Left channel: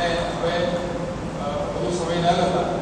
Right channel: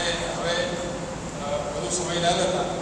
અને હવે વધુ સમય ના લેતા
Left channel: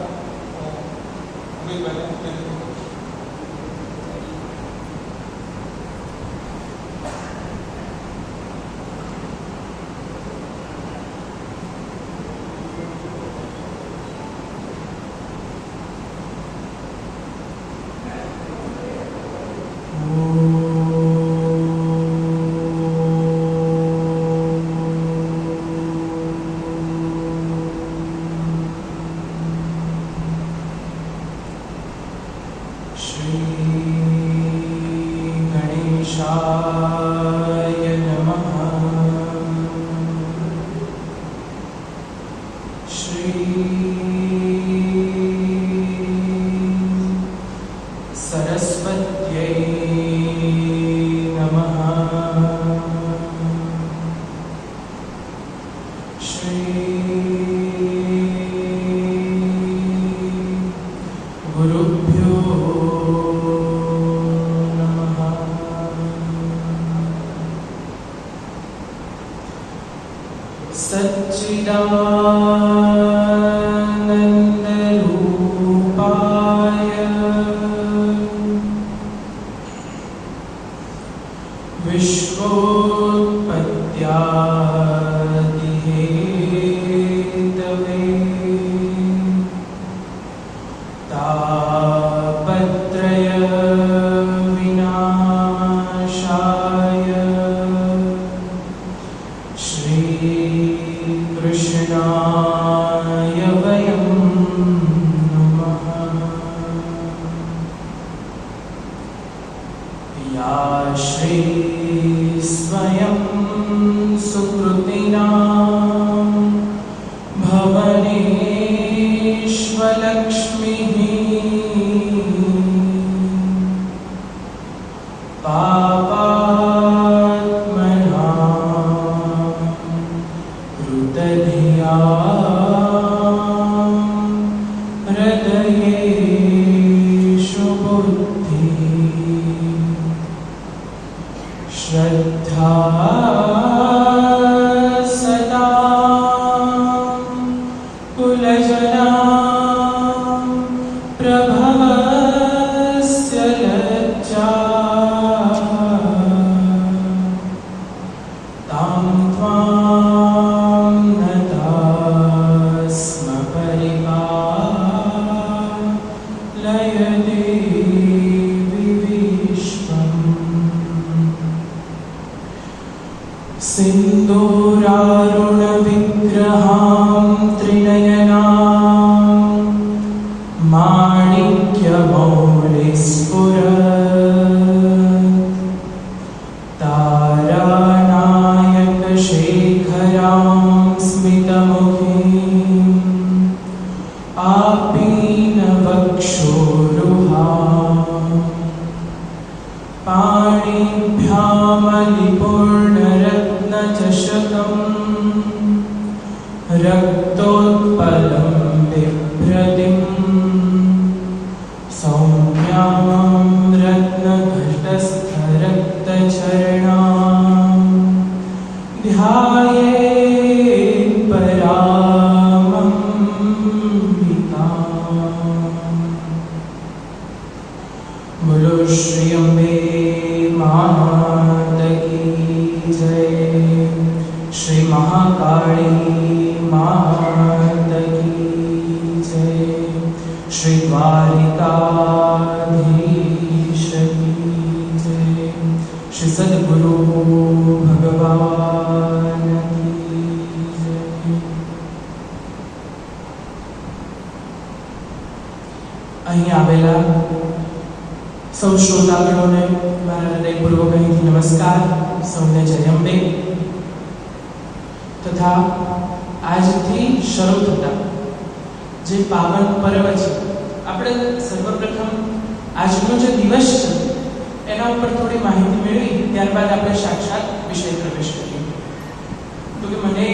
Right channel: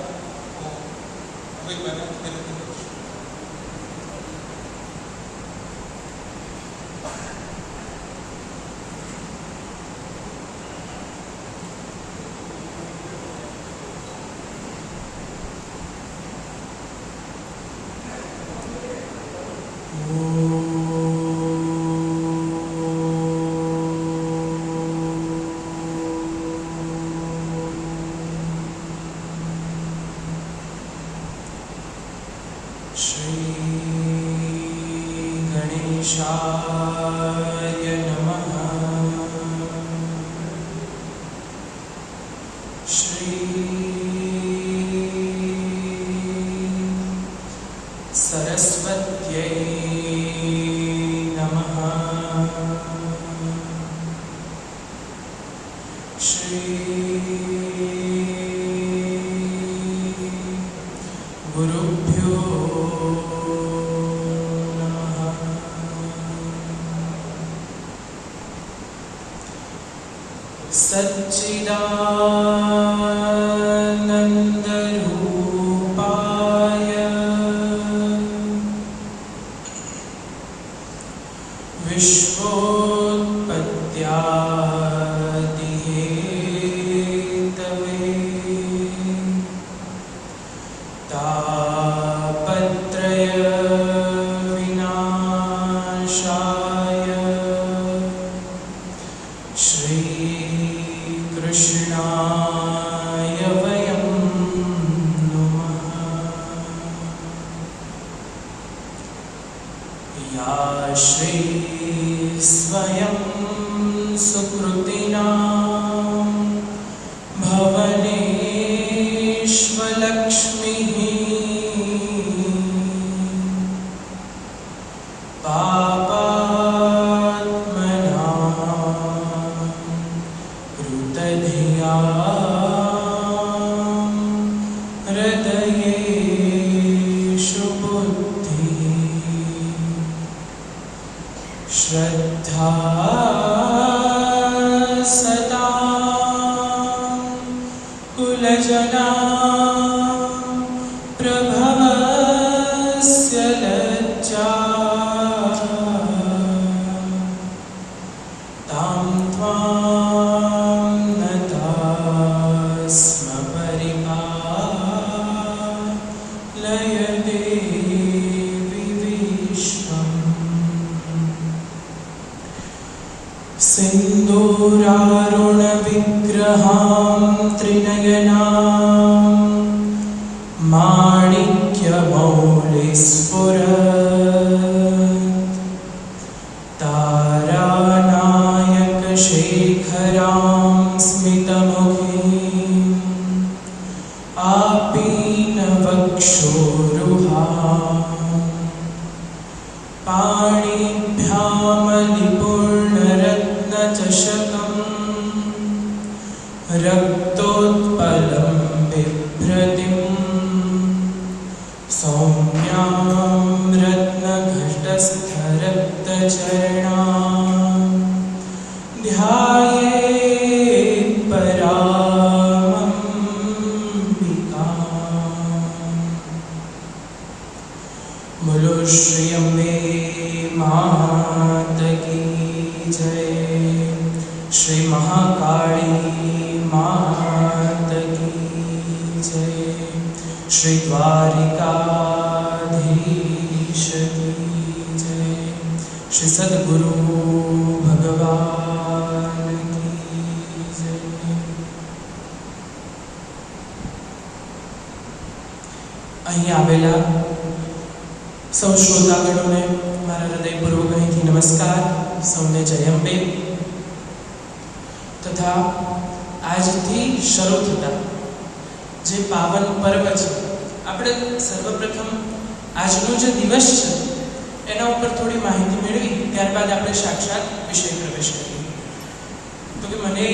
મને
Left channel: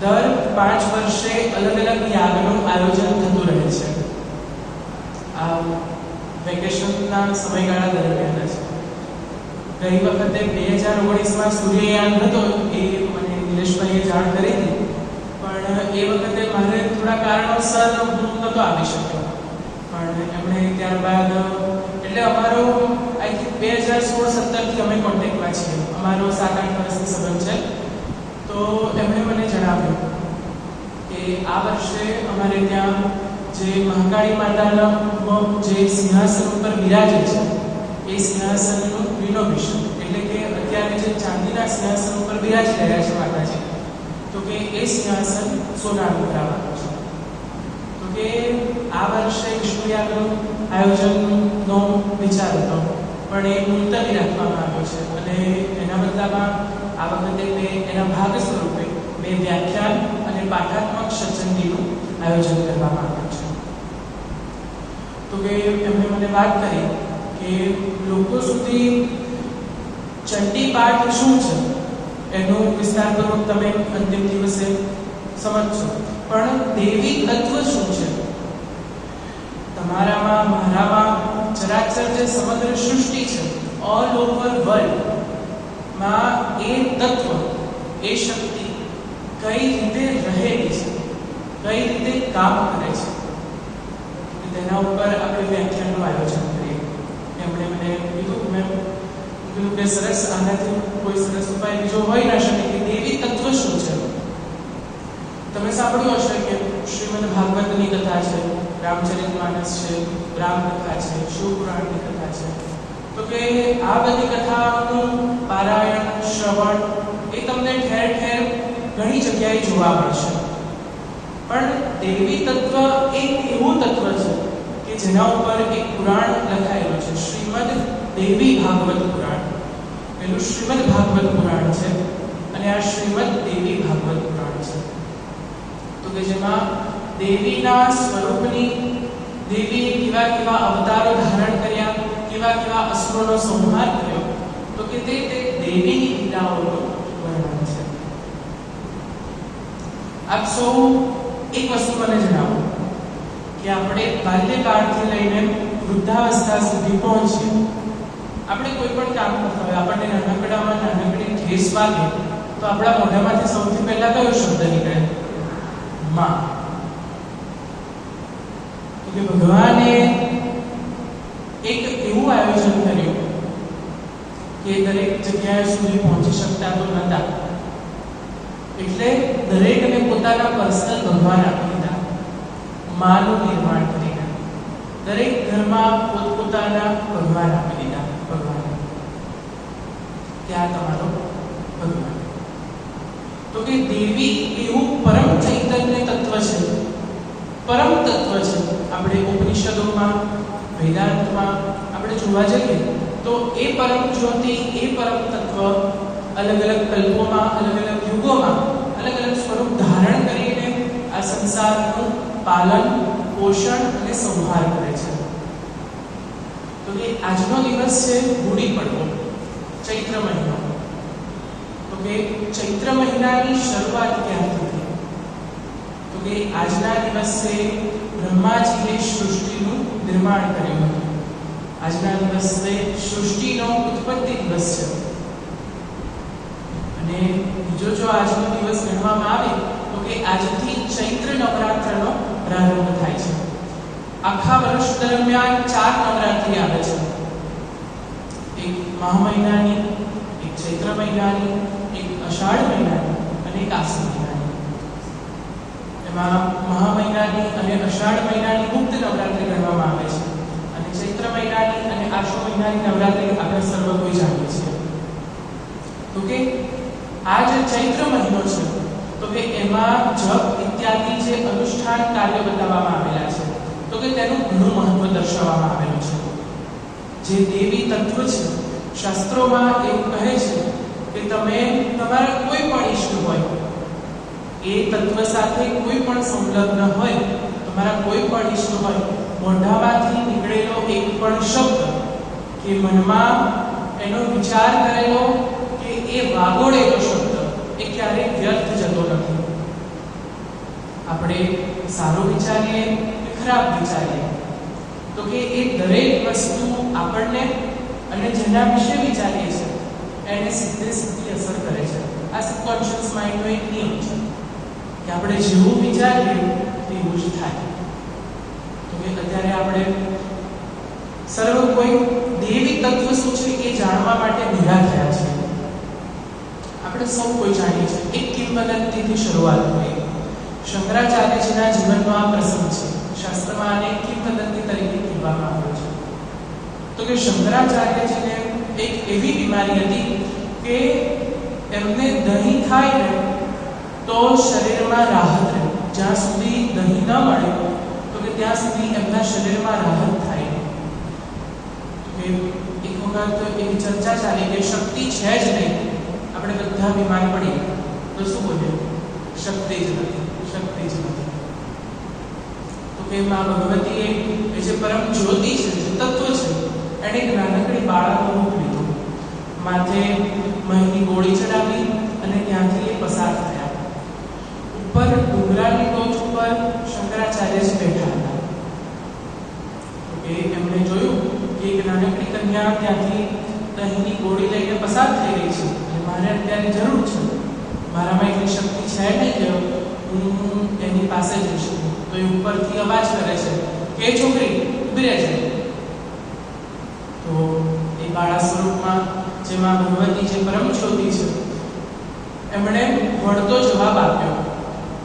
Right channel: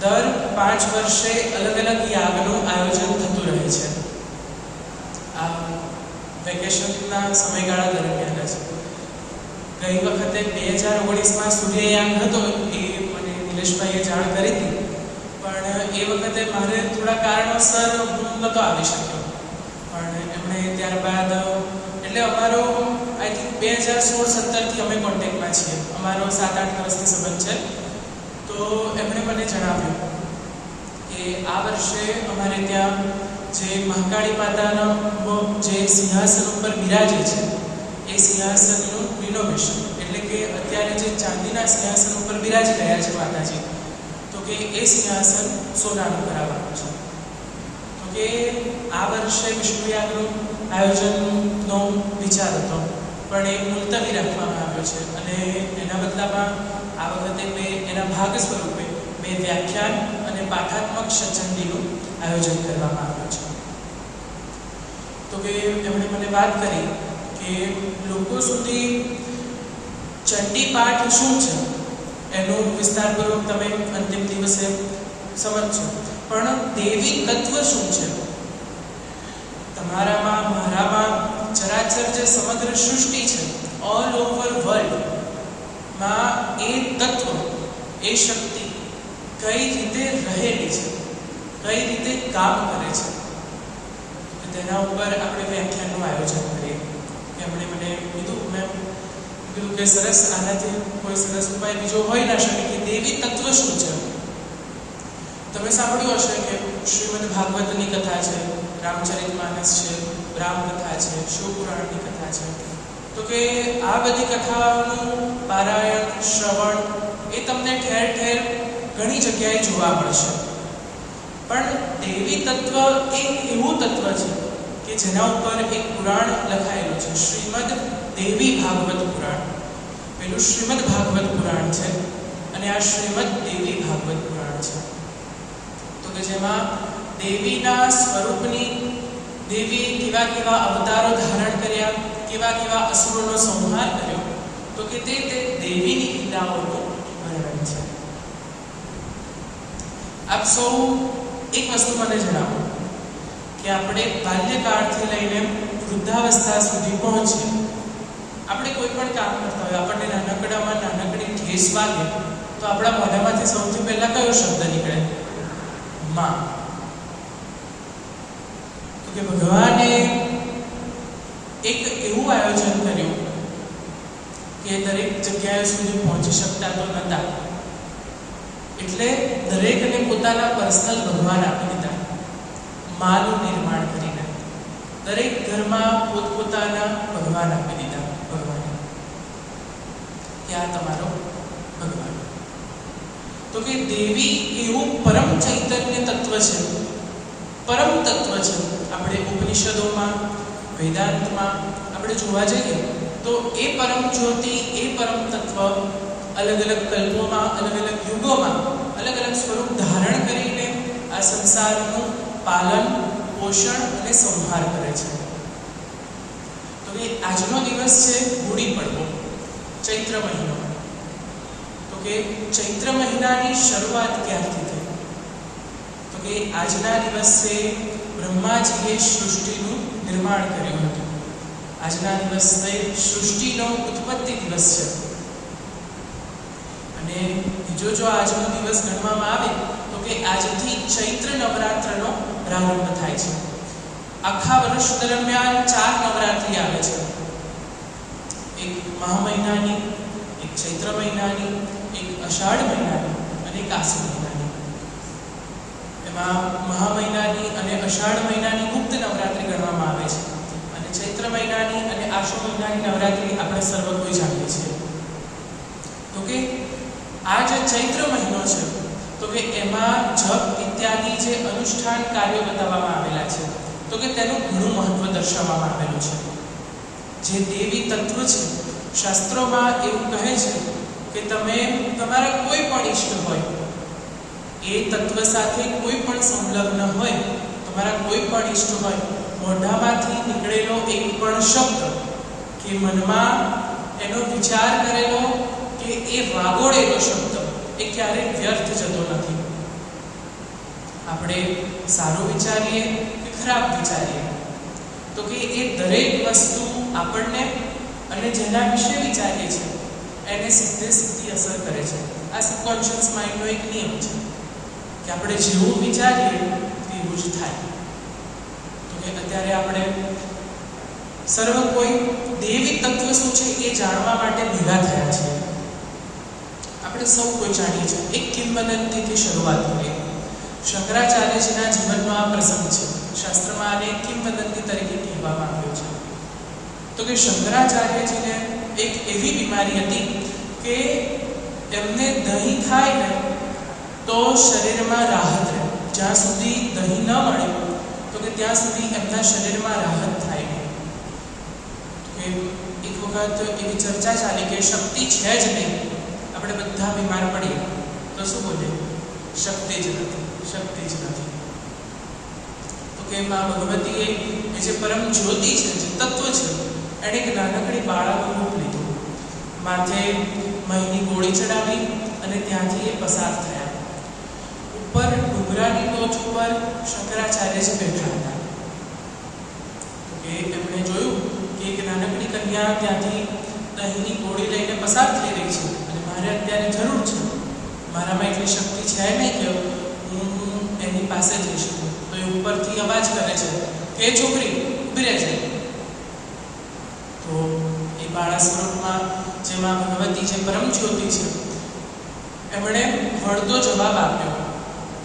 દર 5 વર્ષે અલગ અલગ યાગનું આયોજન થતું રહે છે. આ વેકેશનના સમયગાળા દરમિયાન જ ગઈ વખતે 2019માં સૂર્યયાન હતો એ મને નિલેશભાઈએ જાણ કરી હતી, પણ એ વખતે મારે થોડા કારણોસર હું નહોતો આવી શક્યો. પણ એમણે ત્યારબાદ એટલે અમારો આઈ થિંક 2016-17થી અમે કોન્ટેક્ટમાં છીએ, અમારો 7-8 વર્ષથી સંબંધ છે. તો એમણે મને જણાવ્યું કે આ વર્ષે અમારે ત્યાં જે મહાકાળી માતાનો જે સિંહાસન ઉપર બિરાજે છે એ સિંહાસનનું રિનોવેશન, એટલે કે અત્યારે જે ચાંદીના સિંહાસન ઉપર બિરાજી રહ્યા છે માતાજી, તો કે એ સિંહાસન સોનાનું કરાવવાનું છે. તો કે આ વર્ષે વિષ્ણુયાગનું આયોજનનો વિચાર હતો, પણ એ મુલતવી રાખવામાં આવ્યો છે અને એના બદલામાં આ વખતે મેં એના ભાગ સ્વરૂપે મેં વ્યાખ્યાન અને પાઠાત્મક સત્સંગનું આયોજન કરવામાં આવ્યું છે. તો કે એમણે મને વાત કરી કે લોકો સુધી ચંડી પાઠ શું છે એનું વિસ્તારપૂર્વક તમે અંતિમ દિવસે સમજશો, પણ દેવી તત્વ શું છે તમારામાં, મારામાં, ચરાચર જે સમગ્ર સૃષ્ટિ છે ઓલ ઓવર વર્લ્ડમાં એ તત્વ, એ શક્તિ કઈ રીતે રહેલી છે, કઈ રીતે કામ કરે છે, તેના ઉપર આપણે વ્યાખ્યાનનું આયોજન કરીએ. એમણે મને કીધું, મેં કીધું કે સરસ, આનાથી કોઈ સરસ ઉપાય બીજો હોઈ ના શકે કે દેવી તત્વ શું છે. તમે સાંભળ્યું હશે કે શ્રીમદ ભાગવતની કથા છે, રામચરિતમાનસ છે, રામકથા છે, શિવપુરાણની કથા છે. તો કે આ બધી કથાઓનું પારાયણ, શ્રવણ એ તમને ઠેર ઠેર ઘણી જગ્યાએ જોવા મળશે. પણ દેવી તત્વ એક એવું તત્વ છે કે જેના ઉપર એક પુરાણ લખાયેલું છે, શ્રીમદ દેવી ભાગવત પુરાણ. પેલું શ્રીમદ ભાગવત પુરાણ છે અને આ શ્રીમદ દેવી ભાગવત પુરાણ છે. તો કે જેમાં દેવીના સ્વરૂપની, દેવી કેવા કેવા અવતારો ધારણ કર્યા, કેવા કેવા અસુરોનો સંહાર કર્યો, તો કે તે દેવીની લીલાઓનું વર્ણન છે. આપ સૌ એક વસ્તુ મને જણાવો કે આપણે બાલ્યકાળથી લઈને વૃદ્ધાવસ્થા સુધી પહોંચીએ, આપણે કોઈ પણ કામ કરતા હોય, આપણને નાનકડામાં નાનકડી ઠેસ વાગે તો આપણા મોઢામાંથી સૌથી પહેલા કયો શબ્દ નીકળે? માં. તો કે ભગવાને એક એવું આયોજન કર્યું કે દરેક જગ્યાએ સુધી પહોંચી શકતા તો નહોતા, એટલે દરેકને પોતાના પર્સનલ ભગવાન આપી દીધા, માનું નિર્માણ કરીને દરેક ઘરમાં પોતપોતાના ભગવાન આપી દીધા. ભગવાન કે આ તમારો ભગવાન. તો કે દેવી એવું પરમ ચૈતન્ય તત્વ છે, પરમ તત્વ છે. આપણે ઉપનિષદોમાં, વેદાંતમાં આપણે જોવા જઈએ તો એ પરમ જ્યોતિ, એ પરમ તત્વ અલગ અલગ કલ્પોમાં, અલગ અલગ યુગોમાં અલગ અલગ સ્વરૂપ ધારણ કરીને આ સંસારનું પાલન, પોષણ અને સંહાર કરે છે. તો કે આજનો દિવસ છે ગુડી પડવો, ચૈત્ર મહિનો. તો કે ચૈત્ર મહિનાની શરૂઆત ક્યારથી થઈ? તો કે આજના દિવસે બ્રહ્માજીએ સૃષ્ટિનું નિર્માણ કર્યું હતું. આજના દિવસે સૃષ્ટિનો ઉત્પત્તિ દિવસ છે. અને બીજો જો આજનો દિવસ ગણવામાં આવે તો કે આજથી ચૈત્ર નવરાત્રનો પ્રારંભ થાય છે. આખા વર્ષ દરમિયાન 4 નવરાત્રિ આવે છે, એક મહા મહિનાની, એક ચૈત્ર મહિનાની, એક અષાઢ મહિનાની અને એક આસો મહિનાની. એમાં મહા મહિનાની અને અષાઢ મહિનાની ગુપ્ત નવરાત્રિ ગણવામાં આવે છે અને ચૈત્ર મહિનાની અને આસો મહિનાની નવરાત્રિ આપણે સર્વ કોઈ જાણીએ છીએ. તો કે આ જે ચૈત્ર મહિનો છે તો કે એમાં જપ ઇત્યાદિ જે અનુષ્ઠાન કાર્ય બતાવવામાં આવેલા છે, તો કે તેનું ઘણું મહત્વ દર્શાવવામાં આવેલું છે. જે દેવી તત્વ છે, શાસ્ત્રોમાં એવું કહે છે કે તમે તમારા કોઈ પણ ઈષ્ટ હોય, એ તત્વ સાથે કોઈ પણ સંલગ્ન હોય, તમારા કોઈ પણ ઈષ્ટ હોય, મોઢામાંથી નીકળેલો એક પણ શબ્દ કે મનમાં એનો વિચાર કરેલો કે એ વાગોળેલો શબ્દ એ ક્યારેય વ્યર્થ જતો નથી. આપણે સારો વિચારીએ કે ખરાબ વિચારીએ, તો કે એ દરેક વસ્તુ આપણને અને જેના વિશે વિચારીએ છીએ એને સીધી અસર કરે છે. આ સબકોન્શિયસ માઇન્ડનો એક નિયમ છે કે આપણે જેવું વિચારીએ તેવું જ થાય. તો કે અત્યારે આપણે સર્વ કોઈ દૈવિક તત્વ શું છે એ જાણવા માટે ભેગા થયા છે. આપણે સૌ કોઈ જાણીએ છીએ. એક કિંવદંતીથી શરૂઆત કરીએ. શંકરાચાર્યજીના જીવનમાં પ્રસંગ છે. શાસ્ત્રમાં આને કિંવદંતી તરીકે કહેવામાં આવ્યો છે. તો કે શંકરાચાર્યજીને એક એવી બીમારી હતી કે એમને દહીં ખાય ને તો શરીરમાં રાહત રહે. જ્યાં સુધી દહીં ન મળે તો કે ત્યાં સુધી એમના શરીરમાં રાહત થાય નહીં. તો એક વખત એવી ચર્ચા ચાલી કે શક્તિ છે જ નહીં. આપણે બધા બીમાર પડીએ તો શું બોલે? શક્તિ જ નથી, શક્તિ જ નથી. તો કે મા ભગવતીએ એ જે પરમ જ્યોતિ છે, જે તત્વ છે, એણે એક નાનકડી બાળકનું રૂપ લીધું. માથે મહીની ગોળી ચડાવી અને ત્યાંથી એ પસાર થયા. ઉપર ડુંગરાની ટોચ ઉપર શંકરાચાર્યજી બેઠા હતા. તો એમણે જોયું કે એક નાનકડી કન્યા ત્યાંથી દહીંની ગોળી લઈને પસાર થઈ રહી છે અને મારે અત્યારે જરૂર છે. મારામાં એટલી શક્તિ છે નહીં કે હું એની પાસે જઈ શકું. તો એ ઉપરથી અવાજ કરે છે કે એ છોકરી ઊભી રહે છે. તો એ બાળા સ્વરૂપમાં જેમાં ભગવતી જે પરમ જ્યોતિ છે એમણે વળતો જવાબ આપ્યો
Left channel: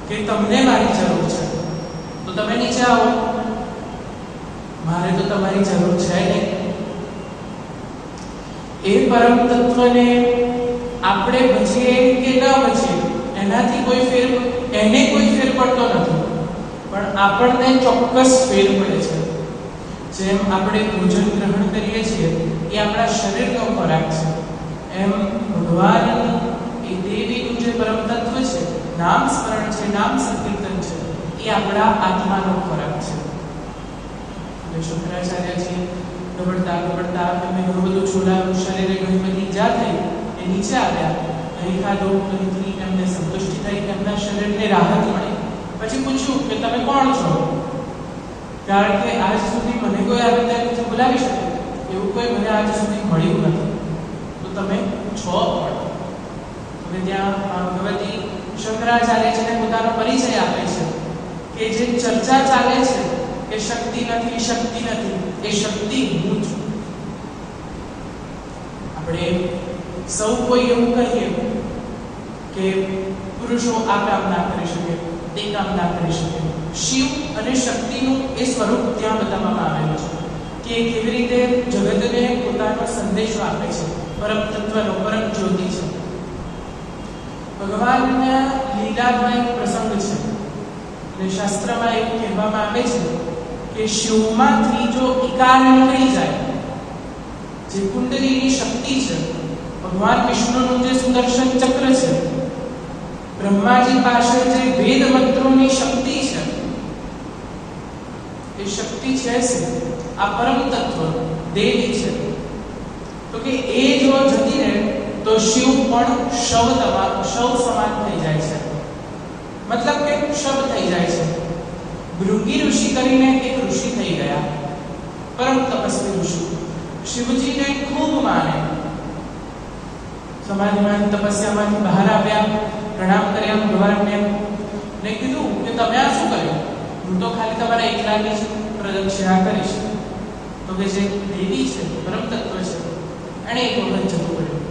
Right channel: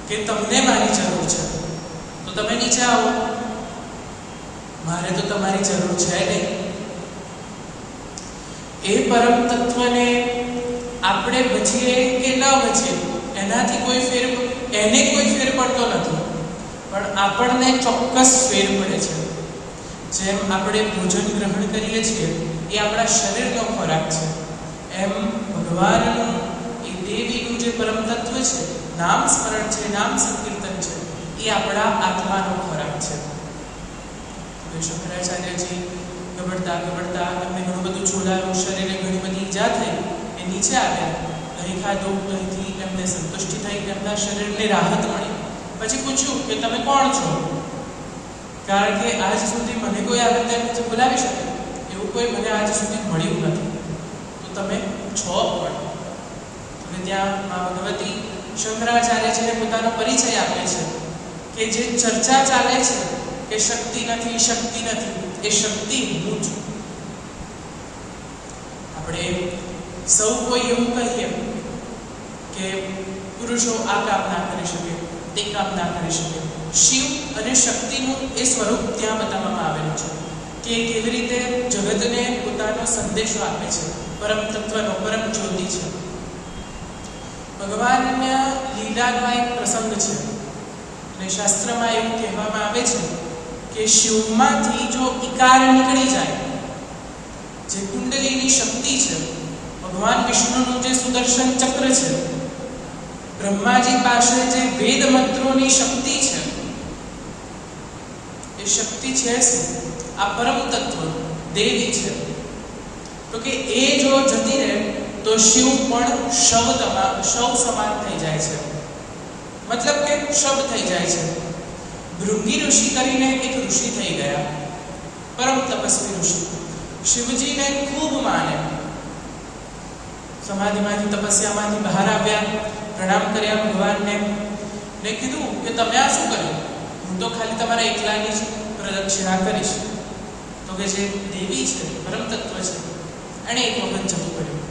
કે તમને મારી જરૂર છે તો તમે નીચે આવો, મારે તો તમારી જરૂર છે નહીં. એ પરમ તત્વને આપણે ભજીએ કે ન ભજીએ એનાથી એને કોઈ ફેર પડતો નથી, પણ આપણને ચોક્કસ ફેર પડે છે. જેમ આપણે ભોજન ગ્રહણ કરીએ છીએ એ આપણા શરીરનો ખોરાક છે, એમ ભગવાનનું એ દેવીનું જે પરમ તત્વ છે, નામ સ્મરણ છે, નામ સંકીર્તન છે, એ આપણા આત્માનો ખોરાક છે. હવે શંકરાચાર્યજી ગબડતા ગબડતા એમને ઘણું બધું છોડાયું, શરીરે ઘણી બધી ઈજા થઈ. એ નીચે આવ્યા, અહીં ખાધો, અહીંથી એમને સંતુષ્ટિ થઈ, એમના શરીરને રાહત મળી. પછી પૂછ્યું કે તમે કોણ છો? કારણ કે આજ સુધી મને કોઈ આવી રીતે બોલાવી શકે એવું કોઈ મને આજ સુધી મળ્યું નથી. તો તમે છો કોણ? હવે ત્યાં મા ભગવતી શંકરાચાર્યજીને પોતાનો પરિચય આપે છે કે જે ચર્ચા ચાલે છે કે શક્તિ નથી, શક્તિ નથી, એ શક્તિ હું છું. આપણે સૌ કોઈ એવું કહીએ કે પુરુષો આ કામ ના કરી શકે, તે કામ ના કરી શકે. શિવ અને શક્તિનું એ સ્વરૂપ ત્યાં બતાવવામાં આવેલું છે કે કેવી રીતે જગતને પોતાનો સંદેશો આપે છે, પરમ તત્વનો, પરમ જ્યોતિ છે. ભગવાનના લીલાનો એક પ્રસંગ છે અને શાસ્ત્રમાં એવું કહેવામાં આવે છે કે શિવમાંથી જો ઇકાર નીકળી જાય, જે કુંડલીની શક્તિ છે, ભગવાન વિષ્ણુનું જે સુદર્શન ચક્ર છે, બ્રહ્માજી પાસે જે વેદ મંત્રોની શક્તિ છે, એ શક્તિ છે આ પરમ તત્વ દેવી છે. તો કે એ જો જતી રહે તો શિવ પણ શવ સમાન થઈ જાય છે, મતલબ કે શબ થઈ જાય છે. ભૃંગી ઋષિ કરીને એક ઋષિ થઈ ગયા, પરમ તપસ્વી ઋષિ. શિવજીને ખૂબ માને, સમાધિમાંથી તપસ્યામાંથી બહાર આવ્યા, પ્રણામ કર્યા ભગવાનને ને કીધું કે તમે આ શું કર્યું? હું તો ખાલી તમારા એકલાની જ પ્રદક્ષિણા કરીશ. તો કે જે દેવી છે, પરમ તત્વ છે, એણે એક વખત જતું કર્યું.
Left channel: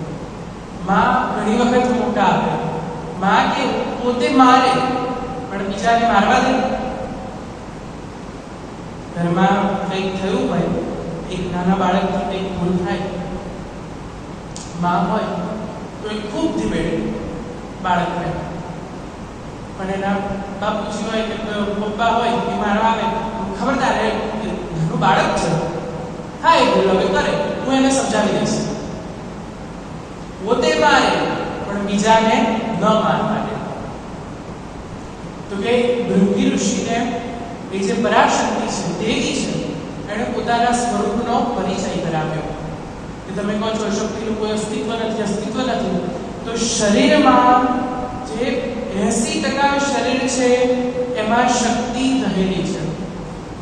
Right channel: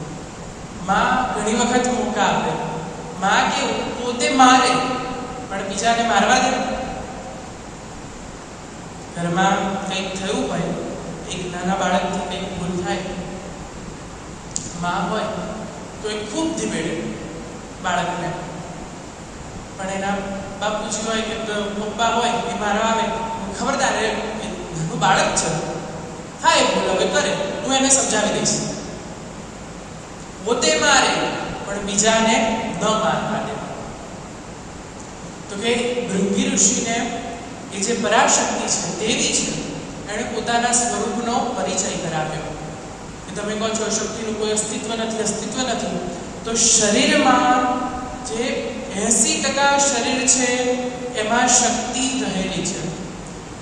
માં ઘણી વખત મોકા આપે. માં કેવું પોતે મારે પણ બીજાને મારવા દે. ઘરમાં કંઈક થયું હોય, એક નાના બાળકથી કંઈક ભૂલ થાય, માં હોય તો એ ખૂબ ધીમેડે બાળકને, પણ એના બાપુજી હોય કે પપ્પા હોય એ મારવા આવે, ખબરદાર એ નાનું બાળક છે, હા એ ભૂલ હવે કરે, હું એને સમજાવી દઈશ. પોતે મારે પણ બીજાને ન મારવા દે. તો કે ભૃંગી ઋષિને એ જે પરાશક્તિ છે, દેવી છે, એણે પોતાના સ્વરૂપનો પરિચય કરાવ્યો કે તમે કહો છો શક્તિનું કોઈ અસ્તિત્વ નથી, તો શરીરમાં જે 80% શરીર છે એમાં શક્તિ રહેલી છે.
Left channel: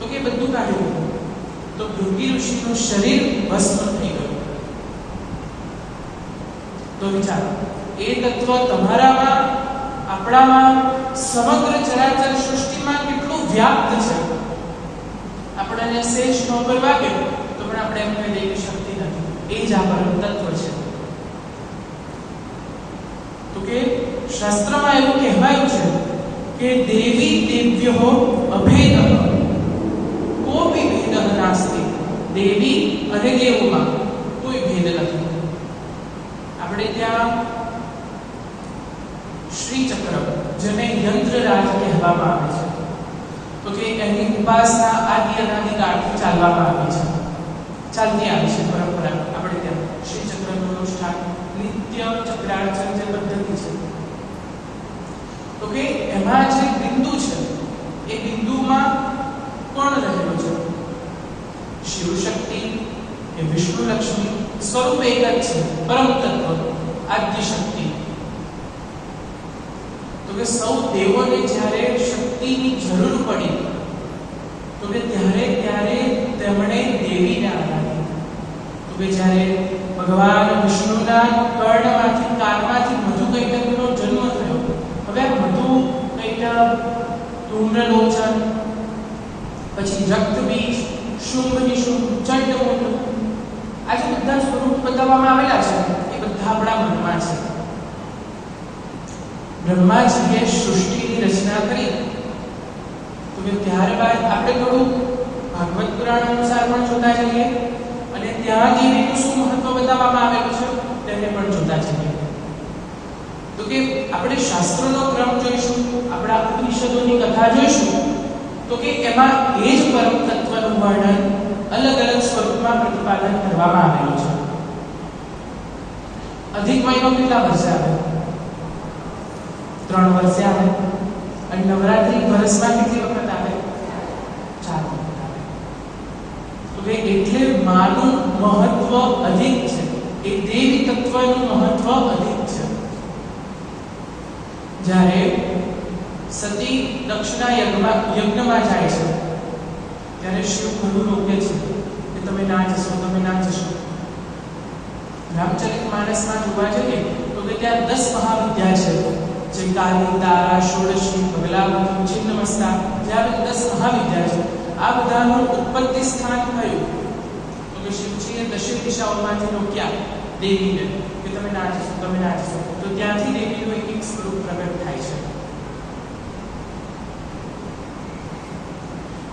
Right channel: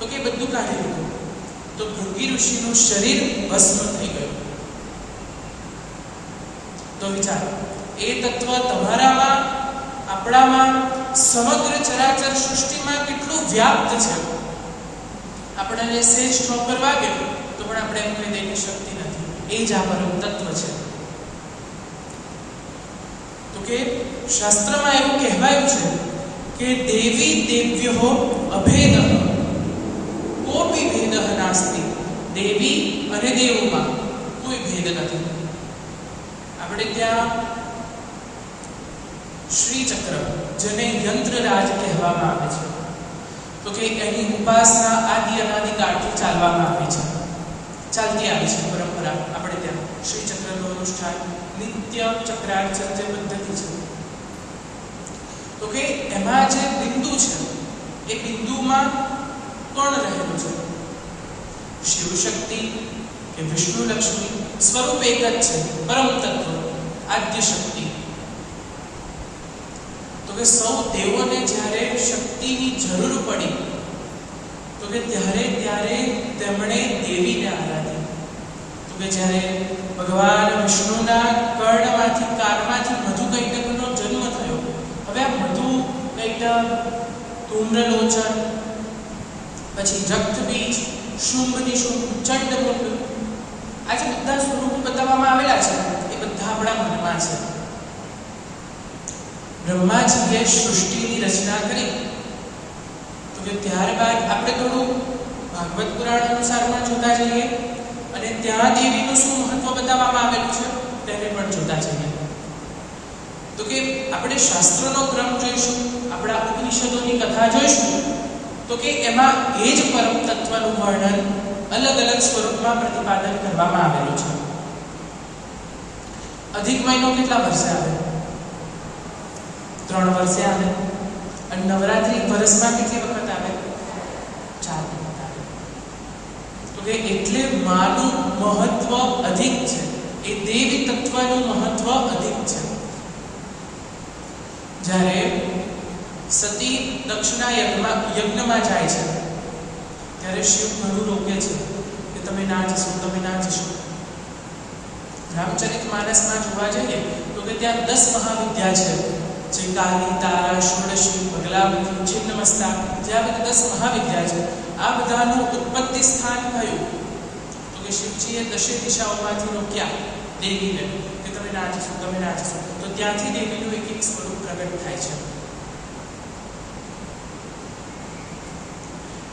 તો કે બધું કાઢી લીધું તો ભૃંગી ઋષિનું શરીર ભસ્મ થઈ ગયું. તો વિચારો, એ તત્વ તમારામાં, આપણામાં, સમગ્ર ચરાચર સૃષ્ટિમાં કેટલું વ્યાપ્ત છે. આપણને સેજ ઠોકર વાગે તો પણ આપણે એમ કહી દઈએ કે શક્તિ નથી. એ જ આ પરમ તત્વ છે. તો કે શાસ્ત્રમાં એવું કહેવાયું છે કે દેવી દેવ્યો અભેદ કોપી ભેદ નાસ્તિ. દેવી અને દેવોમાં કોઈ ભેદ નથી. આપણે ત્યાં શ્રી ચક્ર, જેને યંત્રરાજ કહેવામાં આવે છે, તો કે એની ઉપાસના આદિ અનાદિ કાળથી ચાલવામાં આવી છે, ચાલતી આવી છે પરંપરા. આપણે ત્યાં શ્રી ચક્રનું અનુષ્ઠાન, નિત્ય ચક્રાર્ચન જે પદ્ધતિ છે, તો કે એમાં જે બિંદુ છે, એ બિંદુમાં કોણ રહેલું છે? શિવ શક્તિ કે વિષ્ણુ લક્ષ્મી? સ્વરૂપ એક જ છે, પરમ તત્વ, આદ્ય શક્તિ. તો કે સૌ દેવોને જ્યારે શક્તિની જરૂર પડી, તો કે ત્યારે તેમણે દેવીને આરાધી. તો કે જ્યારે ભગવાન વિષ્ણુના કર્ણમાંથી, કારમાંથી મધુ કૈટકનો જન્મ થયો. હવે મધુ કૈટક, ધૂમ્રલોચન, પછી રક્તબીજ, શુંભ નિશુંભ, ચંડમુંડ, આ જે બધા સ્વરૂપ બતાવવામાં આવેલા છે, એ બધા આપણા મનમાં છે. બ્રહ્માજીએ સૃષ્ટિની રચના કરી, તો કે ત્યારબાદ આપણે થોડું ભાગવત પુરાણ અનુસાર પણ જોતા જઈએ, અને ત્યાં દેવીનું શું મહત્વ બતાવવામાં આવેલું છે તેને પણ જોતા જઈએ. તો કે આપણે શાસ્ત્રોનો ક્રમ જોઈશું, આપણા ઉપનિષદોની કથા જોઈશું, તો કે એમાં એ જ પરમ તત્વનું વર્ણન અલગ અલગ સ્વરૂપમાં પ્રતિપાદન કરવામાં આવેલું છે. અધિક મહિનો કેટલા વર્ષે આવે? 3 વર્ષે આવે. અને નવરાત્રી વર્ષમાં કેટલી વખત આવે? 4 વખત આવે. તો કે એટલે માનું મહત્વ અધિક છે, એ દેવી તત્વનું મહત્વ અધિક છે. જ્યારે સતી દક્ષના યજ્ઞમાં જાય છે, ત્યારે શિવ ઘણું રોકે છે કે તમે ના જશો, તમે ના જશો. રામચરિતમાનસમાં જોવા જઈએ તો કે ત્યાં 10 મહાવિદ્યા છે, જે કાલી, તારા, ષોડશી, બગલામુખી, છિન્નમસ્તા, જે આ બધી 10 મહાવિદ્યા છે. આ બધાનું ઉત્પત્તિ સ્થાન કયું? તો કે શિવજીએ 10 દિશાઓમાંથી રોક્યા દેવીને કે તમે ના જશો, તમે ના જશો. તો ત્યાંથી દેવીનું એક એક સ્વરૂપ પ્રગટ થાય છે.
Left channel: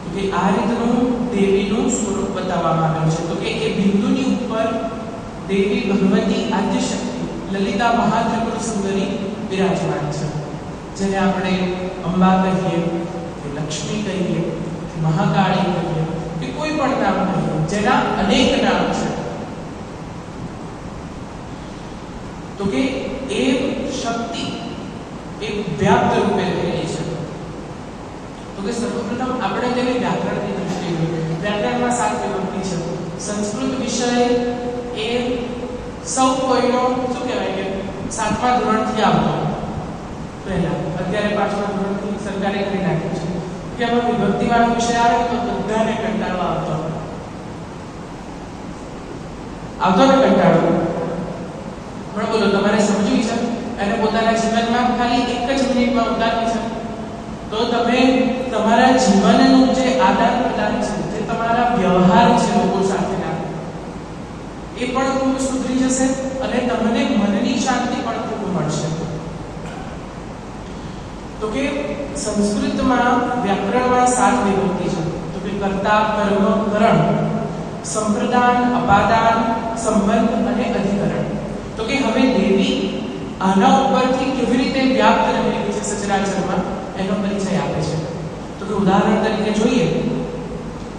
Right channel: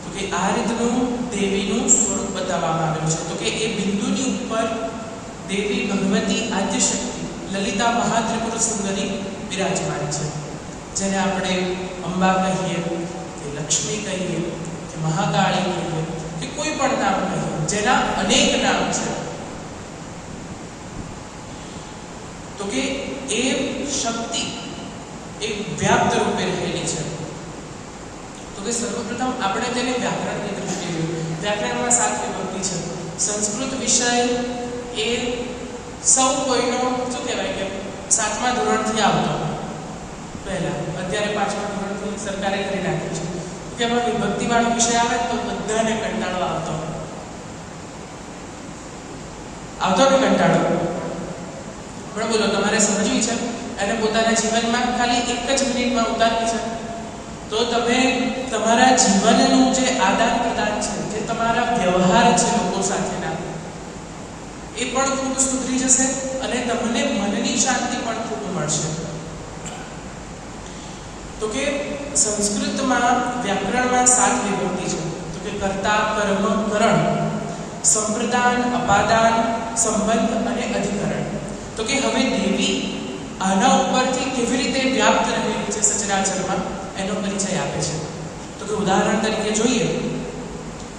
તો કે આ રીતનું દેવીનું સ્વરૂપ બતાવવામાં આવેલું છે. તો કે એ બિંદુની ઉપર દેવી ભગવતી આદ્યશક્તિ લલિતા મહાત્રિપુર સુંદરી બિરાજમાન છે, જેને આપણે અંબા કહીએ કે લક્ષ્મી કહીએ કે મહાકાળી કહીએ કે કોઈ પણ નામ કહીએ, જેના અનેક નામ છે. તો કે એ શક્તિ એક વ્યાપ્ત રૂપે રહેલી છે. તો કે સર્વપ્રથમ આપણે તેને વ્યાકરણની દૃષ્ટિએ જોઈએ. વ્યાકરણમાં 7 વિભક્તિ છે. સંસ્કૃત વિષય એ સૌ કોઈનો શું કહેવાય કે 7મા ધોરણથી આવતો, પહેલા, અત્યારે 5મા ધોરણથી સરકારે કરી નાખ્યું છે કે એમાં વિભક્તિવાળો વિષય આવે તો બધાને કંટાળો આવતો ને કંટાળો. પણ બોલો, તમારે સમજવી છે અને પોતાના જીવનમાં ખાલી 1 જ મિનિટમાં ઉતારવી છે, તો તમે તમારા જીવનનું જે આદાન પ્રદાન છે, જે તમારા વ્યવહાર છે લોકો સાથેના, એ પણ ખૂબ સુધરી જશે અને તમને મનની શાંતિ પણ ખૂબ મળશે. તો કે સંસ્કૃતમાં વ્યાકરણમાં 7 વિભક્તિ છે. તો કે કર્તા, કર્મ, કરણ, સંપ્રદાન, અપાદાન, સંબંધ અને અધિકરણ. તો કે હવે દેવી આના ઉપરથી કેવી રીતે વ્યાપ્ત રહેલી છે સચરાચરમાં, એનો પરિચય આપે છે. તો કે ઉદાહરણ તરીકે જોઈએ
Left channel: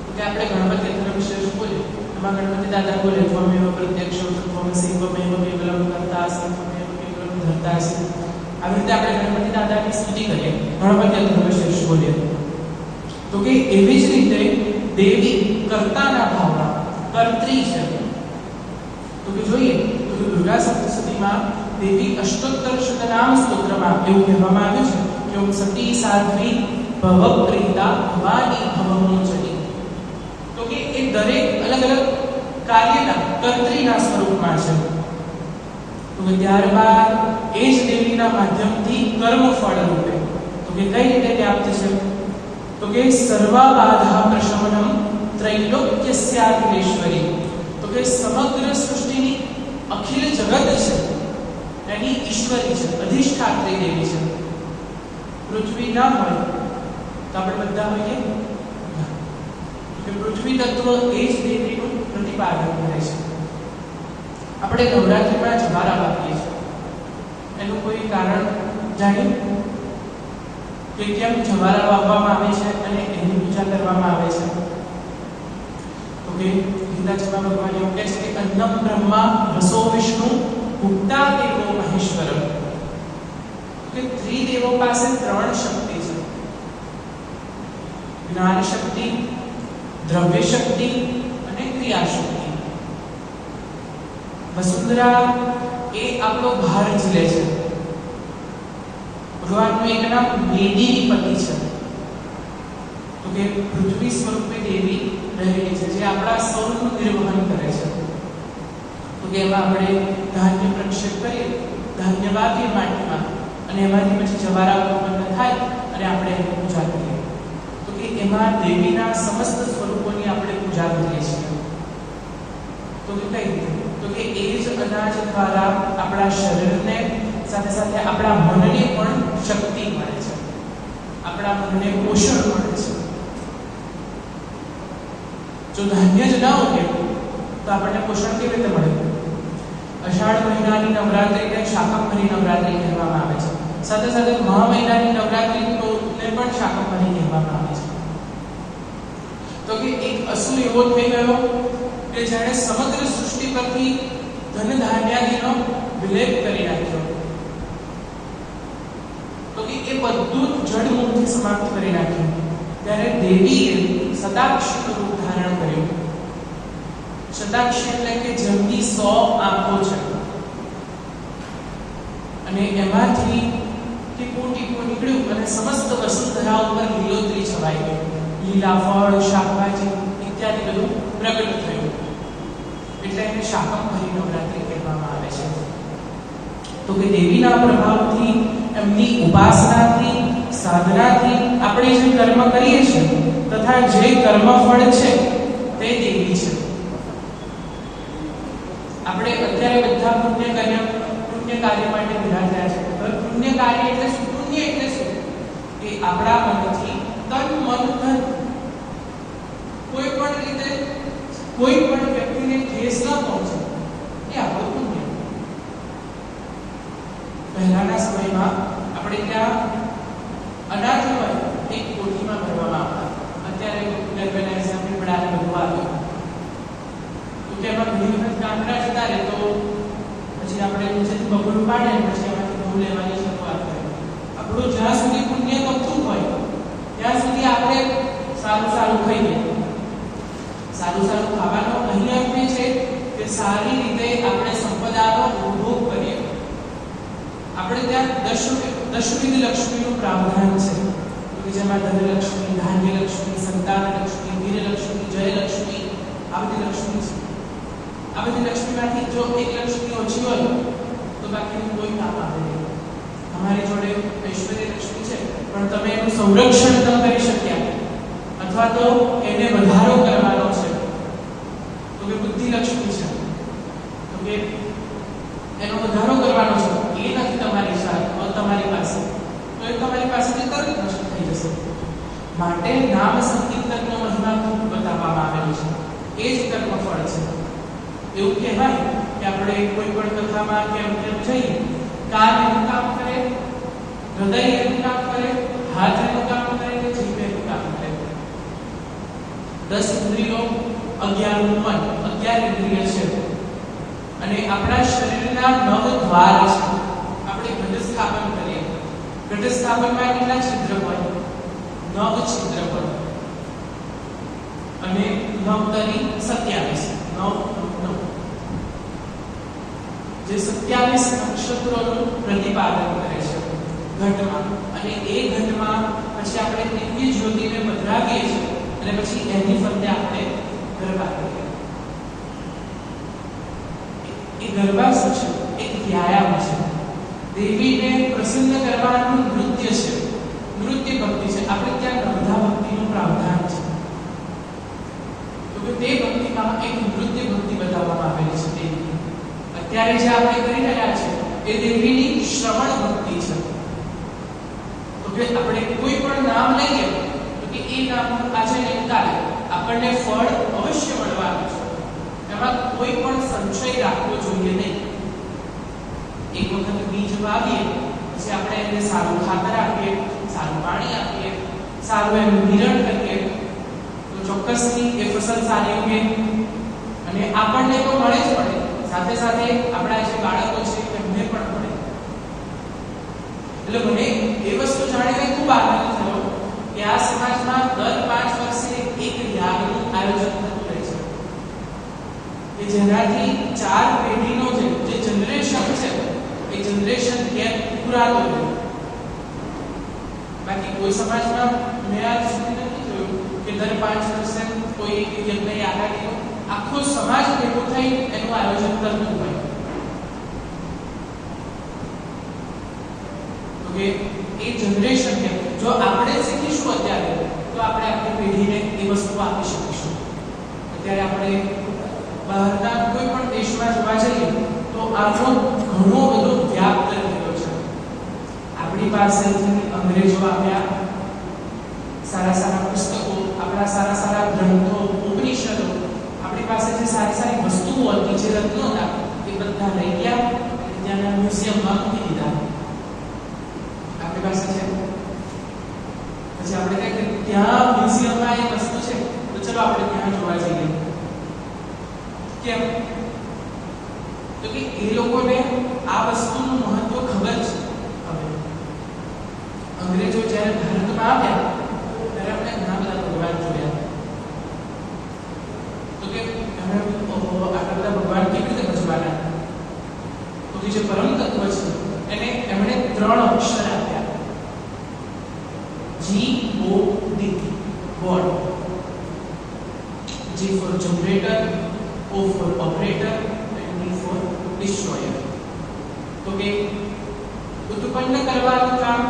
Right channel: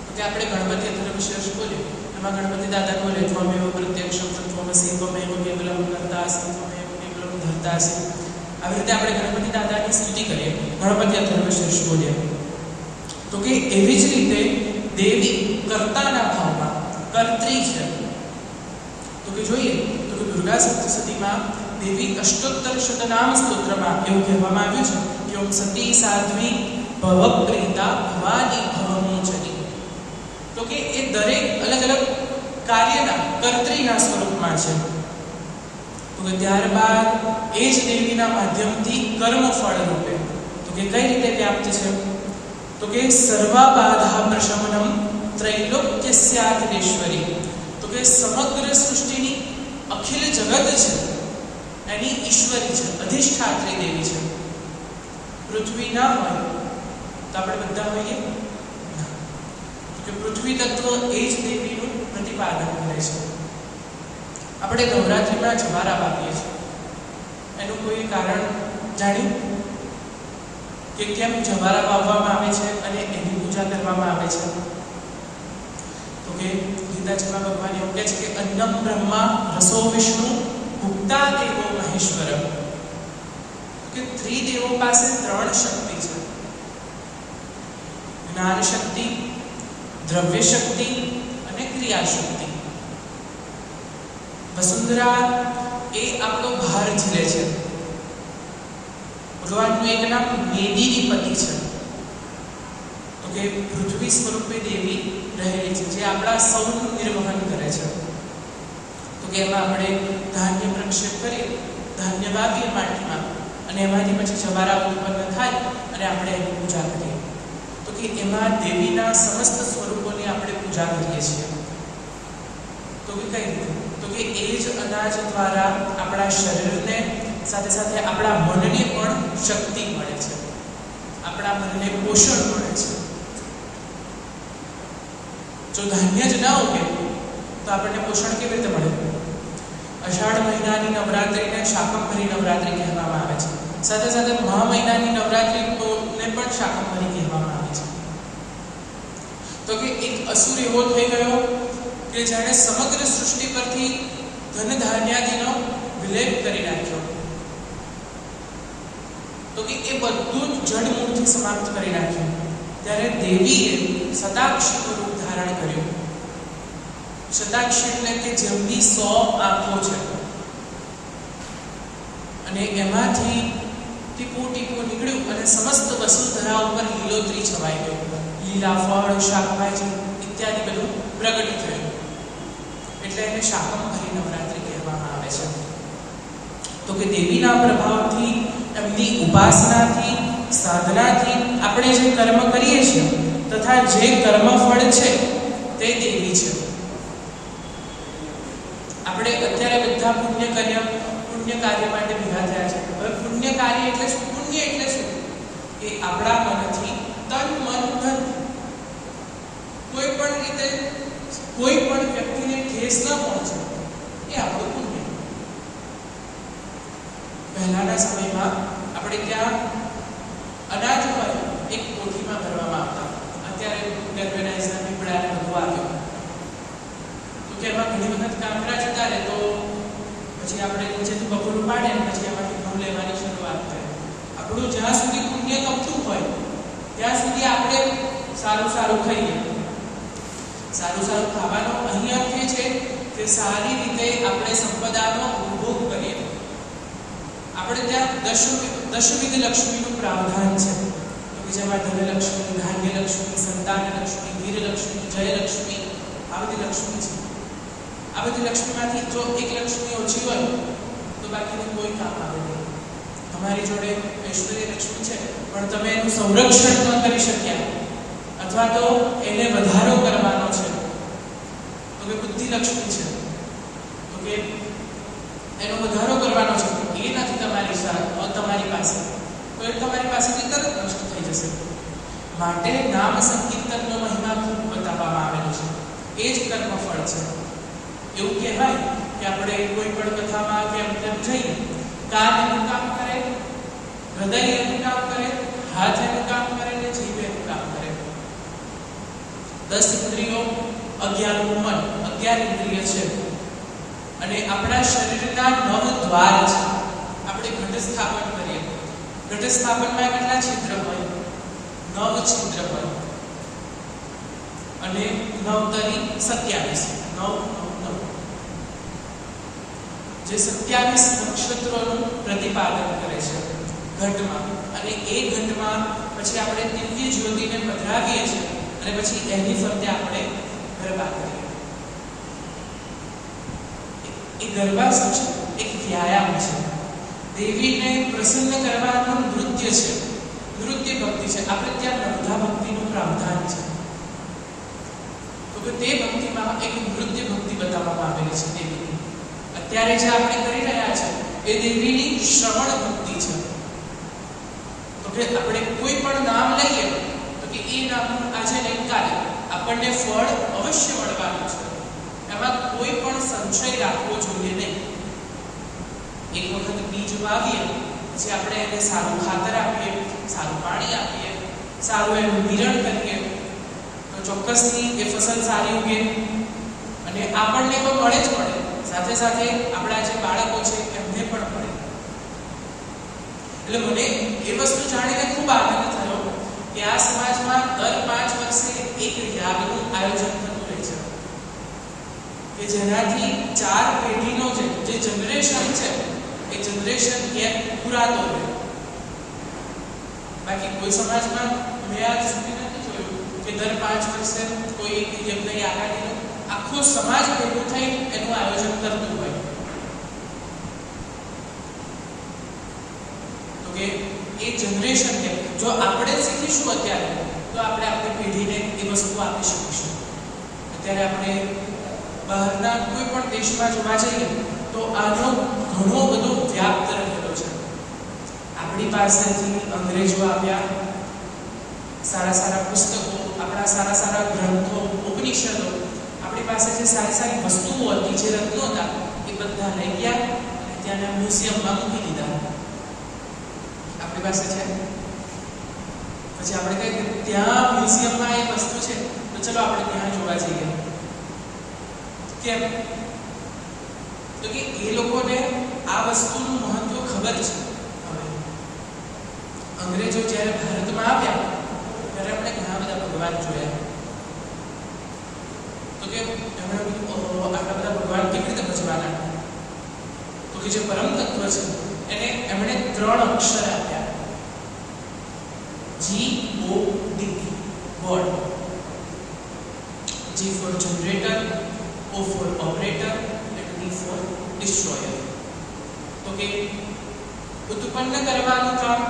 તો કે આપણે ગણપતિ અત્યારે વિશેષ બોલીએ, એમાં ગણપતિ દાદા બોલે ત્વમેવ પ્રત્યક્ષમ ત્વમસી ત્વમેવ કેવલમ કર્તાસી ત્વમેવ કેવલમ ધર્તાસી. આવી રીતે આપણે ગણપતિ દાદાની સ્તુતિ કરીએ, ગણપતિ અત્યારે વિશેષ બોલીએ. તો કે એવી જ રીતે દેવી કર્તાના ભાવમાં કર્ત્રી છે. તો કે જોઈએ તો કે દુર્ગા સપ્તશતીમાં દેવી અષ્ટોત્તર શતનામ સ્તોત્રમાં એવું કહેવામાં આવ્યું છે કે ઓમ સતી સાધ્વી ભવપ્રીતા ભવાની ભવમોચની. તો કે એ દરેક અલગ અલગ કાર્યના કર્ત્રીના સ્વરૂપમાં છે. તો તો કે ત્યારબાદ એ જ દેવીના માધ્યમથી કર્મફળ રૂપે તો કે કઈ રીતે વ્યાપ્ત છે તો કે સર્વબાધા પ્રશમનમ ત્રૈલોક્યસ્યાખિલેશ્વરી તો કે સમગ્ર સૃષ્ટિની અખિલ જગત છે એની ઈશ્વરી છે, અધિષ્ઠાત્રી દેવી છે. પૃથ્વી ના હોય તો આપણે બધા હોઈએ ના. કે પૃથ્વી તત્વ એ જ દેવીનું પ્રતિપાદન કરે છે. આપણે નવરાત્રિમાં જવારા વાપરીએ છીએ, એનું કોઈ કારણ જાણ્યું કે કેમ જવારા વાવવામાં આવે છે અને એની પૂજા કરવામાં આવે છે? તો કે ગીતાજીમાં ભગવાન એવું કહે છે કે અન્નમ બ્રહ્મા રસો વિષ્ણુ ભુક્તા દેવો મહેશ્વર. કે ત્રિદેવો પાસે 3 શક્તિ છે: જ્ઞાન શક્તિ, દ્રવ્ય શક્તિ અને ક્રિયા શક્તિ. વસુંધરા એ આપણો ભાર ઝીલે છે. ભગવાનનું એક નામ મેદિની પતિ છે. તો કે પૃથ્વી સ્વરૂપે દેવી રહેલી છે, જે આપણા સૌનું નિર્વહન કરે છે. તો કે એમાં આપણે ધાન્ય પ્રક્ષેપ કરીએ, ધાન્ય વાવીએ માટીમાં, અને એમાંથી પછી જવારા ઉત્પન્ન થાય અને આપણે એની પૂજા કરીએ. તો કે એમાં દેવીના સમસ્ત સ્વરૂપોની આપણે પૂજા કરીએ છીએ. તો કે કઈ રીતે? તો કે એ જ અનાજ દ્વારા આપણા શરીરને સાથે સાથે આપણા મનને પણ શક્તિ મળે છે, આપણા મનને પોષણ મળે છે. જો ધાન્ય જ ના ઉગે તો આપણને પોષણ કેવી રીતે મળે? અષાઢ મહિનાની નવરાત્રિને શાકંભરી નવરાત્રિ કહેવામાં આવે છે. સાથે સાથે મહા મહિનાની નવરાત્રિને પણ શાકંભરી કહેવામાં આવે છે. તો કે એક અસુર એવો થઈ ગયો કે જાણે સમગ્ર સૃષ્ટિ પરથી ધન ધાન્યાદિનો વિલેપ કરી નાખ્યો. તો કે એ બધું જડ મુક્તિ સમાપ્ત કરી નાખ્યું. ત્યારે દેવીએ શતાક્ષીનું રૂપ ધારણ કર્યું. શતાક્ષી એટલે કે જેમની 100 આંખો છે અને એમાંથી ટીપું ટીપું નીકળ્યું અને સમસ્ત વસુંધરા ઉપર લીલોતરી છવાઈ ગઈ. લીલા ફળ, શાકભાજી ઇત્યાદિ બધું પ્રગટ થયું. એટલે એને શાકંભરી નવરાત્રિ કહેવામાં આવે છે. તો કે દેવીના પ્રભાવથી, એમની ઉપાસનાથી, સાધનાથી આપણે જે કર્મ કરીએ છીએ તથા જે કર્મફળ છે તે દેવી છે. આપણે અત્યારે બધા પુણ્ય કાર્ય માટે ભેગા થયા છે. હવે પુણ્ય કાર્ય એટલે શું? પુણ્ય એટલે શું? કે આપણા મનથી તન મન ધન કોઈ પણ રીતે કોઈ પણ વ્યક્તિને ઠેસ ન પહોંચે એ આપણું પુણ્ય. પહેલાના સમયમાં આપણે ત્યાં અનાજ હોય એક કોઠીમાં ભરવામાં આવતા. અત્યારે ગર્ભેનાઇઝના પીપળાને બધું આવ્યું તો કે એમાં ઘણી વખત કાંકરા જતા રહે તો પછી આપણે નીચેથી બપોરું પાડીએ ને પછી એમાંથી ઘઉં લેવાની શરૂઆત કરીએ. આપણું જ્યાં સુધી પુણ્ય તપતું હોય ત્યાં સુધી આપણે સારું સારું ખાઈએ. સારું સારું ખાવાનો અહીંયા અર્થ છે કે સારી રીતે આપણે સંપદાનો ઉપભોગ કરીએ. આપણે ત્યાં દશવિધ લક્ષ્મીનું પ્રાવધાન છે. તો કે જેમાં ધનલક્ષ્મી, ધાન્યલક્ષ્મી, સંતાનલક્ષ્મી, વીરલક્ષ્મી, જયલક્ષ્મી, આ બધી લક્ષ્મી છે. આ બધી લક્ષ્મીમાંથી જો એક લક્ષ્મી ઓછી હોય તો બાકીનું કોઈ કામ આવે નહીં. તમારી જોડે ઐશ્વર્ય લક્ષ્મી છે પણ તમે એનું સંરક્ષણ ન કરી શક્યા અથવા તો એને વધારો કરવાનો છે તો કે બુદ્ધિ લક્ષ્મી છે, તો કે એનો વધારો કરવાનો છે, એ નથી તમારી પાસે તો એ તમારી પાસેથી તરત નષ્ટ થઈ જશે. માટે નામ સંકીર્તનનો મહિમા ખૂબ બતાવવામાં આવેલો છે. એ જ કર્મફળ છે. એવું કહેવાય કે આપણે કોઈ પણ કથામાં કે એમ તેમ જઈએ, કાન એનું કામ કરે, હૃદય એનું કામ કરે, હાથ એનું કામ કરે ને જીભ એનું કામ કરે. 10 ઇન્દ્રિયો, 11 મન, 11 ઇન્દ્રિય છે અને આપણા શરીરના 9 દ્વાર છે. આપણે ઘટસ્થાપન કરીએ, ઘટસ્થાપનમાં કેટલા છિદ્ર હોય? 9 છિદ્ર હોય અને 9 તરી 27, 9 જે 27 નક્ષત્રોનું પ્રતિપાદન કરે છે ઘટમાં. અને એ ઘટમાં પછી આપણે દિવ્ય જ્યોતિને પધરાવીએ છીએ અને પછી એની ફરતે આપણે ગરબા કરીએ. એ ગરબા શું છે? એક વ્યાયામ દેવીને પ્રસન્ન કરવાનું નૃત્ય છે, નૃત્ય ભક્તિ છે. આપણે ત્યાં નર્મદા ભક્તિનું પ્રાવધાન છે. તો તે ભક્તિમાં એક નૃત્ય ભક્તિ બતાવવામાં આવેલી છે દેવીની. અત્યારે જે આપણે કરી રહ્યા છે એ દેવીની શ્રવણ ભક્તિ છે. તો કે આપણે કોઈ પણ નામ લઈએ તો કે એ નામ આજે નિકાલે આપણને ફળ અવશ્ય મળવાનું છે. એમાં કોઈ પણ સંશય રાખવો જોઈએ નહીં. એક વખત બીજ વાવીએ પછી આપણે એને સારું ખાતર આપીએ, સારું પાણી આપીએ, સારું એનું નિરણ કરીએ તો ચોક્કસથી એ ફસલ સારી ઉગે અને આપણને તો મળે જ મળે, સાથે સાથે આપણા જે બાળકો છે એમને પણ મળે. એટલે મને એ વસ્તુ જાણીને ખૂબ આનંદ થયો કે આ સમાજમાં દર 5 વર્ષે એક યાગનું આયોજન થતું રહે છે કે જેનાથી 4 પેઢીનો જે જનરેશન છે એ જનરેશન ગેપ પૂરાતો રહે. બાકી કોઈ સમાજમાં મેં આજ સુધી નથી જોયું કે દર 5 વર્ષે કોઈ યજ્ઞ યાગાદીનો આખો સમાજ ભેગો થઈ એનું આયોજન કરતું હોય. તો કે એ જનરેશન કે જો આપણે શીખીશું અત્યારે તો આપણે આપણી પેઢીને એ વસ્તુ આપી શકીશું. અત્યારે આપણે બહારના કોઈ પણ દેશમાં જોવા જઈએ તો આનો ઘણો બધો વ્યાપ્ત રહેલો છે. આપણી પાસેથી અંગ્રેજો આવ્યા, સારા સારા પુસ્તકો, આપણા સારા સારા ગ્રંથો, ઉપનિષદો, આપણી પાસે જે સારી સારી વસ્તુઓ હતી, જે રત્નો હતા એ બધા રહી ગયા અને ત્યાંના મ્યુઝિયમમાં મૂકી દીધા. આપણી પાસે છે પછી આપણે કહીએ કે ત્યાં મ્યુઝિયમમાં એ વસ્તુ છે તો ચલો આપણે ત્યાં જોવા જઈએ. કેમ? તો કે એ લોકોને આ વસ્તુનું મહત્વ ખબર છે. હવે અંગ્રેજો જ્યારે ભારતમાં આવ્યા ત્યારે આપણે ઘણા બધા ભગવાન જોયા. તો કે એમણે આટલા બધા ભગવાન કેવી રીતે ભજવાના? તો કે જે પરમ તત્વ છે એને એમણે 3 અક્ષર આપ્યા. GOD, God. G for generator, O for operator and D for destroyer. તો કે ઉત્પન્ન કરવાનું કામ,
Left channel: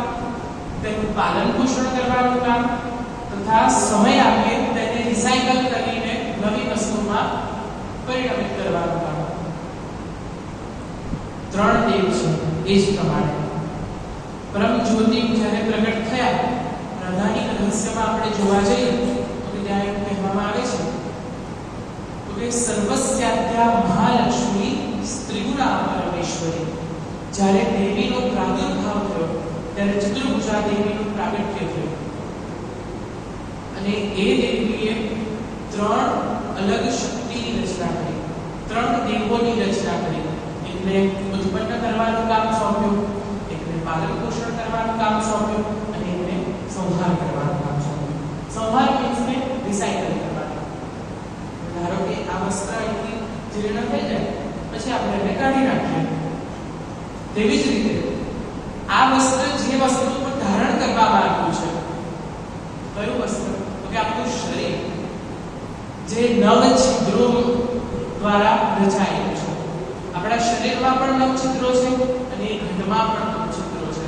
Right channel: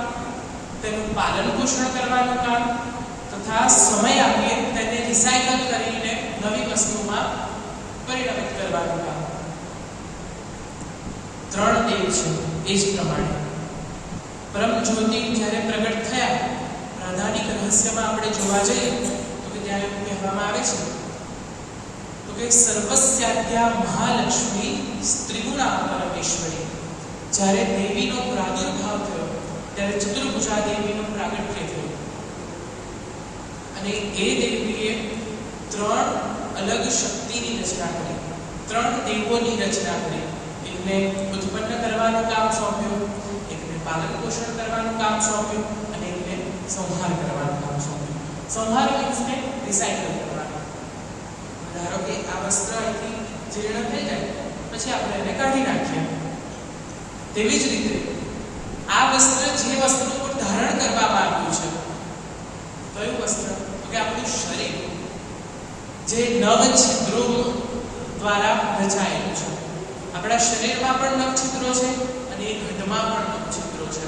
તેનું પાલન પોષણ કરવાનું કામ તથા સમય આપીએ તેને રિસાયકલ કરીને નવી વસ્તુમાં પરિણમિત કરવાનું કામ. 3 દેવ છે. એ જ પ્રમાણે પરમ જ્યોતિ જ્યારે પ્રગટ થયા, રાધાની રહસ્યમાં આપણે જોવા જઈએ તો કે ત્યાં એવું કહેવામાં આવે છે તો કે સર્વસ્યાદ્યા મહાલક્ષ્મી સ્ત્રીગુણા પરમેશ્વરી. જ્યારે દેવીનો પ્રાદુર્ભાવ થયો ત્યારે ચતુર્ભુજા દેવીનું પ્રાગટ્ય થયું અને એ દેવીએ 3 અલગ શક્તિની રચના કરી, 3 દેવોની રચના કરી. એકને ઉત્પન્ન કરવાનું કામ સોંપ્યું, એકને પાલન પોષણ કરવાનું કામ સોંપ્યું અને એકને સંહાર કરવાનું કામ સોંપ્યું. સંહાર મીન્સ કે રિસાયકલ કરવાનું. ધારો કે આ વસ્ત્ર અહીંથી જીર્ણ થઈ જાય પછી આપણે એને કાઢી નાખીએ. તેવી જ રીતે આ વસ્ત્ર જે વસ્તુ પર ધારણ કરવામાં આવ્યું છે, કયું વસ્ત્ર? તો કે આપણું શરીર જે 9 છિદ્રો દ્વારા રચાયેલું છે. આપણા શરીરમાં પણ 9 છિદ્રો છે અને એ ઘટમાં પણ 9 છિદ્રો છે.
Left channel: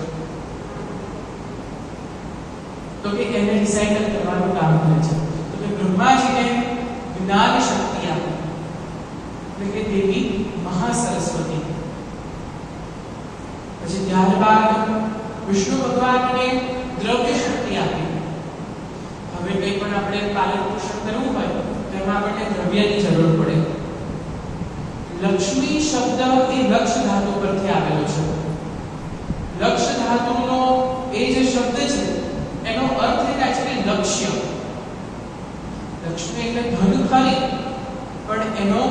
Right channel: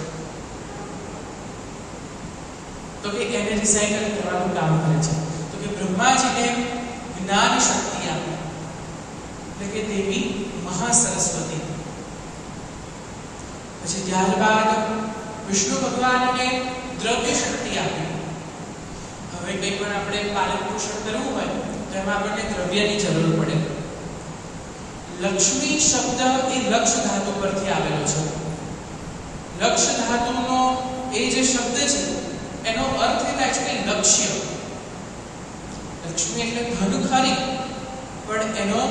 તો કે એને રિસાયકલ કરવાનું કામ કરે છે. તો કે બ્રહ્માજીને જ્ઞાન શક્તિ આપી એટલે કે દેવી મહાસરસ્વતી. પછી ત્યારબાદ વિષ્ણુ ભગવાનને દ્રવ્ય શક્તિ આપી. હવે કંઈ પણ આપણે પાલન પોષણ કરવું હોય તો એમાં આપણને દ્રવ્યની જરૂર પડે. લક્ષ્મી શબ્દ એ લક્ષ ધાતુ પરથી આવેલો છે. લક્ષ ધાતુનો એ જે શબ્દ છે એનો અર્થ એ થાય છે કે લક્ષ્ય. લક્ષ્મી એટલે ધન ખરી પણ એનો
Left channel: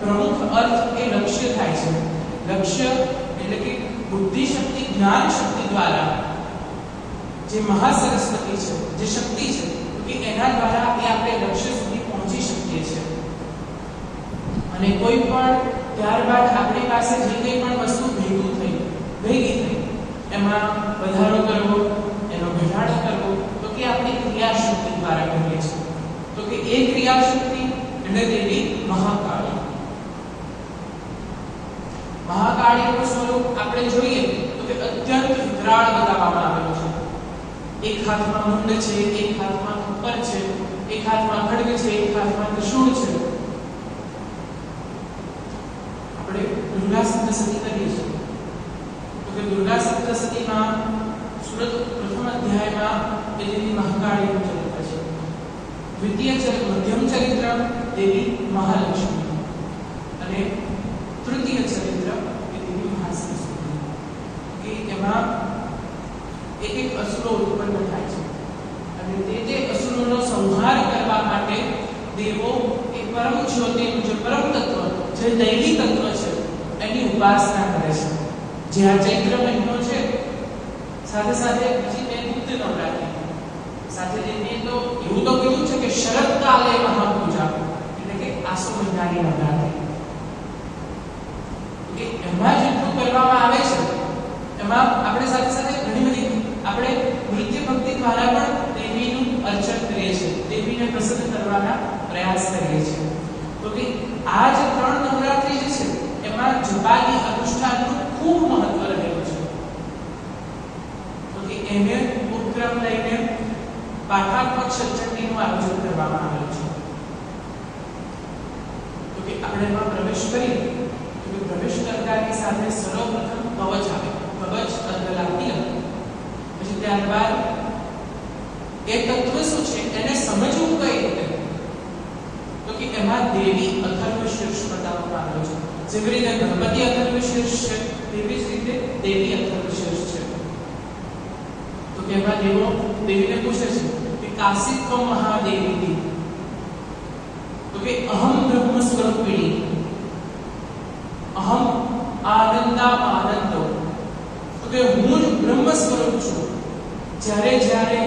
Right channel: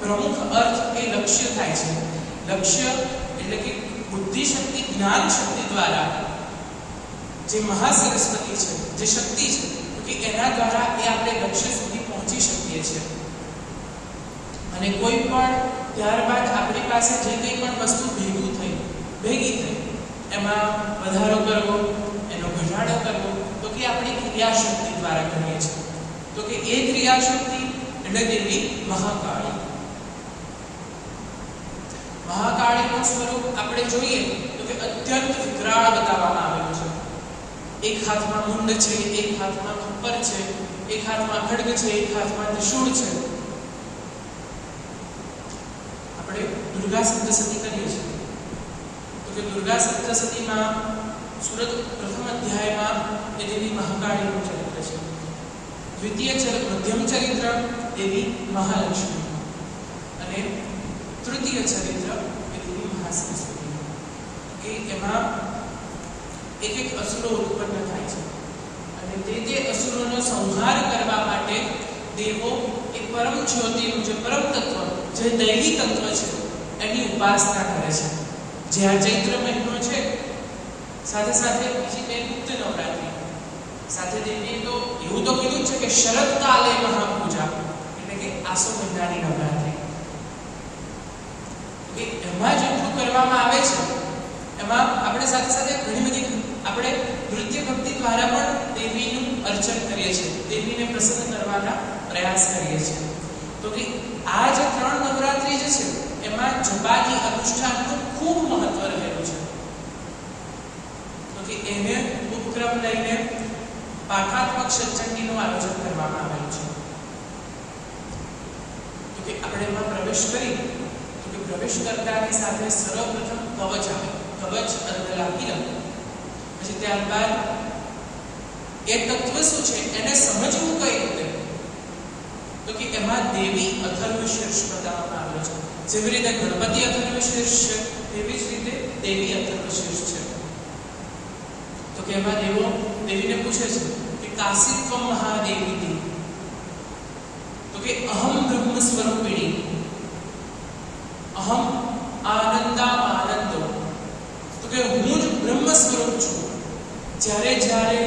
પ્રમુખ અર્થ એ લક્ષ્ય થાય છે. લક્ષ્ય એટલે કે બુદ્ધિ શક્તિ, જ્ઞાન શક્તિ દ્વારા જે મહાસરસ્વતી છે, જે શક્તિ છે કે એના દ્વારા એ આપણે લક્ષ્ય સુધી પહોંચી શકીએ છીએ. અને કોઈ પણ ત્યારબાદ આપણી પાસે જે કંઈ પણ વસ્તુ ભેગી થઈ એમાં વધારો કરવો, એનો ઘટાડો કરવો તો કે આપણી ક્રિયાશક્તિ દ્વારા કરીએ છીએ. તો કે એ ક્રિયાશક્તિ એટલે દેવી મહાકાળી. મહાકાળીનું સ્વરૂપ આપણે જોઈએ તો કે અત્યંત વિકરાળ બતાવવામાં આવેલું છે. એક હાથમાં મુંડ છે, એક હાથમાં ખપ્પર છે, એક હાથમાં ખડગ છે, એક હાથમાં ત્રિશૂળ છે. આપણે દુર્ગા સપ્તશતી કરીએ છીએ તો કે દુર્ગા સપ્તશતીમાં સુરત પ્રથમ અધ્યાયમાં એ દેવી મહાકાળીનું ચરિત્ર છે. મધ્યમ ચરિત્ર દેવી મહાલક્ષ્મી અને તૃતીય ચરિત્ર એ દેવી મહાસરસ્વતી. કે એમાં એક એક અસુરો ઉત્પન્ન થાય છે અને તે અસુરોનો સંહાર કરવા માટે દેવો એક પરમ જ્યોતિનું જે પરમ તત્વ, જે દૈવી તત્વ છે એની ઉપાસના કરે છે. જે આ ચૈત્ર મહિનો છે, સાથે સાથે બીજી બે ગુપ્ત નવરાત્રી, સાથે દેવીએ તો એવું તો કીધું છે કે શરદકાલે મહાપૂજા, એટલે કે આસો મહિનાની નવરાત્રી. કે એમાં જેટલું કરવામાં આવે છે એમાં આપણે સાથે સાથે ઘણી બધી આપણે નૃત્ય ભક્તિ દ્વારા પણ દેવીનું અર્ચન કરીએ છીએ, દેવીને પ્રસન્ન કરવાના પ્રયાસ કરીએ છીએ. તો કે આ જે 3 નવરાત્રી જે છે એમાં જપાદી અનુષ્ઠાનનું ખૂબ મહત્વ રહેલું છે. તો કે એને ઉપક્રમ લઈને પાઠાત્મક સત્સંગીનું આયોજન કરવામાં આવેલું છે. તો કે આપણે એમાં પ્રવેશ કરી તો કે પ્રવેશ કરતાની સાથે સર્વપ્રથમ કવચ આવે, કવચ અર્ધલા તિલક. પછી ત્યારબાદ એ તત્વ શું છે એને સમજવું કઈ રીતે, તો કે એમાં દેવી અથર્વ શીર્ષ બતાવવામાં આવેલો છે. જેવી રીતે ગણપતિ અથર્વ શીર્ષ છે તેવી જ રીતે દેવી અથર્વ શીર્ષ છે. તો કે એમાં દેવો દેવીને પૂછે છે કે કાશિત્વ મહાદેવી, તો કે અહમ બ્રહ્મ સ્વરૂપિણી, અહમ આનંદા આનંદો, તો કે હું જ બ્રહ્મ સ્વરૂપ છું. જ્યારે જ્યારે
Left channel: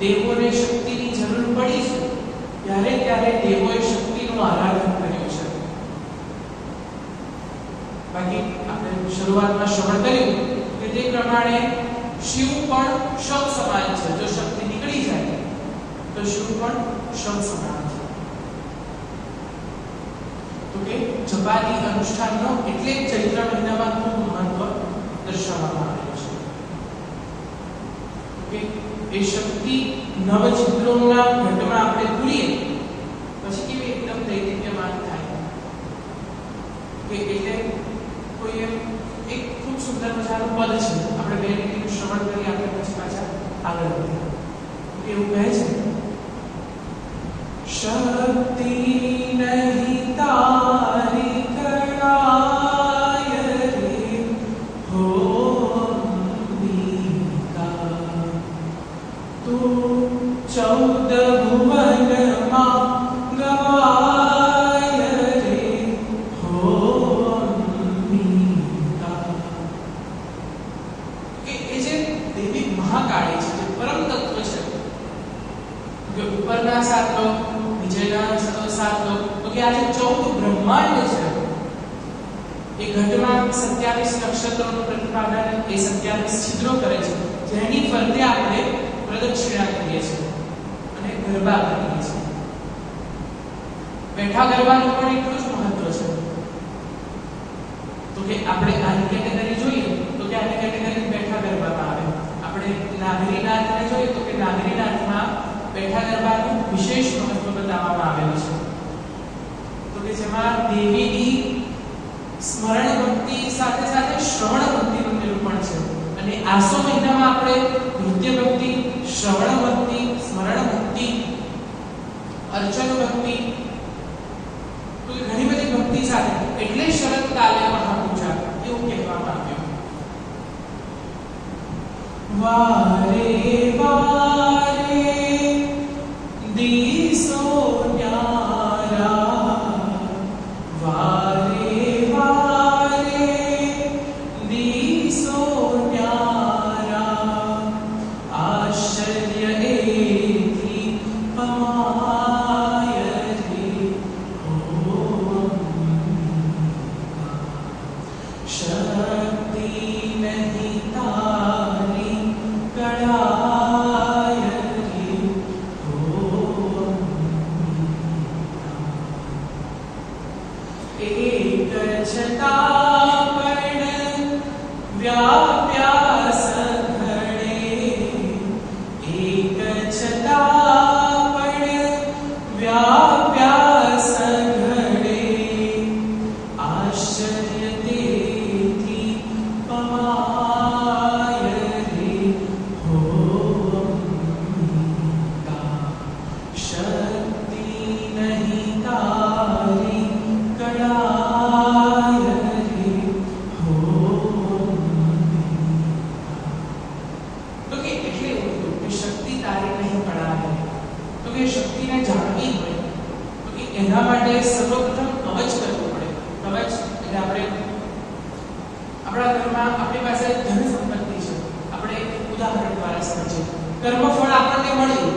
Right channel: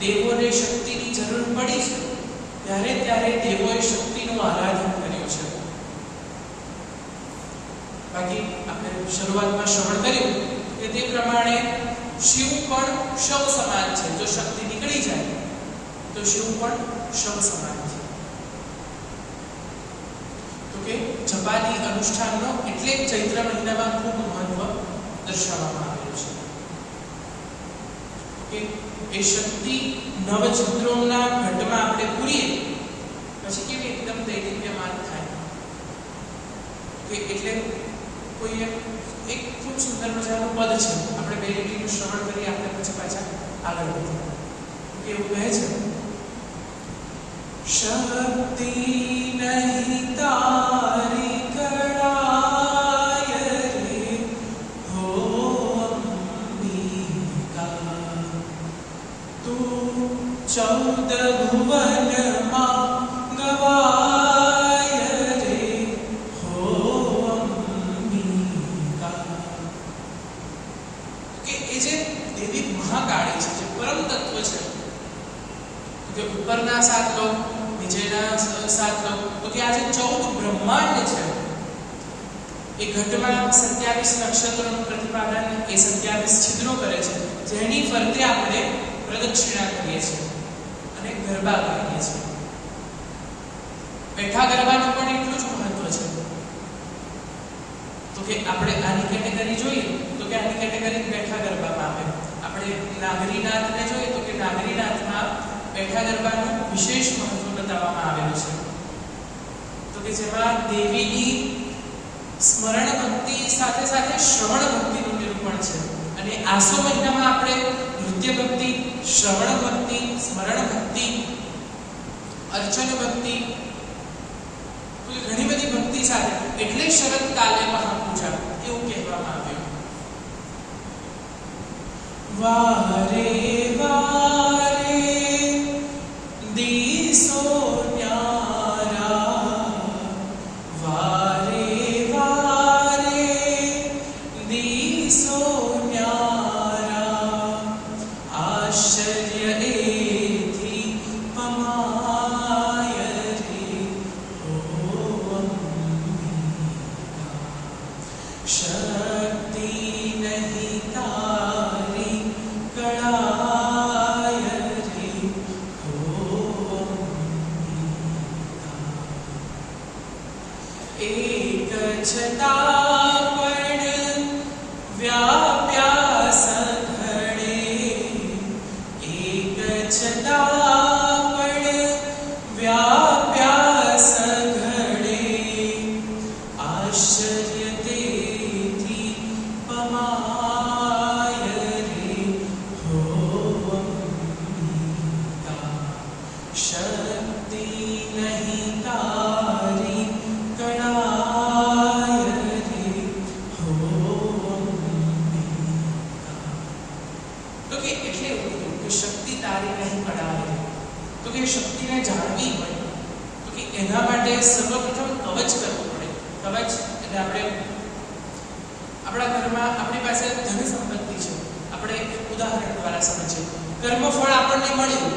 દેવોને શક્તિની જરૂર પડી છે ત્યારે ત્યારે દેવોએ શક્તિનું આરાધન કર્યું છે. બાકી આપણે શરૂઆતમાં શ્રવણ કર્યું કે તે પ્રમાણે શિવ પણ શવ સમાન છે. જો શક્તિ નીકળી જાય તો શિવ પણ શવ સમાન છે. તો કે જપાદી અનુષ્ઠાનનો એટલે ચૈત્ર મહિનામાં ખૂબ મહત્વ દર્શાવવામાં આવેલું છે. કે એ શક્તિ નવચિત્રોના ઘટમાં આપણે પૂરીએ પછી કેવી એકદમ દૈદિપ્યમાન થાય. કે એટલે કોઈ એક ખૂબ સુંદર મજાનું પદ છે, આપણે 2 મિનિટનું શ્રવણ કરી આપણે પછી પાછા આગળ વધીએ. એવું કહે છે, શક્તિ નહીં તારી કળાય રે હો અંબિકા, તું 14 ભુવનમાં ગવાય રે હો અંબિકા. કે એ જે દેવી મહાકાળી છે, જે પરમ તત્વ છે, કે ઉપરના 7 લોક, નીચેના 7 લોક, તો કે આ જે 14 બ્રહ્માંડ છે એ ઘટમાં 27 નક્ષત્રોનું પ્રતિપાદન એ 27 છિદ્રો કરે છે, જેની ફરતે આપણે પ્રદક્ષિણા કરીએ છીએ અને ગરબા કરીએ છીએ. બેઠા ગરબાનું પણ એટલું જ મહત્વ છે. તો કે આપણે આની કેટેગરી જોઈએ તો કે આની કેટેગરી બેઠા ગરબામાં આવે. આપણે નાગરીનાથને જોઈએ તો કે નાગરીનાથમાં બેઠા ગરબાનું વિશેષ મહત્વ બતાવવામાં આવેલું છે. તો કે જેમાં દેવીની સ્મરણ ભક્તિ સાથે સાથે શ્રવણ ભક્તિનું નિરૂપણ છે. અને આસો મહિનામાં આપણે નૃત્ય ભક્તિ, શ્રવણ ભક્તિ, સ્મરણ ભક્તિ, અર્ચન ભક્તિ, તો ઘણી બધી ભક્તિ સાથે એટલે શરદકાલે મહાપૂજા એવું કહેવામાં આવ્યું. વારે વારે દીસો ન્યારા, વારે વારે દીસો ન્યારા, આશ્ચર્ય એથી પમાય રે હો અંબિકા, શક્તિ નહીં તારી કળાય રે હો અંબિકા. એક છતાં પણ વ્યાપ્યા આપણા ઘરમાં આપણી પાસે ધન સંપત્તિ છે. આપણે એક ઉદાહરણ દ્વારા સમજીએ. કર્મફળ આપણને મળ્યું,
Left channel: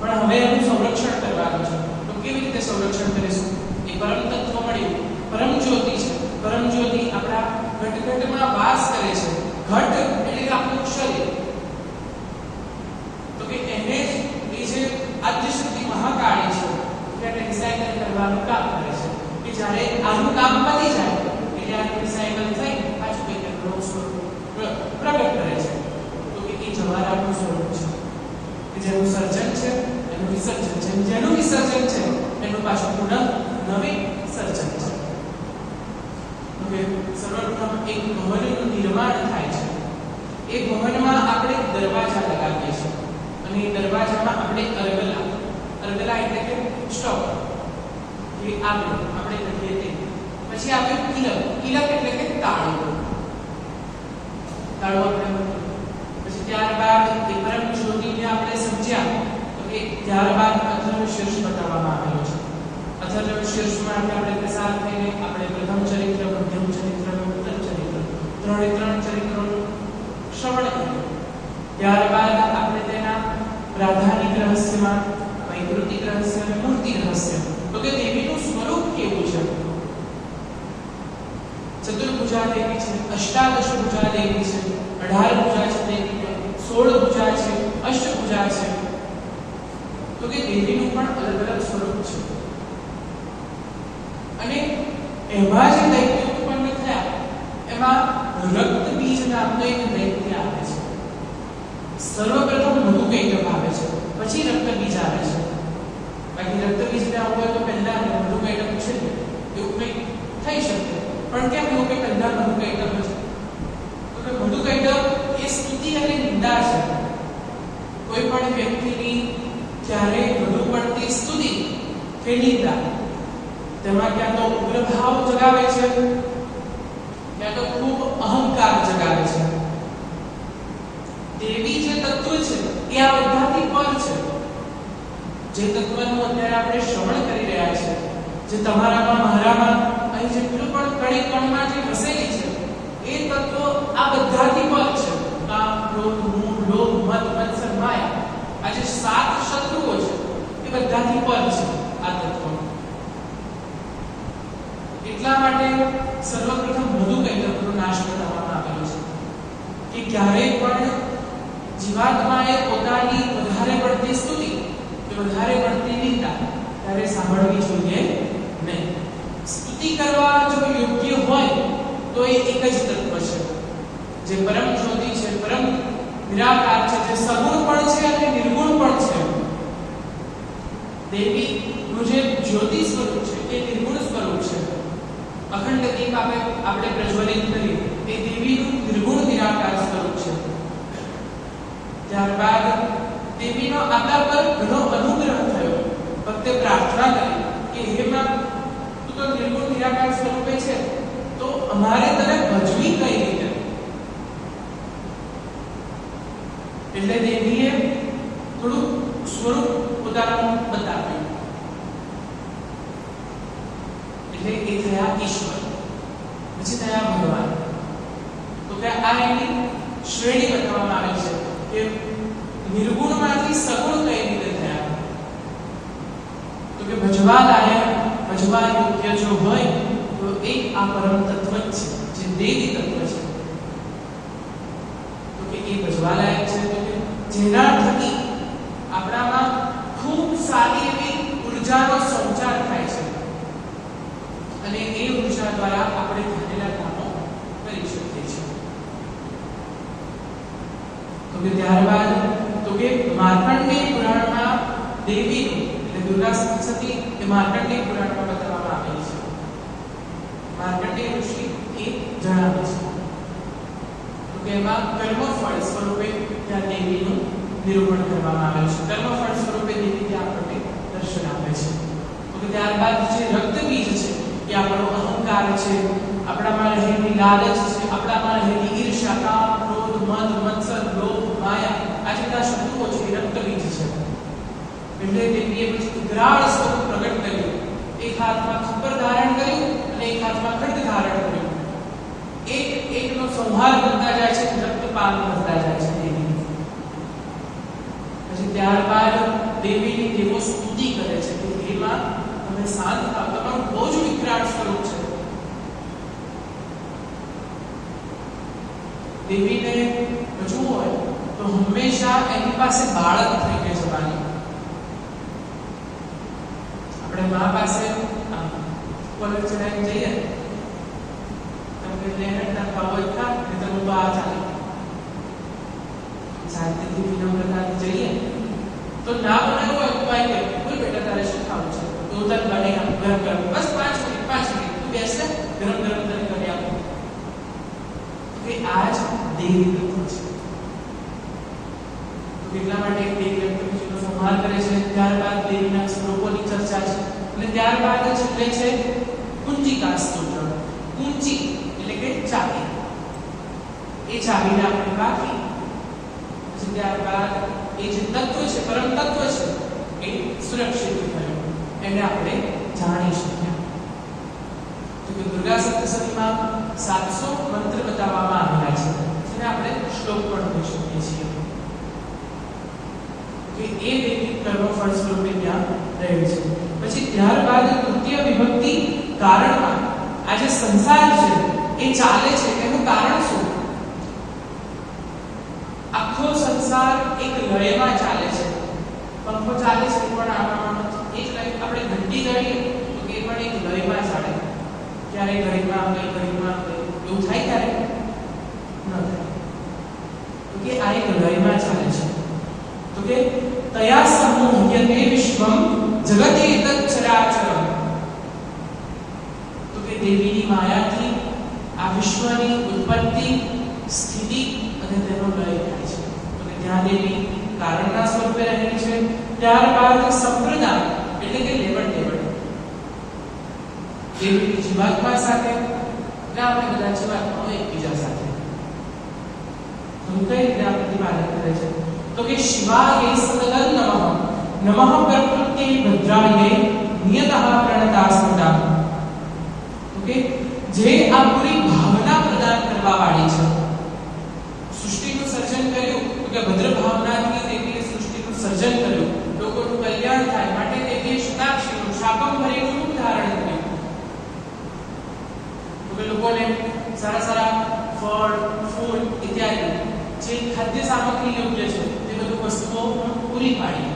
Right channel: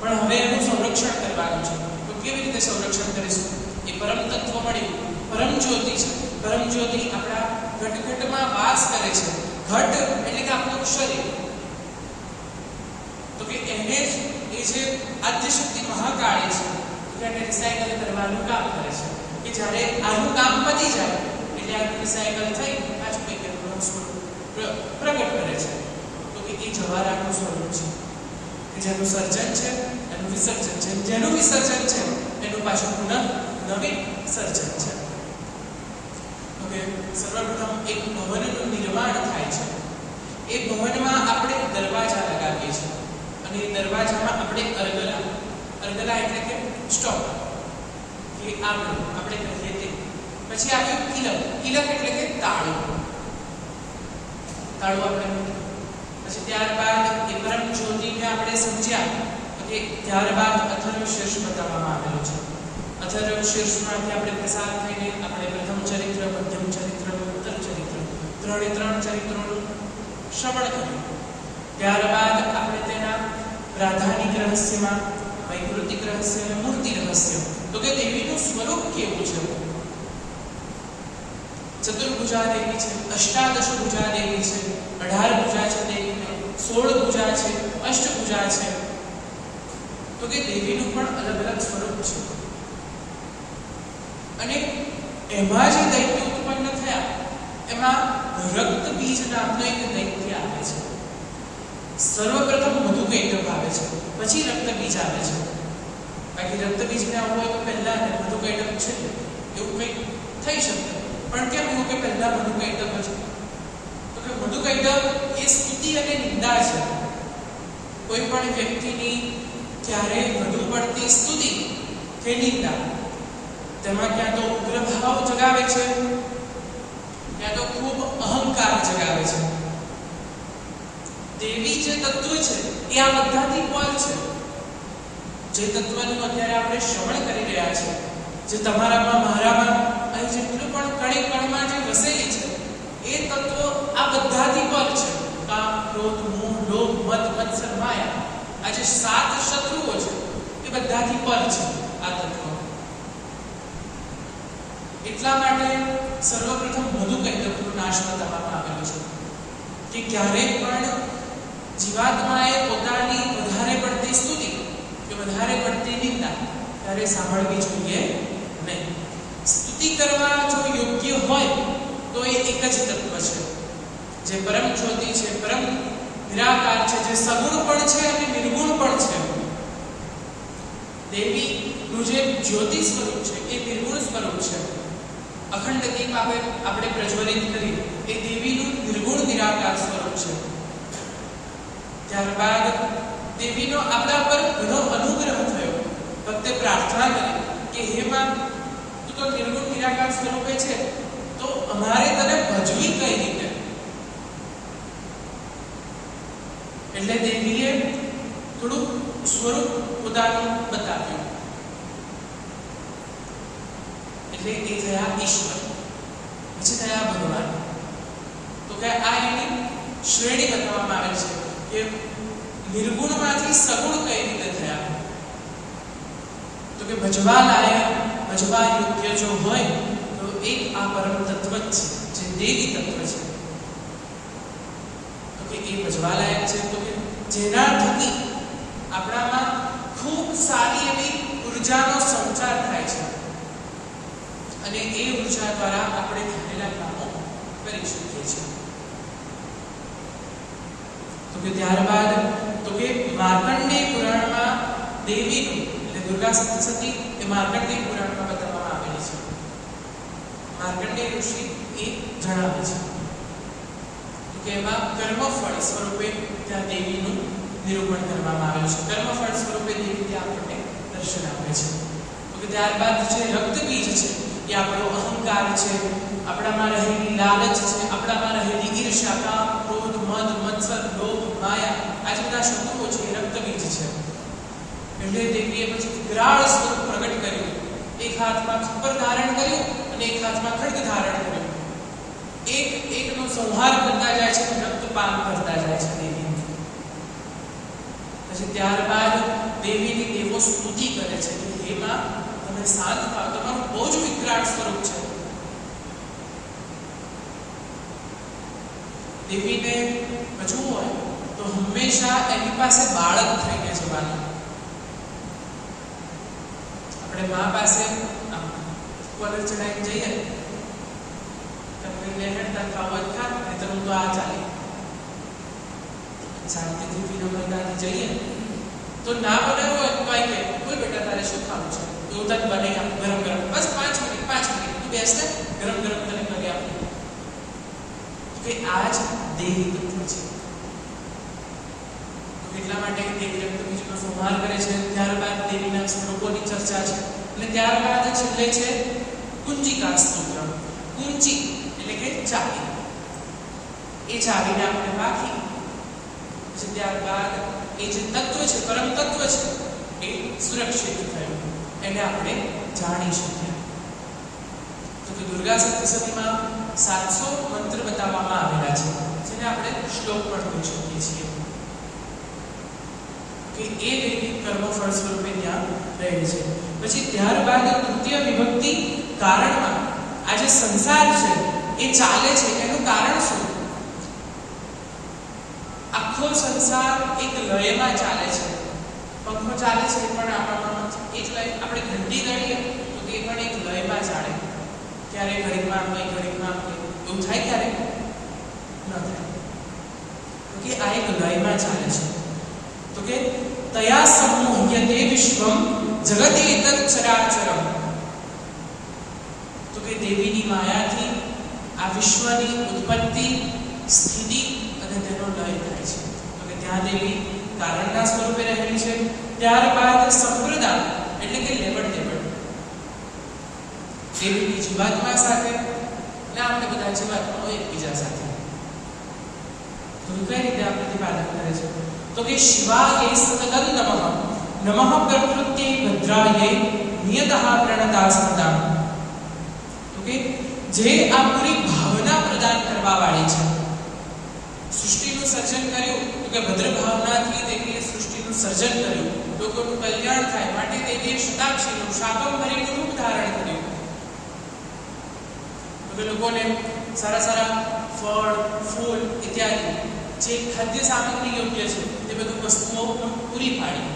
પણ હવે એનું સંરક્ષણ કરવાનું છે. તો કેવી રીતે સંરક્ષણ કરીશું? એ પરમ તત્વ મળ્યું, પરમ જ્યોતિ છે. પરમ જ્યોતિ આપણા ઘટઘટમાં વાસ કરે છે. ઘટ એટલે કે આપણું શરીર. તો કે એને એ જે આદ્ય શક્તિ મહાકાળી છે, એટલે રિસાયકલ કરવાનું કામ કરે છે. કે જ્યારે આનું કામ પતી જાય એટલે આ રિસાયકલ થઈ પાછું કંઈક નવું સ્વરૂપ પ્રગટ કરે છે. તો કે એ જવારાનું સ્વરૂપ છે કે જેનું સર્જન છે એનું વિસર્જન છે, જેનું વિસર્જન છે એનું પાછું પુનઃ નવીન સર્જન છે. ઓકે, સર્વપ્રથમ એક ભવનનું નિર્માણ થાય છે. એ ભવનમાં આપણે દરવાજા લગાવીએ છીએ અને એ દરવાજામાં આપણે અરગલા એટલે કે સ્ટોપ કે આગળ આપણે કહીએ તે. પછી આવ્યું કિલક એટલે કે તાળું આપણે. પછી ત્યારબાદ એ પરમ જ્યોતિને આપણે સમજ્યા કે ત્યારબાદ અથર્વશીર્ષ બતાવવામાં આવેલો છે. અથર્વશીર્ષમાંથી આપણે પસાર થઈને આપણે પ્રથમ ચરિત્ર, મધ્યમ ચરિત્ર અને ઉત્તર ચરિત્ર ત્રણ ચરિત્રોનું શ્રવણ કર્યું. ત્યારબાદ આપણે તેના પ્રાધાનિક રહસ્યમાં વૈકૃતિક રહસ્ય અને મૂર્તિ રહસ્ય, તો કે દેવીનું સ્વરૂપ કેવું છે. ચતુર્ભુજા દેવી છે, અષ્ટાદશ ભુજા દેવી છે, 18 ભુજા છે દેવીને, 16 ભુજા છે, અષ્ટભુજા છે. તો કે દેવીનું પણ અલગ અલગ સ્વરૂપ છે. અને એમાં જે દૈત્ય ઉત્પન્ન થયા એમાં રક્ત બીજ નામનો એક દૈત્ય આવે છે. સર્વપ્રથમ મધુકૈટભ આવે છે, પછી રક્ત બીજ આવે છે. બાકી રક્ત બીજને આવું હોય તો પહેલા મધુકૈટભ છે એવું કંઈ થઈ શકે. પણ કેમ એવું કે પહેલા મધુકૈટભ છે? તો કે મધુકૈટભ એ સ્તુતિ અને નિંદા છે. કોઈ પણ વ્યક્તિની ક્યારે વધુ પડતી સ્તુતિ કે નિંદા તેમાં ક્યાં તો ઉગ્ર ભાવ જગાવે છે, ક્યાં તો ખૂબ અહંકાર જગાવે છે. દેવી જે તત્વ છે એ આ બધાથી પર છે. જે તત્વનું અત્યારે આપણે શ્રવણ કરી રહ્યા છે, જે તમારામાં મારામાં અહીં જેટલું પણ કણી કણમાં જે વસેલી છે એ તત્વો આ બધાથી પર છે. કામ, ક્રોધ, મોહ, લોભ, મદ, મત્સર, માયા, આ જે 7 શત્રુઓ છે એ બધાથી પર છે આ તત્વો. એટલા માટે સર્વપ્રથમ મધુકૈટભનો નાશ કરવામાં આવેલો છે કે ક્યારેય પણ જીવાત્માએ પોતાની વધારે પડતી સ્તુતિ કે વધારે પડતી નિંદા ત્યારે સાંભળવી જોઈએ નહીં. સ્તુતિ કરવા જો યોગ્ય હોય તો એ એક જ તત્વ છે જે પરમ જ્યોતિ છે, પરમ નિરાકાર છે, જે સગુણ પણ છે અને નિર્ગુણ પણ છે. દેવીનું જે જ્યોતિ સ્વરૂપ છે એ નિર્ગુણ સ્વરૂપ છે. અખંડ દીપ આપણે પ્રજ્વલિત કરી એ દેવીનું નિર્ગુણ નિરાકાર સ્વરૂપ છે. ત્યારબાદ દેવીનો આપણા પર ઘણો અનુગ્રહ થયો. ભક્તે પ્રાર્થના કરી કે હે માં, તું તો નિર્ગુણ નિરાકાર સ્વરૂપે છે, તો અમારે તને ભજવી કઈ રીતે? એટલે દેવીએ થોડું સ્વરૂપ પોતાનું બતાવ્યું. એટલે એ થયા ઈશ્વર, પછી થયા ભગવાન. તો કે આ એની શ્રેણી બતાવવામાં આવે છે કે નિર્ગુણમાંથી સગુણ કઈ રીતે થયા. તો કે ભજવા લાયક, ભજવા યોગ્ય જો હોય તો એક આ પરમ તત્વ જ છે, જે દેવી તત્વ છે. તો કે એ ભજવા લાયક છે. તો કે જેના થકી આપણામાં ખૂબ સારી એવી ઉર્જાનો સંચાર થાય છે અને એ ઉર્જા દ્વારા આપણે ધારેલા કામો કરી શકીએ છીએ. તો કે ત્યારબાદ તો કે માર્કંડેય પુરાણમાં દેવીનું એટલે દુર્ગા સપ્તશતી એ માર્કંડેય પુરાણમાં બતાવવામાં આવેલી છે. માર્કંડેય ઋષિ એ જણાવે છે. તો કે એમાં કર્મફળ સ્વરૂપે ત્યાં દેવીનું નિરૂપણ કરવામાં આવેલું છે. કર્મફળ સ્વરૂપે દેવી ત્યાં આપણને દર્શન આપે છે. તો કે ત્યારબાદ જે રક્ત બીજ છે એ આપણો અહંકાર છે, આપણામાં રહેલી લાલચ છે, આપણામાં રહેલી ઈર્ષ્યા, કામ, ક્રોધ, મદ, મત્સર, લોભ, માયા, આ જેટલા શત્રુઓ છે એ રક્તબીજ છે. એટલે દેવીએ પછી વિકરાળ સ્વરૂપ પ્રગટ કર્યું. એક હાથમાં ખપ્પર ધારણ કર્યું અને એક હાથમાં ખડગ ધારણ કર્યું. એક એકનો સંહાર કરતા જાય છે, રક્તપાન કરતા જાય છે દેવી. પછી ત્યારબાદ દેવીની દેવો સ્તુતિ કરે છે કે હે માં, તમે શાંત થાઓ, તમારું બહુ જ વિકરાળ સ્વરૂપ છે. દેવીને બચવું હોય તો હંમેશા એની પાસે બાળક થઈને જવાની. આપણે મા પાસે કોલર ચડાવીને જઈએ, તમને લેહડતા ખાવ હોય ખા, નહીં તો તો આ ચાલે. શાંતિથી વિનમ્રતાથી જઈએ તો ના બનાવ્યો હોય કોઈ કે બોલ બેટા તારે શું ખાવું છે, તો તને બની આપ ગરમ ગરમ, બસ 5 મિનિટ તું બેસ ને, ગરમ ગરમ તને કરી આપું. કે આ જ દેવી તત્વ છે. તો એટલા માટે દેવી બીજુનો સંહાર કરે છે. ત્યારબાદ દેવીના સ્વરૂપોની ચર્ચા છે અને ત્યારબાદ છેલ્લે છે કુંજિકા સ્તોત્ર. કુંજી એટલે કે ચાવી, એ ચાવીને આપણે વાગી પછી ત્યારબાદ એ જે તત્વ છે, પરમ તત્વ છે, એ સુરક્ષિત થયું, એને આપણે જાણી શક્યા. તો કે દુર્ગા સપ્તશતીમાં 700 મંત્ર બતાવવામાં આવેલા છે, જેને આપણે શ્લોક પણ કહી શકીએ છીએ. કે એ દેવી કર્મફળ સ્વરૂપે ત્યાં રહે છે. પછી ત્યારબાદ તૃતીય વિભક્તિ કારણમાં આ જે સંસાર છે એ ચાલે છે, એનું કારણ શું? આખો સંસાર એક લયમાં ચાલે છે. પંખો ચાલે છે પણ આમાં એ જ લય. આપણે ઘંટી દળીએ તો એ પણ એક લયમાં ચાલે. ક્યારે ઘડીમાં કંઈ ઘડીમાં કંઈ એવું થાય, ક્યારે ન થાય. તો કે આ એક લયમાં ચાલે છે. તો કે તયા સમોહ્યતે વિશ્વમ જગતે એતત ચરાચરમ. તો કે દેવીની માયાથી આ વિશ્વની ઉત્પત્તિ, સ્થિતિ અને તેનો લય થાય છે. તો કે ત્યાં દેવી કારણના સ્વરૂપે રહેલી છે. ત્યારબાદ સંપ્રદાન એટલે કે લેવડ દેવડ. દેવીની જીવાત્મા સાથે અને આપણે બધા જીવાત્માઓ એકબીજા સાથે કઈ રીતે આ પ્રતિપાદન કરે છે? તો કે શિવાય સતતં નમઃ નમઃ પ્રકૃત્યૈ ભદ્રાયૈ નિયતઃ પ્રણતા સ્મૃતા. તો કે જે આ પૂરી ભાવના પ્રદાન કરવા વાળી છે, સૃષ્ટિનું સર્જન કર્યું, તો કે ભદ્ર ભાવનાથી દેવીએ સૃષ્ટિનું સર્જન કર્યું, લોકોનું કલ્યાણ થાય માટે દેવીએ શતાક્ષીનું શાકંભરીનું રૂપ ધારણ કર્યું. તો કે લોકોને સારા સારા ફળ, ફૂલ ઇત્યાદિ જે ખાદ્ય સામગ્રી યોગ્ય છે તે બધું વસ્તુઓ પૂરી પાડી.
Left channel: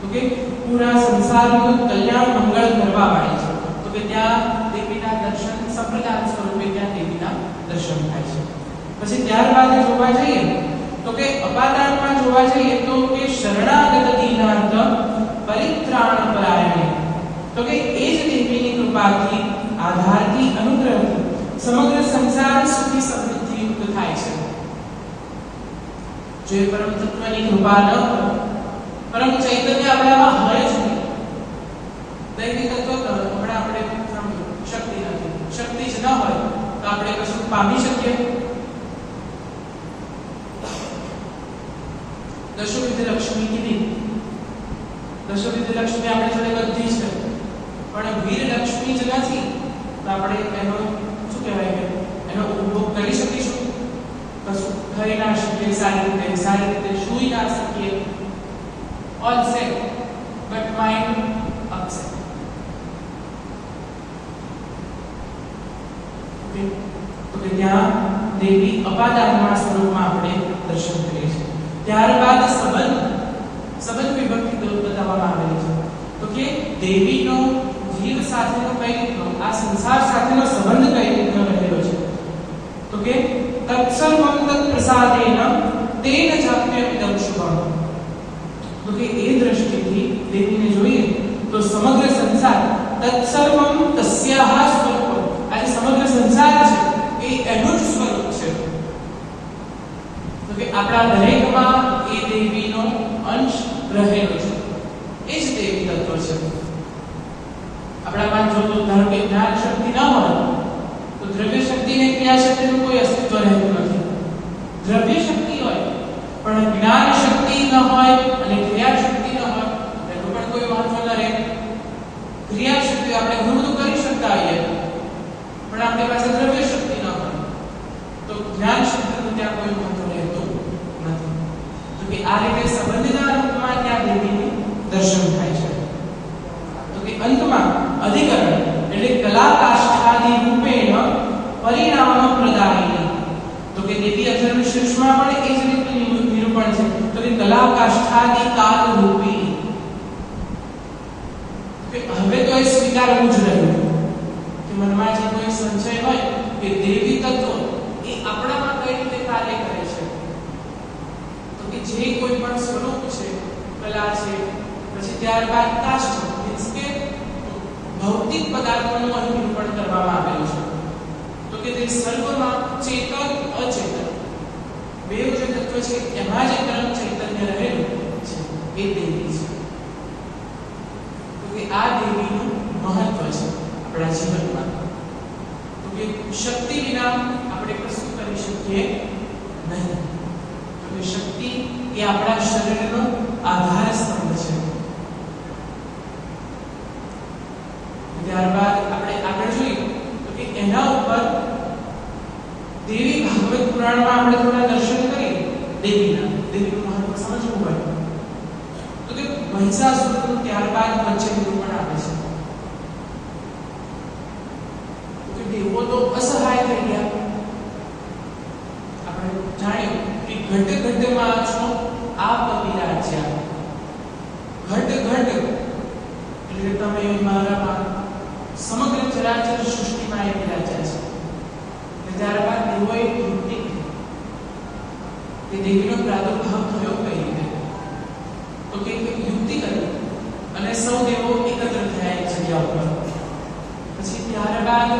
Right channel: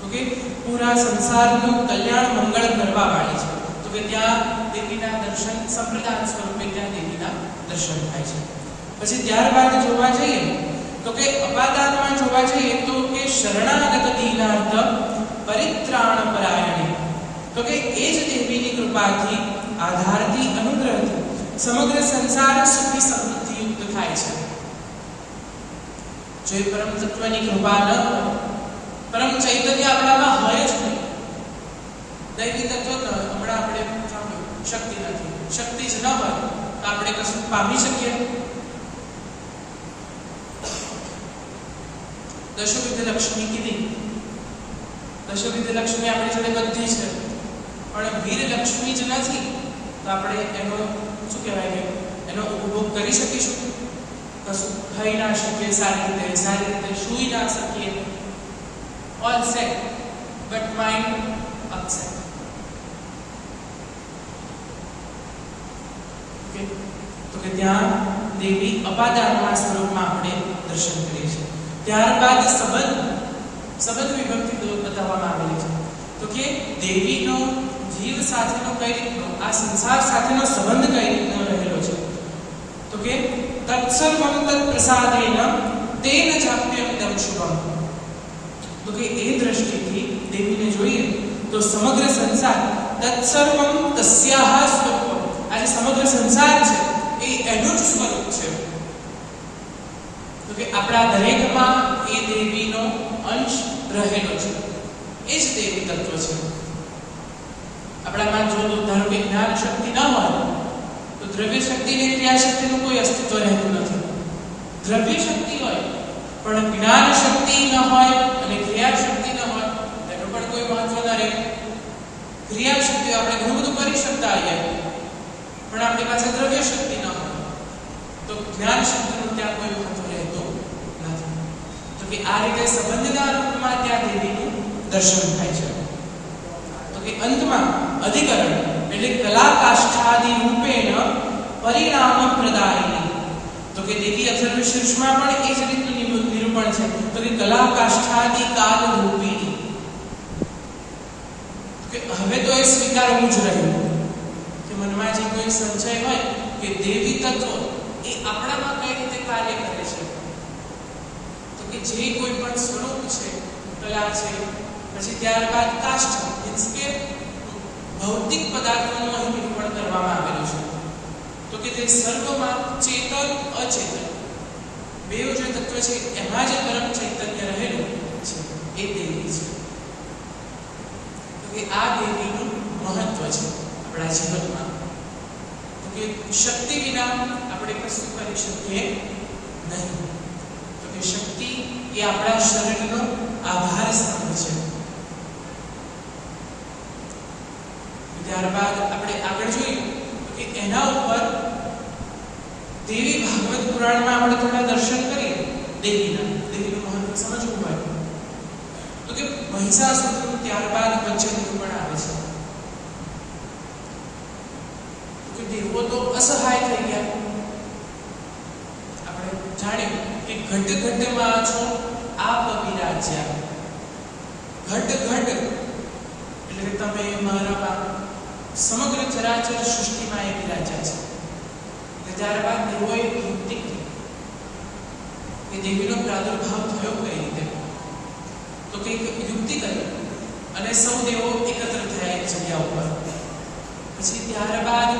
તો કે પૂરા સંસારનું કલ્યાણ મંગળ કરવા વાળી છે. તો કે ત્યાં દેવીના દર્શન સંપ્રદાન સ્વરૂપે ત્યાં દેવીના દર્શન થાય છે. પછી ત્યારબાદ જોવા જઈએ તો કે અપાદાનમાં જોવા જઈએ તો કે શરણાગત દીનાર્થ પરિત્રાણ પરાયણે. તો કે એ જ દેવીની કૃપાથી, આધારથી, અનુગ્રહથી સમગ્ર સંસાર સુખી સમૃદ્ધિયુક્ત થાય છે. જો પરમ તત્વની કૃપા ન હોય, પરમ ચૈતન્ય આપણામાં હોય જ નહીં, દૈવી તત્વ તો હમણાં આપણે શક્તિ નથી, શક્તિ જ ન હોય તો આપણે કશું પામી શકીએ? દશવિધ લક્ષ્મી કીધી, દશવિધ લક્ષ્મી આપણે જોડે બધી છે, પણ વીર લક્ષ્મી જ નથી તો આપણે એનો શું કહેવાય કે એનો ઉપભોગ કરી શકીશું? કશું ખાઈ ના શકીએ, સારી રીતે સૂઈ ના શકીએ. All set but mind upset. તો કે ત્યાં દેવી અપાદાનમાં સ્વરૂપમાં આપણે દર્શન કરીએ છીએ. ત્યારબાદ સંબંધ વિભક્તિ બતાવવામાં આવેલી છે. તો કે દેવીનો જીવ સાથેનો કઈ રીતનો, આ સંસાર સાથેનો સંબંધ કઈ રીતનો રહેલો છે? તો કે તત્સર્વં તત્ પ્રસાદેન તેન જાપ્યમિદં શુભમ. તો કે એ દ્રષ્ટિથી દેવીને જોઈએ તો સમગ્ર સંસાર તત્સર્વં તસ્યાહ સ્વરૂપમ, આ જે સમગ્ર સંસાર છે એ એનું જ સ્વરૂપ છે. તો કે આપણા દરેકમાં એ દેવીનો અંશ રહેલો છે, એ જ દેવી તત્વ છે. આપણામાં જો ધારો કે જ્ઞાન શક્તિ ન હોય તો દ્રવ્ય શક્તિ અને ક્રિયા શક્તિનું કોઈ અસ્તિત્વ રહેતું નથી. દ્રવ્ય શક્તિ હોય પણ જ્ઞાન શક્તિ ન હોય અને ક્રિયા શક્તિ ન હોય તેનું પણ કોઈ મહત્વ ન રહે. ક્રિયા શક્તિ આપણે ઘણું બધું કરી શકતા હોઈએ પણ આપણી પાસે દ્રવ્ય શક્તિ ન હોય દેવી અથર્વશીર્ષમાં પણ એ જ રીતનું નિરૂપણ છે. તો કે કલા કાષ્ઠાદિ કાલ રૂપિણી, કે હવે તો એ સ્વીકારવું જ રહ્યું કે મનમાં જે કોઈ સંશય હોય કે દેવી તત્વો એ આપણામાં કઈ રીતે કાર્ય કરે છે, તો કે જે કોઈ પણ સ્વરૂપ છે, કલા છે, પછી ત્યારબાદ કાષ્ઠ મીન્સ કે ભૌતિક પદાર્થોનું અહીં નિરૂપણ કરવામાં આવેલું છે. તો કે તે સર્વમાં ચેતન અચેતન બેઉ જે તત્વ છે એમાં જે પરમ ચૈતન્ય રહેલું છે એ દેવી છે. તો કે આ દેવીનું મહત્વ છે આપણા જીવનમાં. તો કે શક્તિ વિના આપણે કશું કરી શકીએ નહીં. તો કે શક્તિ એ આપણા શરીરનો આધાર સ્તંભ છે. ત્યારબાદ આપણે આગળ જોઈએ તો કે એના ઉપર દેવી ભાગવત પુરાણમાં આપણે થોડા દર્શન કરીએ દેવીનું મહત્વ સમજવું હોય તો કે મહિષાસુરનું ત્યારબાદ વચ્ચે નિરૂપણ આવે છે. તો કે દેવો તો અસહાય થઈ ગયા. આપણે જાણ્યું કે ઘટ ઘટમાં છો આપ વિરાજ્યા. ઘટ ઘટ એટલે તમે મારા સમગ્ર ચરાચર સૃષ્ટિમાં એ વિરાજ્યા છે. ત્યારબાદ દેવોએ યુક્તિ કે દેવીનો પ્રાદુર્ભાવ થયો કઈ રીતે, તો કે યુક્તિ કરી અને સૌ દેવો એકત્ર થયા એક જગ્યા ઉપર. પછી ત્યારબાદ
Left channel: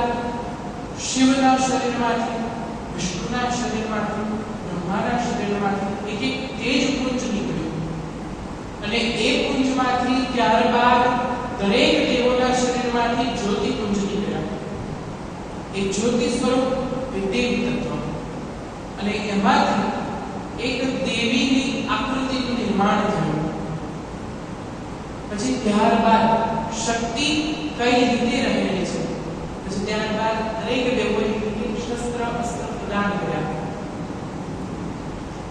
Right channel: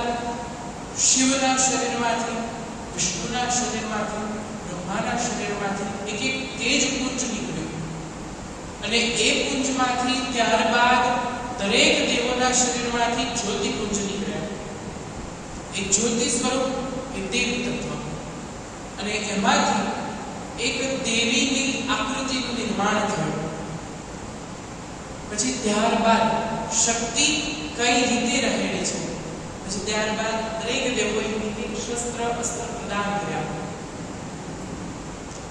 શિવના શરીરમાંથી, વિષ્ણુના શરીરમાંથી, બ્રહ્માના શરીરમાંથી એક એક તેજ પુંજ નીકળ્યું અને એ પુંજમાંથી ત્યારબાદ દરેક દેવોના શરીરમાંથી જ્યોતિ પુંજ નીકળ્યા. એ જ્યોતિ સ્વરૂપ એ દેવી તત્વ અને એમાંથી એક દેવીની આકૃતિનું નિર્માણ થયું. પછી ત્યારબાદ શક્તિ કઈ રીતે રહેલી છે, પછી ત્યારબાદ દરેક દેવોએ એક શસ્ત્ર અસ્ત્ર પ્રદાન કર્યા.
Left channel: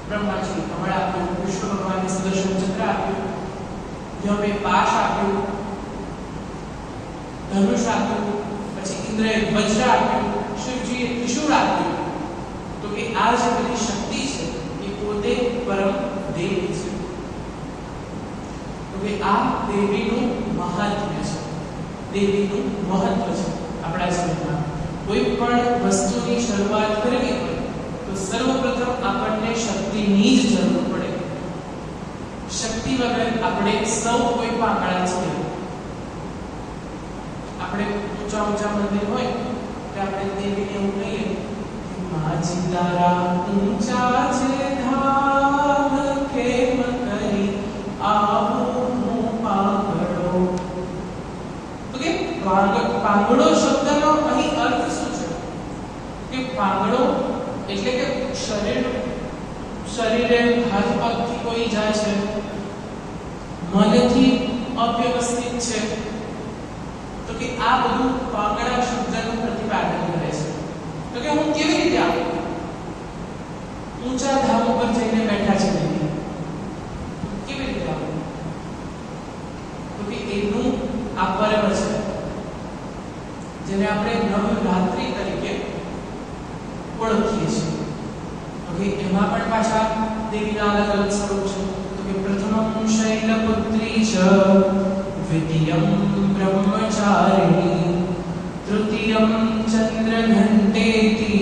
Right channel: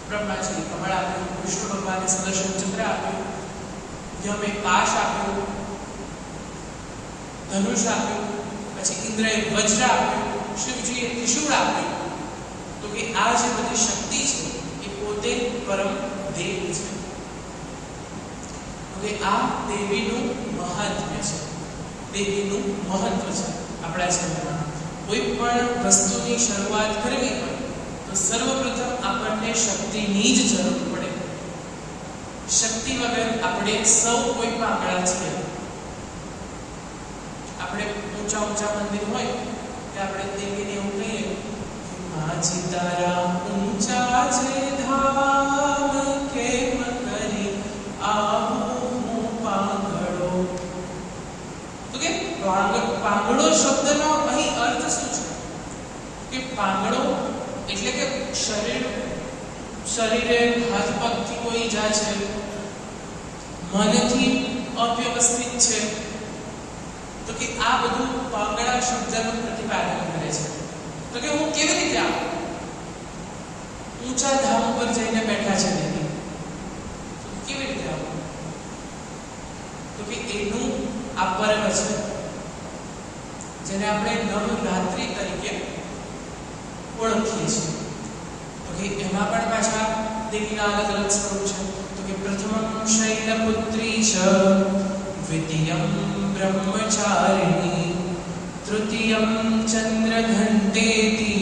બ્રહ્માજી કમળ આપ્યું, વિષ્ણુ ભગવાને સુદર્શન ચક્ર આપ્યું, યમે પાશ આપ્યું, ધનુષ આપ્યું, પછી ઇન્દ્રએ વજ્ર આપ્યું, શિવજીએ ત્રિશૂળ આપ્યું. તો કે આ જે બધી શક્તિ છે એ પોતે પરમ દેવ છે. તો કે આ દેવીનું મહાત્મ્ય છે, દેવીનું મહત્વ છે આપણા જીવનમાં. કોઈ પણ વસ્તુની શરૂઆત કરવી હોય તો સર્વપ્રથમ આપણને શક્તિની જ જરૂર પડે. શક્તિ વગર આપણે સૌ કોઈ પાંગળા છીએ. આપણે ઊંચા ઊંચા મંદિર હોય કે આપણે દેવીને એવું કહીએ કે માજી તારા ઊંચા છે ધામ કેમ કરી આવું હું પાંગળો. તો કે પાંગળો શબ્દનો અહીં અર્થ શું છે કે પાંગળો એટલે કે શરીરે હાથ પગથી કોઈ ઈજા છે, મનથી અવ્યવસ્થિત છે, તો કે આ બધું પાંગળા શબ્દનું પ્રતિપાદન કરે છે. તો કે હું કેવી રીતે આવું? ઊંચા ધામ ઉપર જઈને બેઠા છે દેવી, તો કેવી રીતે આવું? તો કે એનું આ પર્વ છે જેને આપણે નવરાત્રિ તરીકે ઓળખીએ છીએ. તો કે એમાં પણ પાછા દેવીના અલગ અલગ સ્વરૂપ છે. તો કે પ્રથમમ શૈલપુત્રી ચ, દ્વિતીયમ ब्रह्मचारिणी, तृतीयं चंद्रघंटेति,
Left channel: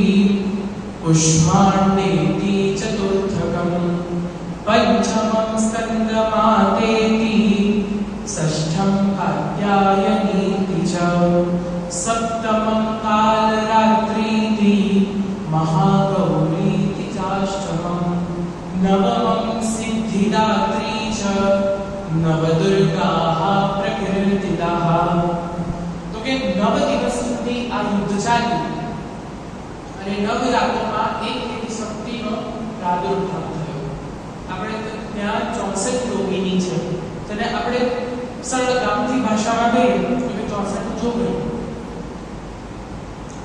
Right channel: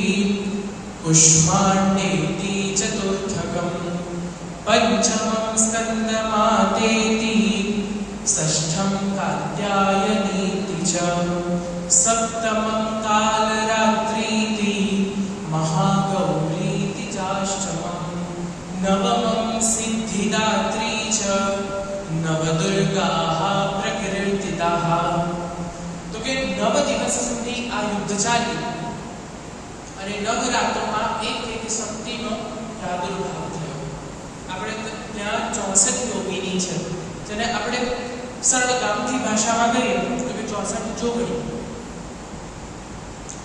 पुष्माण्डेति, चतुर्थकं पंचमं स्कंदमातेति, षष्ठं कात्यायनीति च, सप्तमं कालरात्रीति, महागौरीति चाष्टमं, नवमं सिद्धिदात्री च, नवदुर्गाः प्रकीर्तिताः. तो के 9 દિવસ સુધી આ યુદ્ધ ચાલ્યું અને 9 રાતોમાં એક શક્તિનો પ્રાદુર્ભાવ થયો. આપણે ત્યાં 64 યોગીની છે જેને આપણે સરળ ગામથી ભાષામાં કહીએ તો કે 64 જોગણી.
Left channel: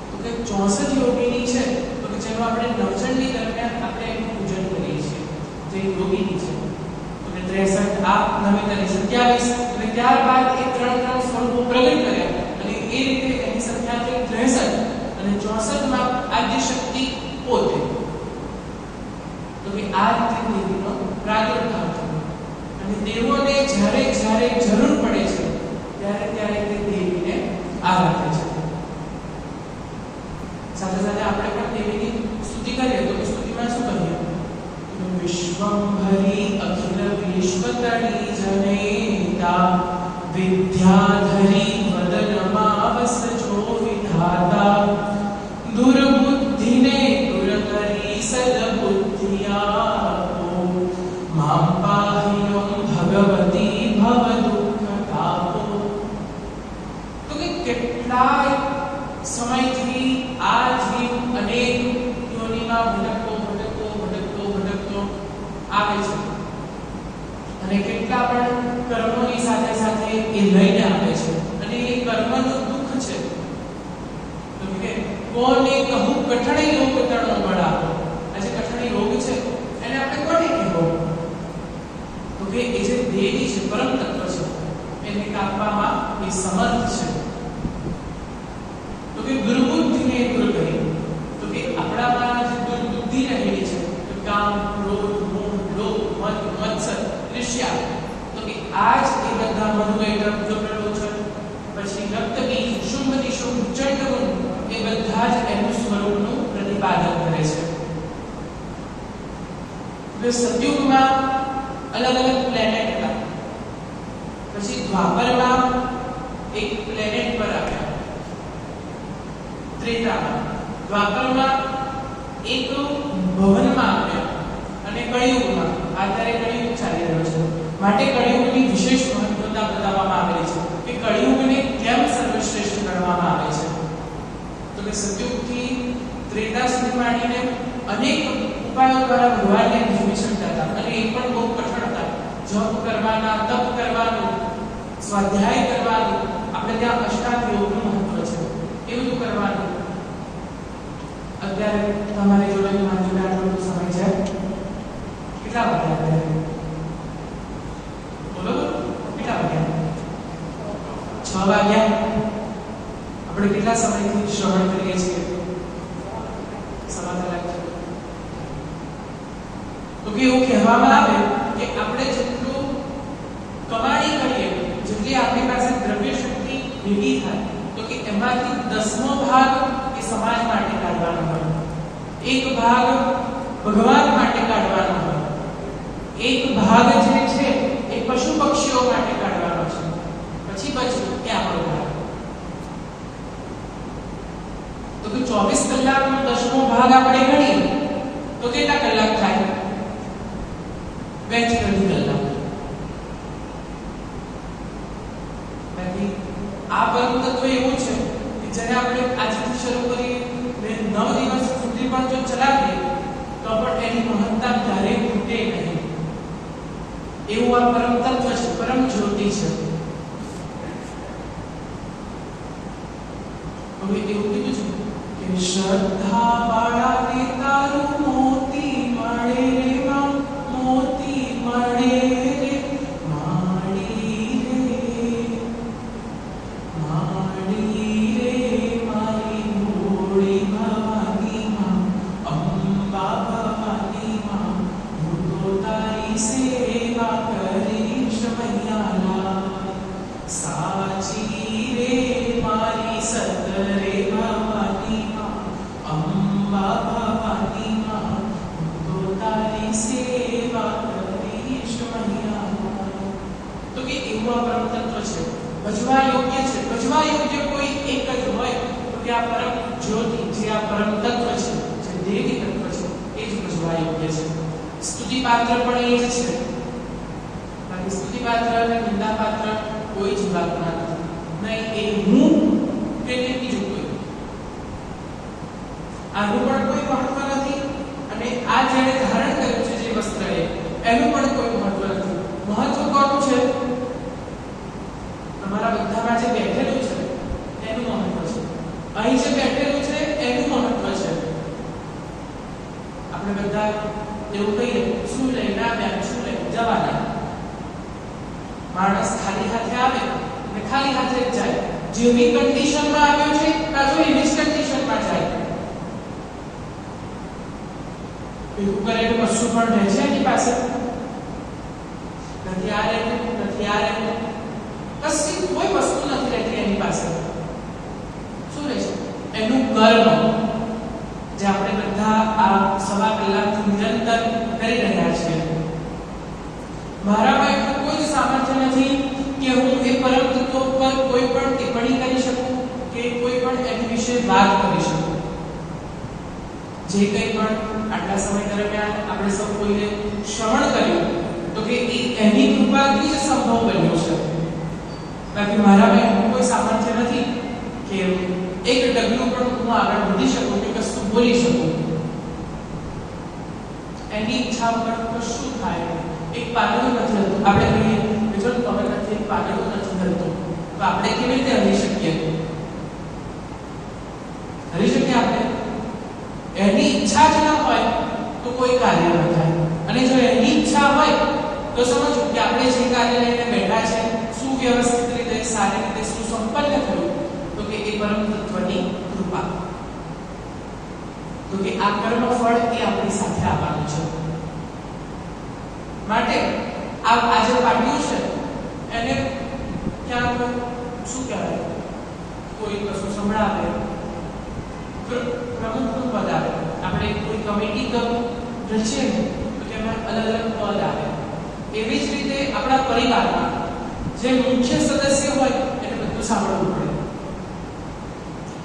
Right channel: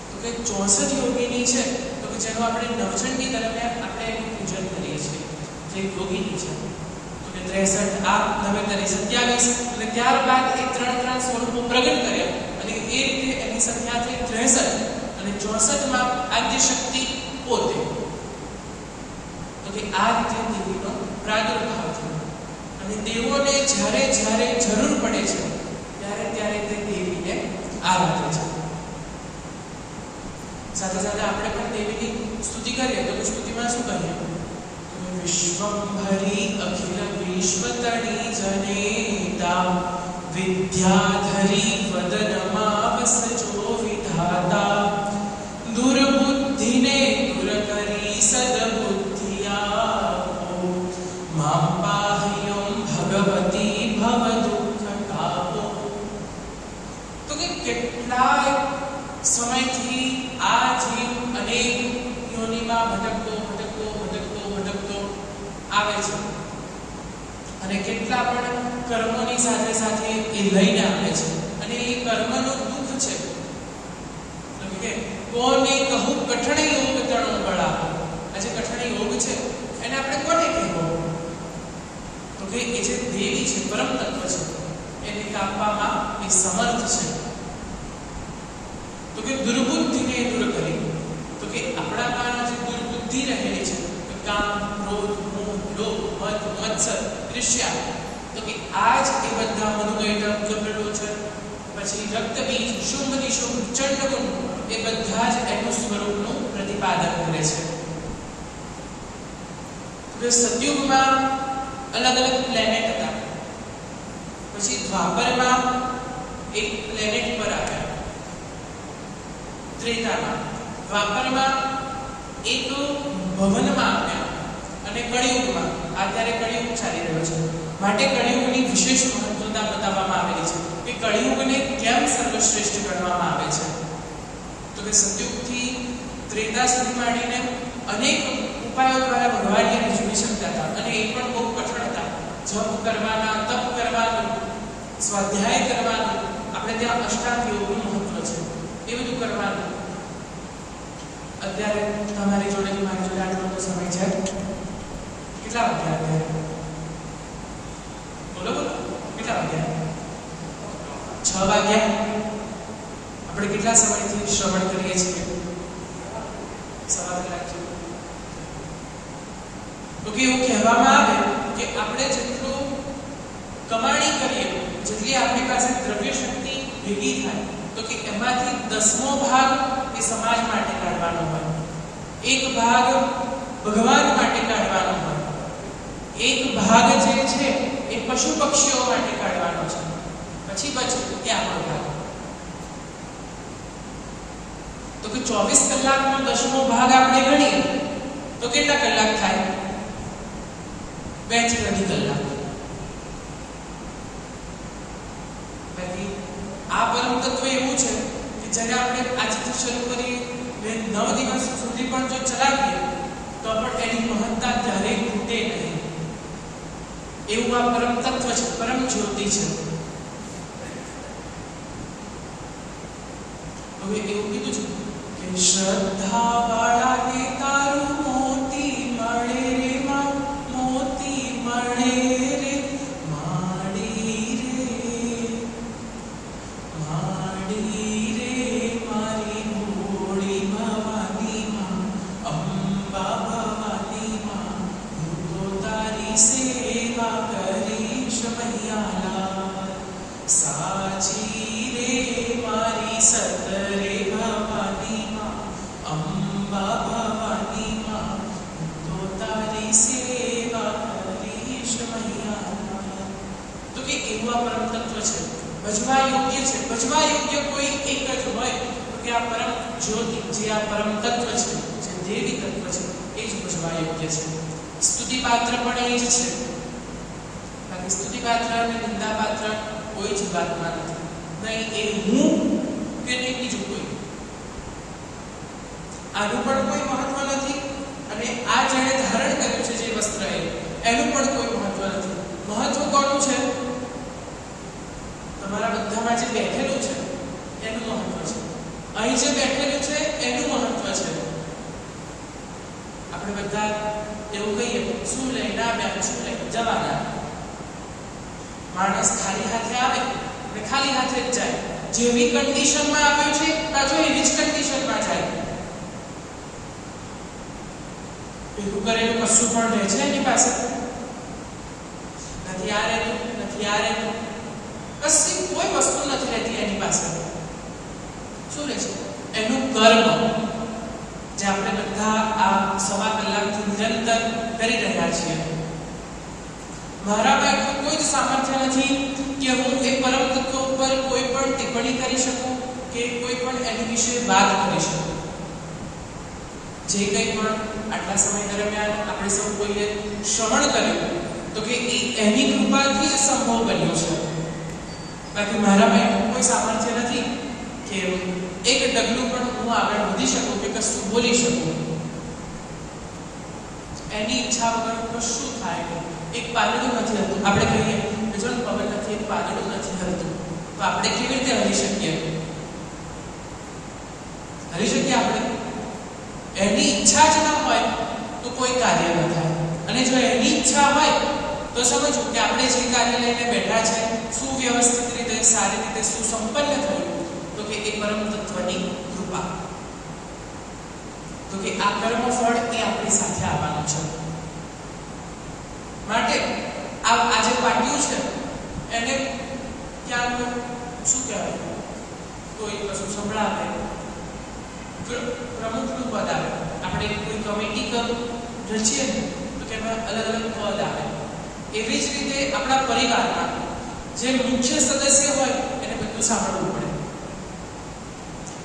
તો કે 64 યોગીની છે તો કે જેનું આપણે નવચંડી દરમિયાન આપણે પૂજન કરીએ છીએ જે યોગીની છે. તો કે 63 આ 9 તરી 27 અને ત્યારબાદ એ 3 સ્વરૂપો પ્રગટ કર્યા અને એ રીતે એની સંખ્યા થઈ 63 અને 64 માં આદ્ય શક્તિ પોતે. કે આ રીતે દેવીનો પ્રાદુર્ભાવ થયો અને દેવોને જ્યારે જ્યારે જરૂર પડે છે ત્યારે ત્યારે તે દેવીને આરાધે છે. સાથે સાથે આપણે પણ દેવીની સ્તુતિ કરીએ તો સ્તુતિમાં શું કહીએ? વિશ્વંભરી અખિલ વિશ્વતણી જનેતા વિદ્યાધરી વદનમાં વસજો વિધાતા દુર્બુદ્ધિને દૂર કરી સદબુદ્ધિયા માં પાહ્યં ભગવતી ભવ દુઃખ તાપો. તો કે કેટલાય સમયથી આ જીવ અનેક યોનિમાં ભટકતો આવે છે અને કેટલા પણ કર્મોની સાથે સાથે એ લઈને આવે છે અને એ કર્મનું દુઃખ છે. તો કે કોને કહું કઠણ યોગ તણો બળા. આ જે કઠણ યોગ છે એને આપણે કોને કહેવો? તો કે એ જે દેવી છે, પરમ તત્વ છે, એને કાપવામાં એ સમર્થ છે. તો કે દુર્બુદ્ધિને દૂર કરી. તો કે આપણામાં જે દુર્બુદ્ધિ રહેલી છે, કામ, ક્રોધ, મોહ, લોભ, મદ, મત્સર, ઈર્ષ્યા, તો કે આજ એ બધા મધુમય ગબડો છે, પછી રક્તબીજ, શુંભ નિશુંભ, ચંડમુંડ, એ બધા જ એનું સ્વરૂપનું પ્રતિપાદન કરે છે. તો સતયુગમાં અલગ અલગ પ્લેનેટ હતા, પછી દ્વાપરમાં એક પ્લેનેટ પર આવ્યા, ત્રેતામાં, દ્વાપરમાં એક ભવનમાં આવ્યા અને કળિયુગમાં અત્યારે કળિયુગ ચાલી રહ્યો છે માટે કળિયુગની વિશેષ મહત્વતા બતાવવામાં આવેલી છે કે કળિયુગને કેમ સર્વશ્રેષ્ઠ ગણવામાં આવે છે. તો કે સતયુગથી ત્રેતા સુધી માંડીને અનેક ઉપાયો દ્વારા ભગવાનને રીઝવી શકતા હતા અને એ પણ બહુ કઠણ હતા. જપ કરવાના, તપ કરવાનું, સ્વાધ્યાય કરવાનું, આપણે ત્યાં અષ્ટાંગ યોગનું મહત્વ છે, એ બધું કરવાનું. અત્યારે તમારી જોડે મારી જોડે આટલો બધો સમય છે. કેટલા વાગ્યા અત્યારે? બોલો કેટલા વાગ્યા? 6 વાગ્યા. આપણે કેટલા સમયથી શ્રવણ કરીએ છીએ? 1.5 કલાક છે. તો કે એવું કહેવામાં આવે કે આપણે જેટલું કમાણી કરીએ, જેટલી આપણી પાસે દ્રવ્ય શક્તિ ભેગી થાય, તો કે એમાંથી 10મો ભાગ એ સમાજ માટે કાઢવાનો હોય, 1 ભાગ ભગવાન માટે કાઢવાનો હોય, 1 ભાગ જે છે એ પશુ પક્ષીઓ માટે કાઢવાનો છે, પછી બચ્યું એ આપણો ભાગ. તો કે 24 કલાકનો 10મો ભાગ આપણે ગણીએ તો કેટલા કલાક થાય? 2 થી 3 કલાક. બાકી આ પરમ તત્વ એવું છે કે જ્યારે આપણે આજથી શરૂ કરી 9 દિવસ સુધી પણ જો ચલાવીએ તો પણ એની મહત્તા ક્યારેય ખૂટે નહીં. એવું આ પરમ તત્વ છે, પરમ જ્યોતિ છે. હવે એવું કીધું છે કે શ્રદ્ધા વાળાને તારું મોતી મળે રે માં, મોતી મળે રે માડી રે, માડી રે મારી મોડી ભવાની માં, અંબા ભવાની માં, હું તો તારી સેવા કરીશ મૈયાલા. સાચી રે મારી સતરે ભવાની માં, અંબા ભવાની માં, હું તો તારી સેવા કરીશ મૈયાલા. તો કે એવું આ પરમ તત્વ છે, ભજવા યોગ્ય છે. ભજવા યોગ્ય કોઈ એક જ હોય તો કે આ પરમ જ્યોતિ, જે આ પરમ તત્વ છે, જે દેવી તત્વ છે, એ જ ભજવા યોગ્ય છે. સ્તુતિ પાત્ર પણ એ જ છે. બાકી સ્તુતિ પાત્ર અને નિંદા પાત્ર કોઈ જીવાત્મા નથી, નહીં એ હું કે નહીં બીજું કોઈ. આનું પણ કોઈ મહત્વ નથી અને આ જેણે ધારણ કર્યું છે જે વસ્ત્ર એનું પણ કોઈ મહત્વ નથી. મહત્વ કોનું છે? તમારા બધામાં જે બેઠેલું છે એનું મહત્વ છે. અહીં જે બેઠેલું છે એનું મહત્વ છે. આપણે બધા એવું કહીએ શું લઈને આવ્યા, શું લઈને જવાના. માણસ ખાલી હાથે આવે અને ખાલી હાથે જ જાય. જેવી કન્ડિશનમાં આવ્યો છે પાછો એવી જ કન્ડિશનમાં જાય. ભેગું કરેલું કશું પણ રહે છે એની પાસે? નથી આ રહેતું, નથી આ રહેતું, કશી કોઈ વસ્તુ નથી રહેતી એની પાસે. શું રહે છે? એનું કર્મ, જે આપણે બધા આ સવા કલાકથી નિરંતર કરી રહ્યા છીએ. મારામાં એટલું કોઈ જ સામર્થ્ય નથી કે હું એ પરમ તત્વ ઉપર કોઈ પણ ટિપ્પણી કરી શકું કે કોઈ પણ એની વિશે વાત કરી શકું. જે કંઈ પણ આટલા સમય દરમિયાન આપણે સૌ કોઈએ શ્રવણ કર્યું તો કે એની કૃપાથી જ સંભવ બન્યું છે. બાકી મારામાં એટલું કોઈ સામર્થ્ય નથી કે એક ડગલું પણ હું આગળ વધી શકું કે કશું બોલી શકું. એની ઈચ્છા વગર કશું થાય નહીં. એક પાંદડું નથી હલતું, આપણે કહીએ કે જો પવન નથી, એક પાંદડું નથી હલતું, તો આપણે કેવી રીતે હલી શકીએ? હલી શકીએ આપણે? એની ઈચ્છા જ ના હોય તો કોઈ કાર્ય ન થાય. અને જો એની ઈચ્છા હોય તો સમજો કે આપણે જે કાર્ય લઈને બેઠા છે સુવ્યવસ્થિત રીતે, સારી રીતે સુસંપન્ન થયું, તો કે એ પરમ તત્વની કૃપા. તો કે આ કર્મફળ એ આપણી સાથે આવવાનું છે. માટે આ જે પાટ્યું છે એને ક્યાંક શું કહેવાય, કોઈ કશું સંભળાવે, પ્રમુખનું પદ આવે, આપણે કોઈ કમિટી રચીએ ને તો કે એમાં અલગ અલગ પદ આવે. એવી જ રીતે આપણા પરિવારમાં જે મુખ્ય સદસ્ય હોય એને બધું સાંભળવું પડે.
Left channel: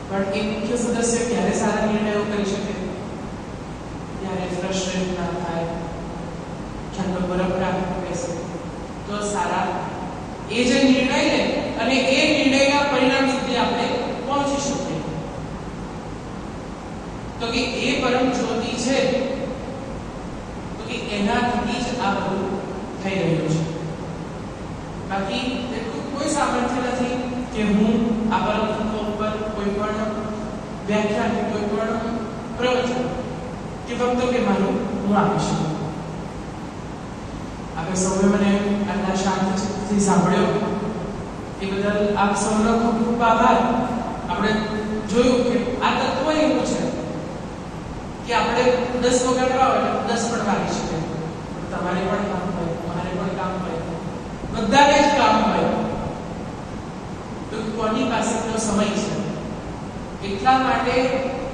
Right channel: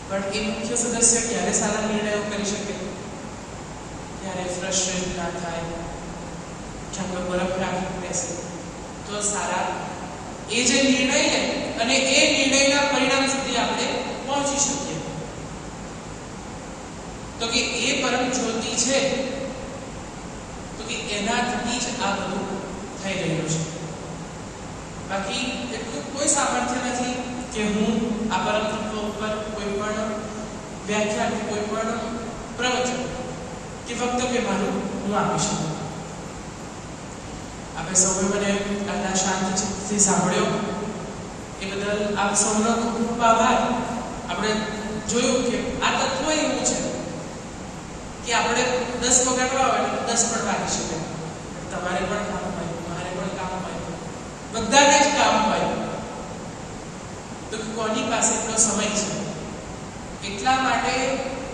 પણ એ મુખ્ય સદસ્ય ક્યારે સારા નિર્ણયો કરી શકે? ત્યારે ફ્રસ્ટ્રેટ ના થાય, ઠંડો બરફ રાખી બેસે તો સારા એ જે નિર્ણય લે અને એ નિર્ણયના પરિણામ સુધી આપણે પહોંચી શકીએ. તો કે એ પરમ જ્યોતિ છે, તો કે એનાથી જ આ બધું થઈ રહ્યું છે. બાકી એટલું કોઈ સામર્થ્ય નથી કે હું આ પરમ તત્વ ઉપર કોઈ પણ વ્યાખ્યાન કે કોઈ પણ પ્રવચન કે વક્તવ્ય મારું હું આપી શકું. આપણે સૌએ મને આટલા શાંત ચિત્તથી સાંભળ્યો એ બદલ આપ સૌનો ખૂબ ખૂબ આભાર. આપણે જોયું કે આ તત્વ એવું છે કે આપણે 10 વગાડવા હોય 10 પણ વાગી શકે. પણ તમારે પણ કામ હોય, મારે પણ કામ હોય, બધાને જ કામ હોય. તો કોની પાસે એટલો સમય છે? એટલા માટે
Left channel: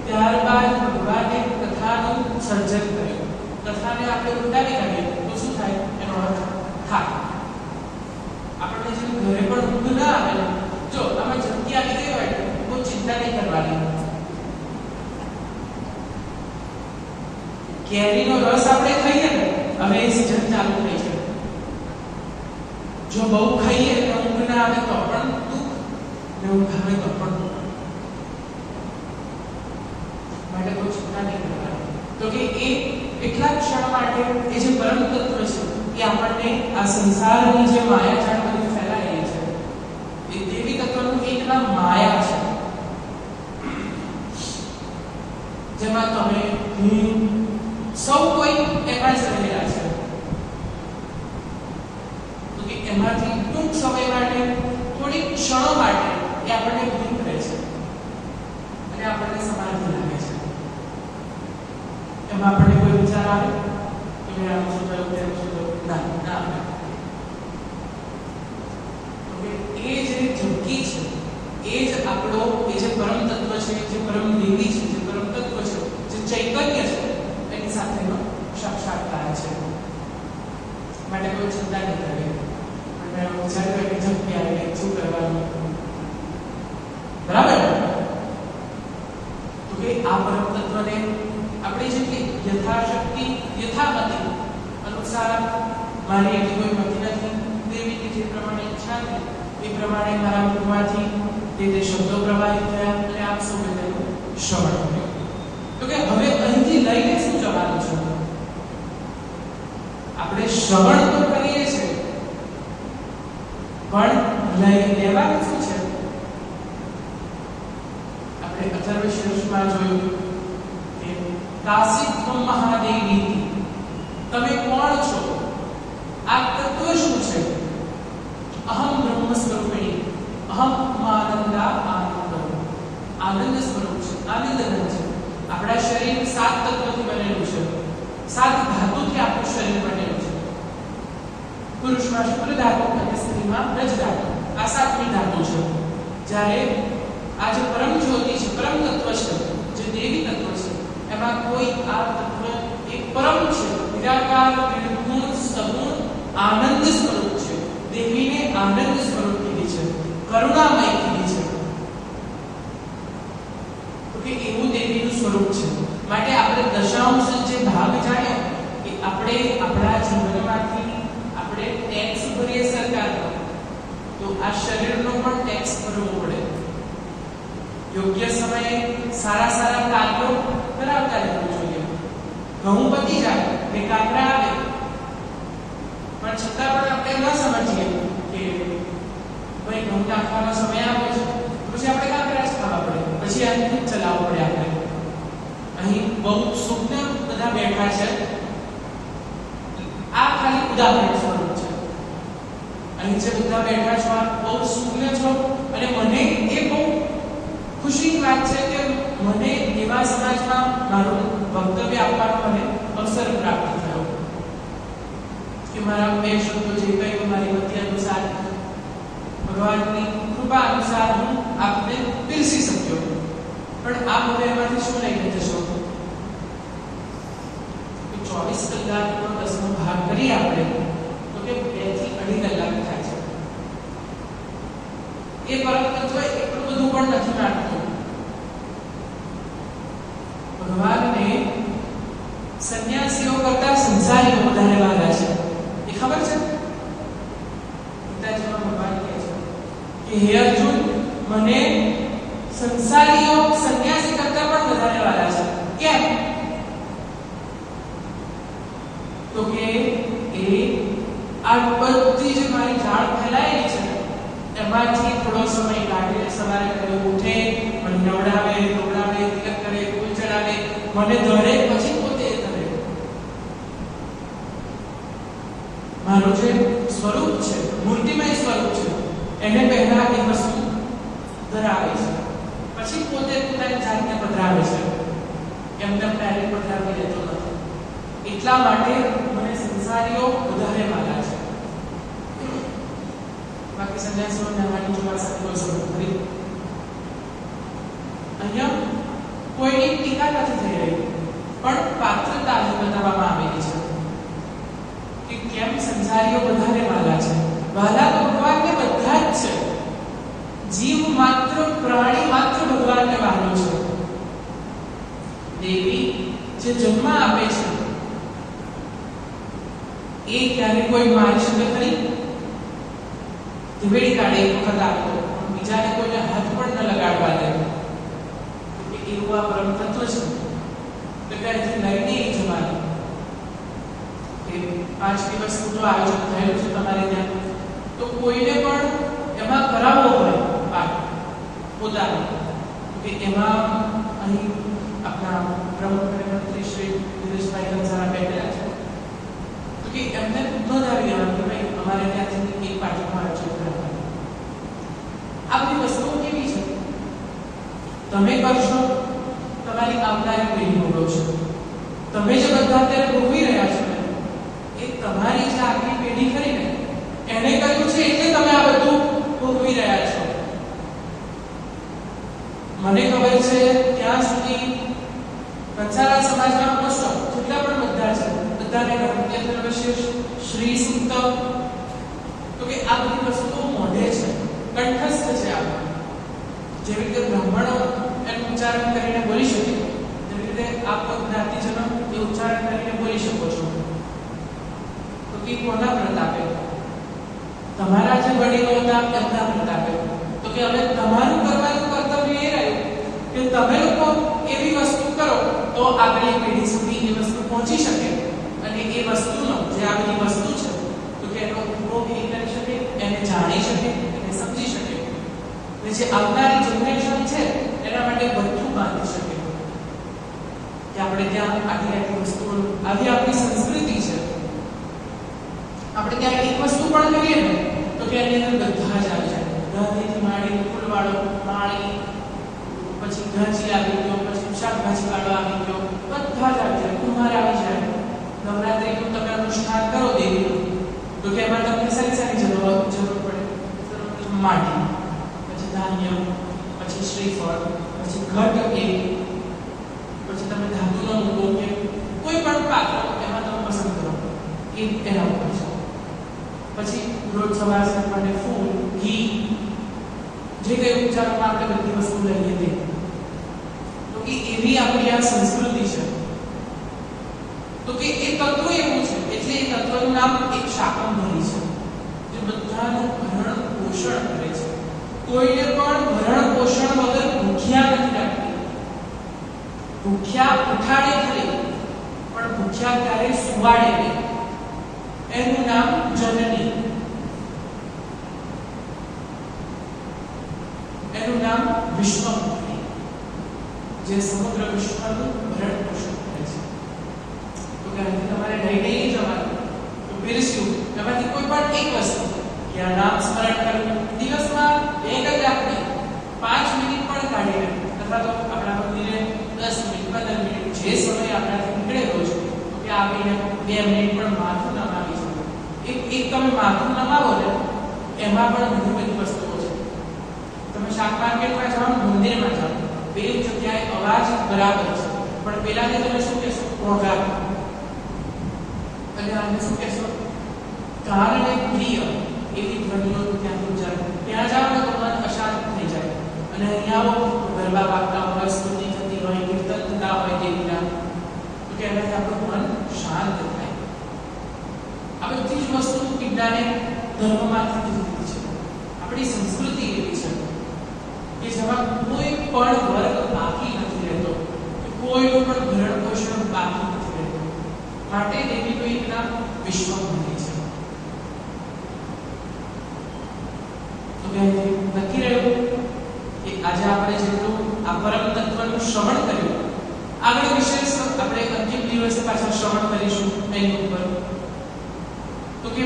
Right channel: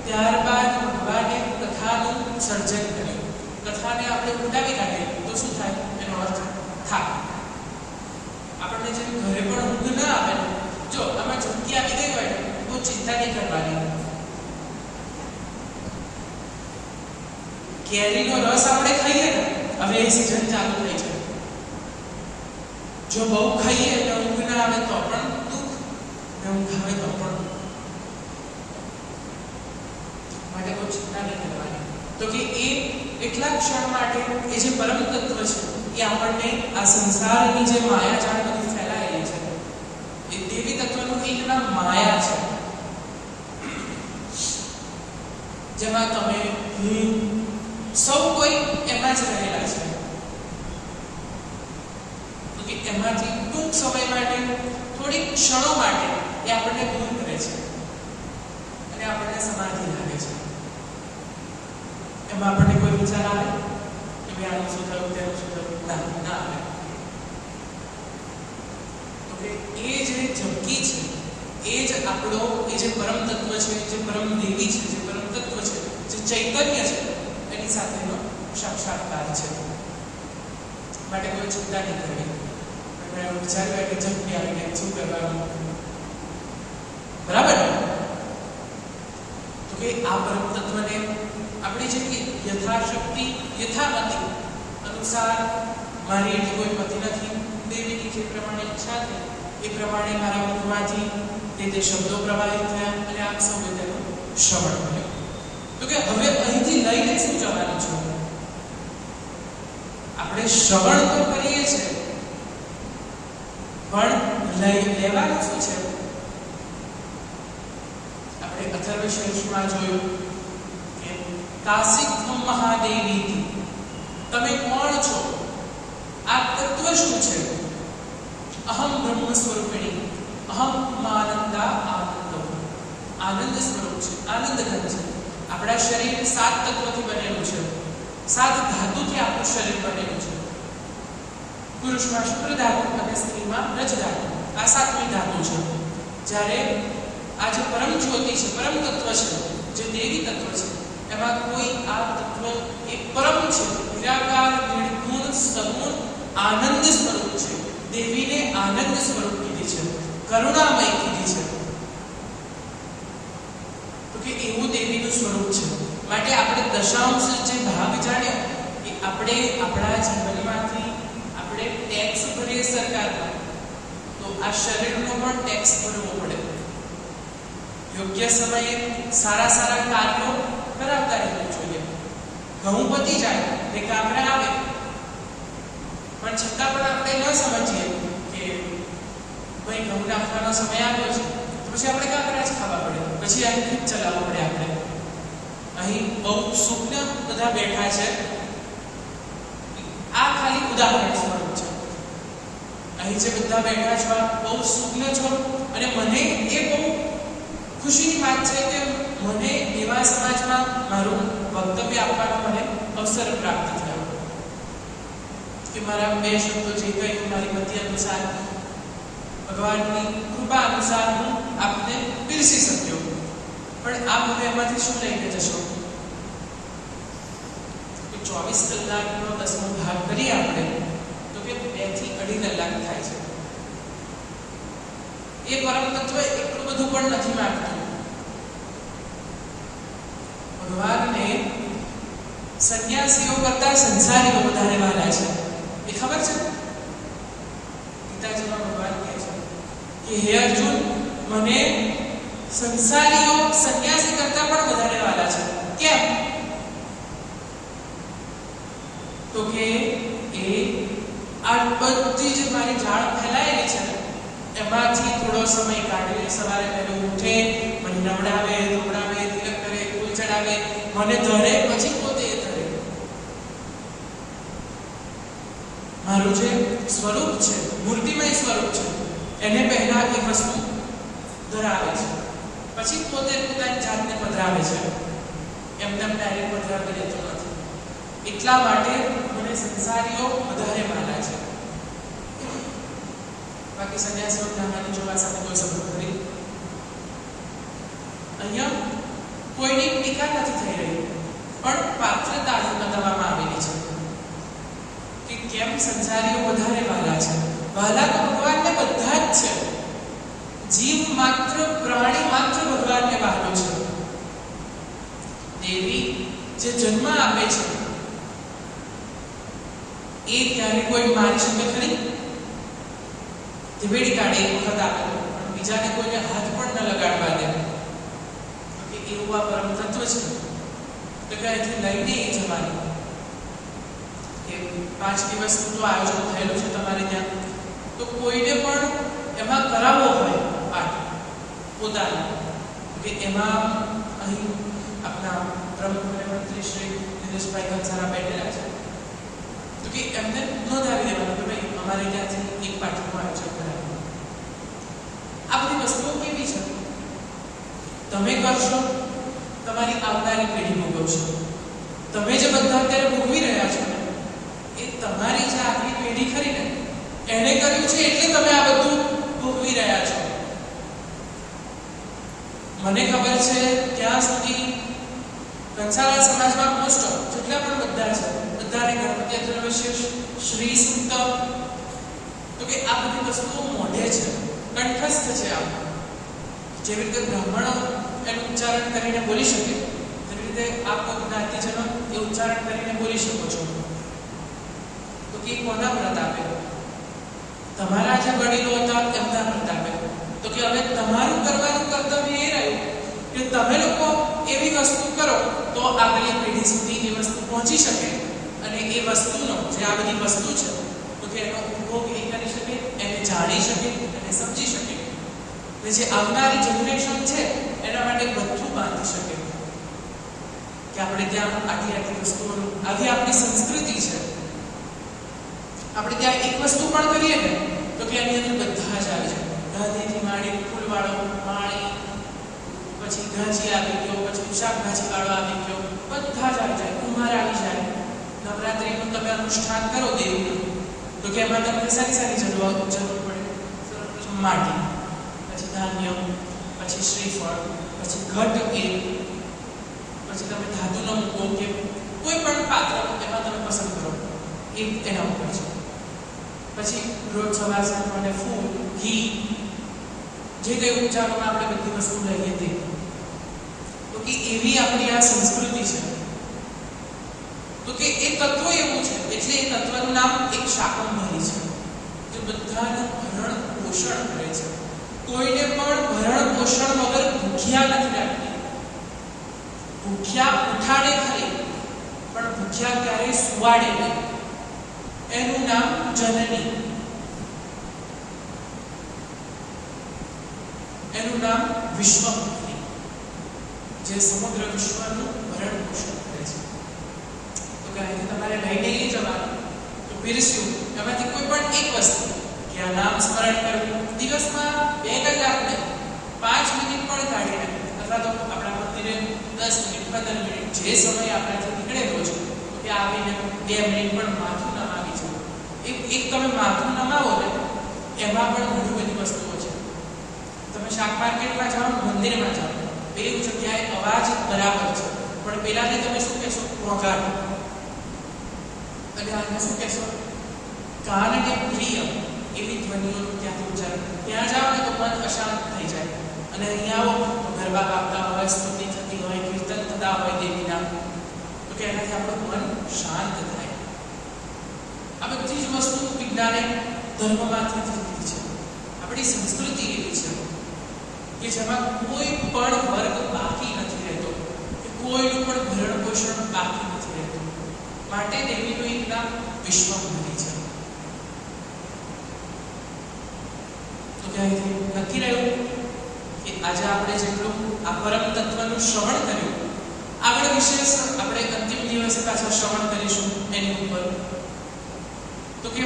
ત્યારબાદ ભગવાને કથાનું સર્જન કર્યું. કથાને આપણે ઉલટાવી કાઢીએ તો શું થાય? એનો અર્થ થાય. આપણને જેમ ઘરે પણ ઊંઘ ના આવે, જો આમાં ઝપકી આવી ગઈ હોય બહુ ચિંતા નહીં કરવાની. કેરીનો રસ આપણે ખાઈએ ને, હવે એ સીઝન ચાલુ થઈ છે. જો બહુ ખાઈએ અને ઊંઘ ના આવે તો પણ દુઃખ, ને ઊંઘ આવે તો પણ દુઃખ. માટે બહુ ચિંતા નહીં કરવાની. તો કે એ એટલા ક્ષણ માટે એ જે પરમ તત્વ છે એ આપણને આ સંસારની જે માયાજાળ બધી ફેલાયેલી છે એ દેવી તત્વનું એક નામ માયા છે. જેમાં તમે સૌ કોઈ એમાં જ રહેલા છે. તો કે એમાંથી ટૂંક સમય માટે, થોડીક ક્ષણો માટે એ આપણને ભૂલ કરે છે અને આપણને સમાધિ લાગે છે. એમાં આપણને કોઈ વિચાર આવે કે ભાઈ આનું શું થયું, તેનું શું થયું? ના આવે. તો કે એ જે ઝપકી છે એ જ આપણો, એ જે પરમ તત્વ છે, જે પરમ દેવી છે, જે પરમ તત્વ છે, જે ચૈતન્ય છે એની સાથેનો સાક્ષાત્કાર છે. માટે કોઈ ચિંતા નહીં કરવી. અને વિચાર્યું કે ઝપકી આવીને શું કરવાનું? બરાબર. તો કે આ પરમ તત્વને આપણી જે યથાશક્તિ, યથામતિ અનુસાર, મારી એની કોઈ મતિ નથી, દેવીની જે પ્રમાણે ઈચ્છા હતી એ પ્રમાણે મારા મુખમાંથી તે શબ્દો પ્રવાહિત થયા અને આપ સૌએ તેનું શ્રવણ કર્યું. તો કે હવે અહીંથી લઈને શું જવાનું છે? આપણે શ્રવણ તો કરીએ છીએ, પણ લેવાનું શું છે? આપણે અથર્વશીર્ષમાં જોયું કે કાસિત્વમ મહાદેવીતિ, તમે કોણ છો? આ તત્વ શું છે? અહમ બ્રહ્મ સ્વરૂપિણી, અહમ આનંદા આનંદ, આનંદ સ્વરૂપ છે, આનંદ ઘન છે. આપણા શરીર 7 તત્વથી બનેલું છે. 7 પુરુષમાં શુક્ર ધાતુ અને સ્ત્રીમાં રજ ધાતુ. આ સાતમી ધાતુ છે. જ્યારે આ જે પરમ જ્યોતિ છે, પરમ તત્વ છે, જે દેવી તત્વ છે, એમાં કોઈ આ તત્વ એક પરમ છે, નિરાકાર, નિર્ગુણ, સગુણ, આનંદ સ્વરૂપ છે. દેવીને આનંદ સ્વરૂપ કીધી છે, કરુણામય કીધી છે. તો કે એવું દેવીનું સ્વરૂપ છે. માટે આપણે દશાંશ જે ભાગ જાણ્યો કે આપણે આપણા જીવનમાંથી આપણે ટેક્સ ભરીએ સરકારમાં, તો આ શરીરનો પણ ટેક્સ ભરવો પડે. યોગ્ય સમયે સારા સારા કાર્યો કરાવતા રહેવું જોઈએ. ઘઉં પતી જાય ને કાંકરા આવે, પણ છતાં પણ આપણે ન સમજીએ કે ભાઈ ઘઉં નાખવાનો સમય આવ્યો છે, પછી આપણે કાંકરા જ ખાવા પડે, પછી આ ખૂબ ચલાવવું પડે. આપણે અહીં બહુ સુજ્ઞ બધા બેઠા છે. આ ખાલી ઉદાહરણ સ્વરૂપ છે. અહીં જે બધા બેઠા છો આ બહુ સુજ્ઞ છો, અને મને એ બહુ ખુશીની વાત છે કે મને એવા સમાજમાં મારું વક્તવ્ય આપવાનો મને અવસર પ્રાપ્ત થયો કે મારા બે શબ્દો જે કંઈ મારી મતિ અનુસાર, ભગવાનની કૃપા અનુસાર હું આપને પીરસી શક્યો. પણ આપ હવે એમાંથી શું લઈને જશો? 24 કલાકનો 10મો ભાગ કરીએ આપણે તો કે 2 થી 2.5 કલાક થાય છે. એ પરમ તત્વ એટલું બધું પણ નથી માંગતું. ભગવાનને સંન્યાસીઓ કરતા સંસારીઓ વધારે વાલા છે. એ ખબર છે? ગીતાજીમાં ભગવાન કહે છે કે હે અર્જુન, મને સંસારીઓ સંન્યાસી કરતા પણ વધારે વાલા છે. કેમ? તો કે એ આ બધી જે મારી જાળ ફેલાયેલી છે ને, એમાંથી થોડો સમય કાઢીને સવારે વહેલું ઉઠે, મને નવડાવે, ધોવડાવે, તિલક કરે, ફૂલ ચડાવે, મને ધરે, પછી પોતે ધરે. મારું જે સ્વરૂપ છે, મૂર્તિમય સ્વરૂપ છે, એને પહેલા એ વસ્તુ ધરાવે છે, પછી પોતે પોતાની જાતને પધરાવે છે. એમને ડાયરેક્ટ પધરાવી દેતો નથી. એટલા માટે મને સંસારીઓ વધારે વાલા છે. બાકી સંન્યાસીઓને આમાંની જોવા સાથે કોઈ સંબંધ નથી. અહીંયા કોઈની ટીકા નથી થઈ રહી, પણ પાત્રતા બતાવવામાં આવેલી છે કે કેમ સંસારીઓ વધારે વાલા છે. વાલા તો ભગવાનને બધા જ છે. જીવ માત્ર, પ્રાણી માત્ર ભગવાનને વહાલો છે. દેવી જે જન્મ આપે છે એ ક્યારે કોઈ મારી શકે ખરી? ધીમેડી કાઢે એક વખત આપો, બીજાને કોઈને હાથ પણ ન લગાડવા દે. તો કે એવું આ પરમ તત્વ છે. તો કે અહીંથી લઈને એ જવાનું કે 5 દિવસનું તો આયોજન થયેલું છે તમારે ત્યાં. તો કોઈને પણ એમાં કરાવવો હોય પાઠ પોતાનો, કે એમાં અહીં આપણા પ્રમુખ અને મંત્રી શ્રી દિનેશભાઈ કંસારા બેઠેલા છે. તો કે એમને નોંધાવી દેવાનું કે ભાઈ અમારે ત્યાંથી એક પાઠનું આયોજન કરાવવાનું. આ બધી વસ્તુઓ કેવી છે? તમે કરશો, તમારી આવનારી પેઢી ભોગવશે. તમે જે બધા અત્યારે ભોગવી રહ્યા છો ને, એ તમારી જે આગલી પેઢી ખરી ને, એને કર્યું છે એટલે તમે આ બધું ભોગવી રહ્યા છો. મને ખબર છે ત્યાં સુધી કંસારા સમાજમાં મોસ્ટ ઓફ જેટલા પણ બધા છે, બધાને ગણપતિ વિશેષ શ્રી સૂક્ત, તો કે આ બધી વસ્તુઓ મોઢે છે, કંઠસ્થ છે. આ જેવી રીતે બ્રાહ્મણો એનું ઉચ્ચારણ કરીને બોલી શકે, તેવી રીતે આપ જ્ઞાતિજનો એ ઉચ્ચારણ કરીને બોલી શકો છો. તો કે કોના પ્રતાપે? તમારા જે વડીલો હતા એમના પ્રતાપે. તો કે હવે તમારું કરવાનું કર્તવ્ય એ રહ્યું કે તમે લોકો એવી વસ્તુ કરો તો આગલી પેઢી સુધી એ વસ્તુ પહોંચી શકે, અને એ વસ્તુનો જે આ બધી વસ્તુ છે તો કે એનો ઉપયોગ એ કરી શકે, એને જાણી શકે, એને સમજી શકે, અને જે આવનારી જનરેશન છે એના માટે બધું બાંધી શકે કે આપણે ત્યાં આટલી વસ્તુઓ, આવી આપણી સંસ્કૃતિ છે. આપણે ત્યાં એક વસ્તુ પણ કરીએ ને તો કે એની અંદર બધા જ આવી જાય. ગાંધીથી માંડી ફૂલવાળો માળી, પછી ગાંજી આવી ગયો, પછી શાકભાજી વાળો આવી ગયો, બધા જ આવી જાય. કુંભાર આવી જાય. નવરાત્રીનું તમે અનુષ્ઠાન કરો દેવીનું, તો કે એમાં તમે એના ઉપર છે. પછી રોજ સવાર સાંજ માટે ફૂલ, ઘી, જે કંઈ ઉપચારોમાં આપણે બધી વસ્તુ લઈએ તે. તો કે એવી આપણી આ સંસ્કૃતિ છે. તો કે એ તત્વ એવું છે એટલે એ તત્વનું નામ એક શાકંભરી છે, જે બધાનું ભરણ પોષણ કરે છે. કોઈને પણ ભરણ પોષણ વગર ભૂખ્યા નથી રાખતી. ભૂખ્યા ઉઠાડે ખરી, પણ ભૂખ્યા ક્યારેય સુવાડે નહીં. એનું નામ જનની, એનું નામ વિશ્વમંત્રી, જે સમગ્ર વિશ્વનું ભરણ પોષણ કરે છે. તો ક્યારેથી તમારે લઈ જવાનું તો પીરસ્યું એમાંથી કોઈ પણ એક વસ્તુ કે આ નામ સ્મરણ કરવું, દિવસમાં 2 કલાક નહીં, 5 મિનિટ પણ કાઢીને, અથવા તો આપણા મંદિરે 10 મિનિટ 15 મિનિટ જે સમય આપણાથી નીકળે રોજ, તો કે આવીને 2 મિનિટ પણ માથું નમાવી છે. એક તમે માથું નમાવો ને એમાં પણ ઘણી બધી વસ્તુઓ છે. તમે શાક માર્કેટમાં જાઓ, મંદિરમાં જાઓ, બે જગ્યાએ અવાજ બરાબર છે, પણ પેલાને તમે શું કહેશો? ઘોંઘાટ. અને આને શું કહેશો? કાનને પ્રિય એવી ધ્વનિઓ ત્યાંથી ઉચ્ચારણ. ત્યાં જાઓ ને તો મન અશાંત થઈ જાય. અને અહીંયા ગરબા વાગતા હોય, સ્તુતિ થતી હોય, કીર્તન થતા હોય દેવીના, તો કે એનાથી આપણું મન શાંત થાય. આ બધી જ વસ્તુ વિજ્ઞાને ધર્મમાંથી જ લીધી છે. આપણી સંસ્કૃતિ એવી છે કે જેમાં કોઈ પણ વર્ગ બાકી નથી રહેતો, કે કોઈનું પણ ભરણ પોષણ બાકી નથી રહેતું. માટે દેવીનું એક નામ વિશ્વમંત્રી છે. તો નક્કી રહ્યું કે આજે આપણે જેટલું આ પરમ તત્વનું શ્રવણ કર્યું, આગળ વિશેષ આપણે અંતિમ દિવસે પાછા શ્રવણ કરીશું એની ઉપર. તો કે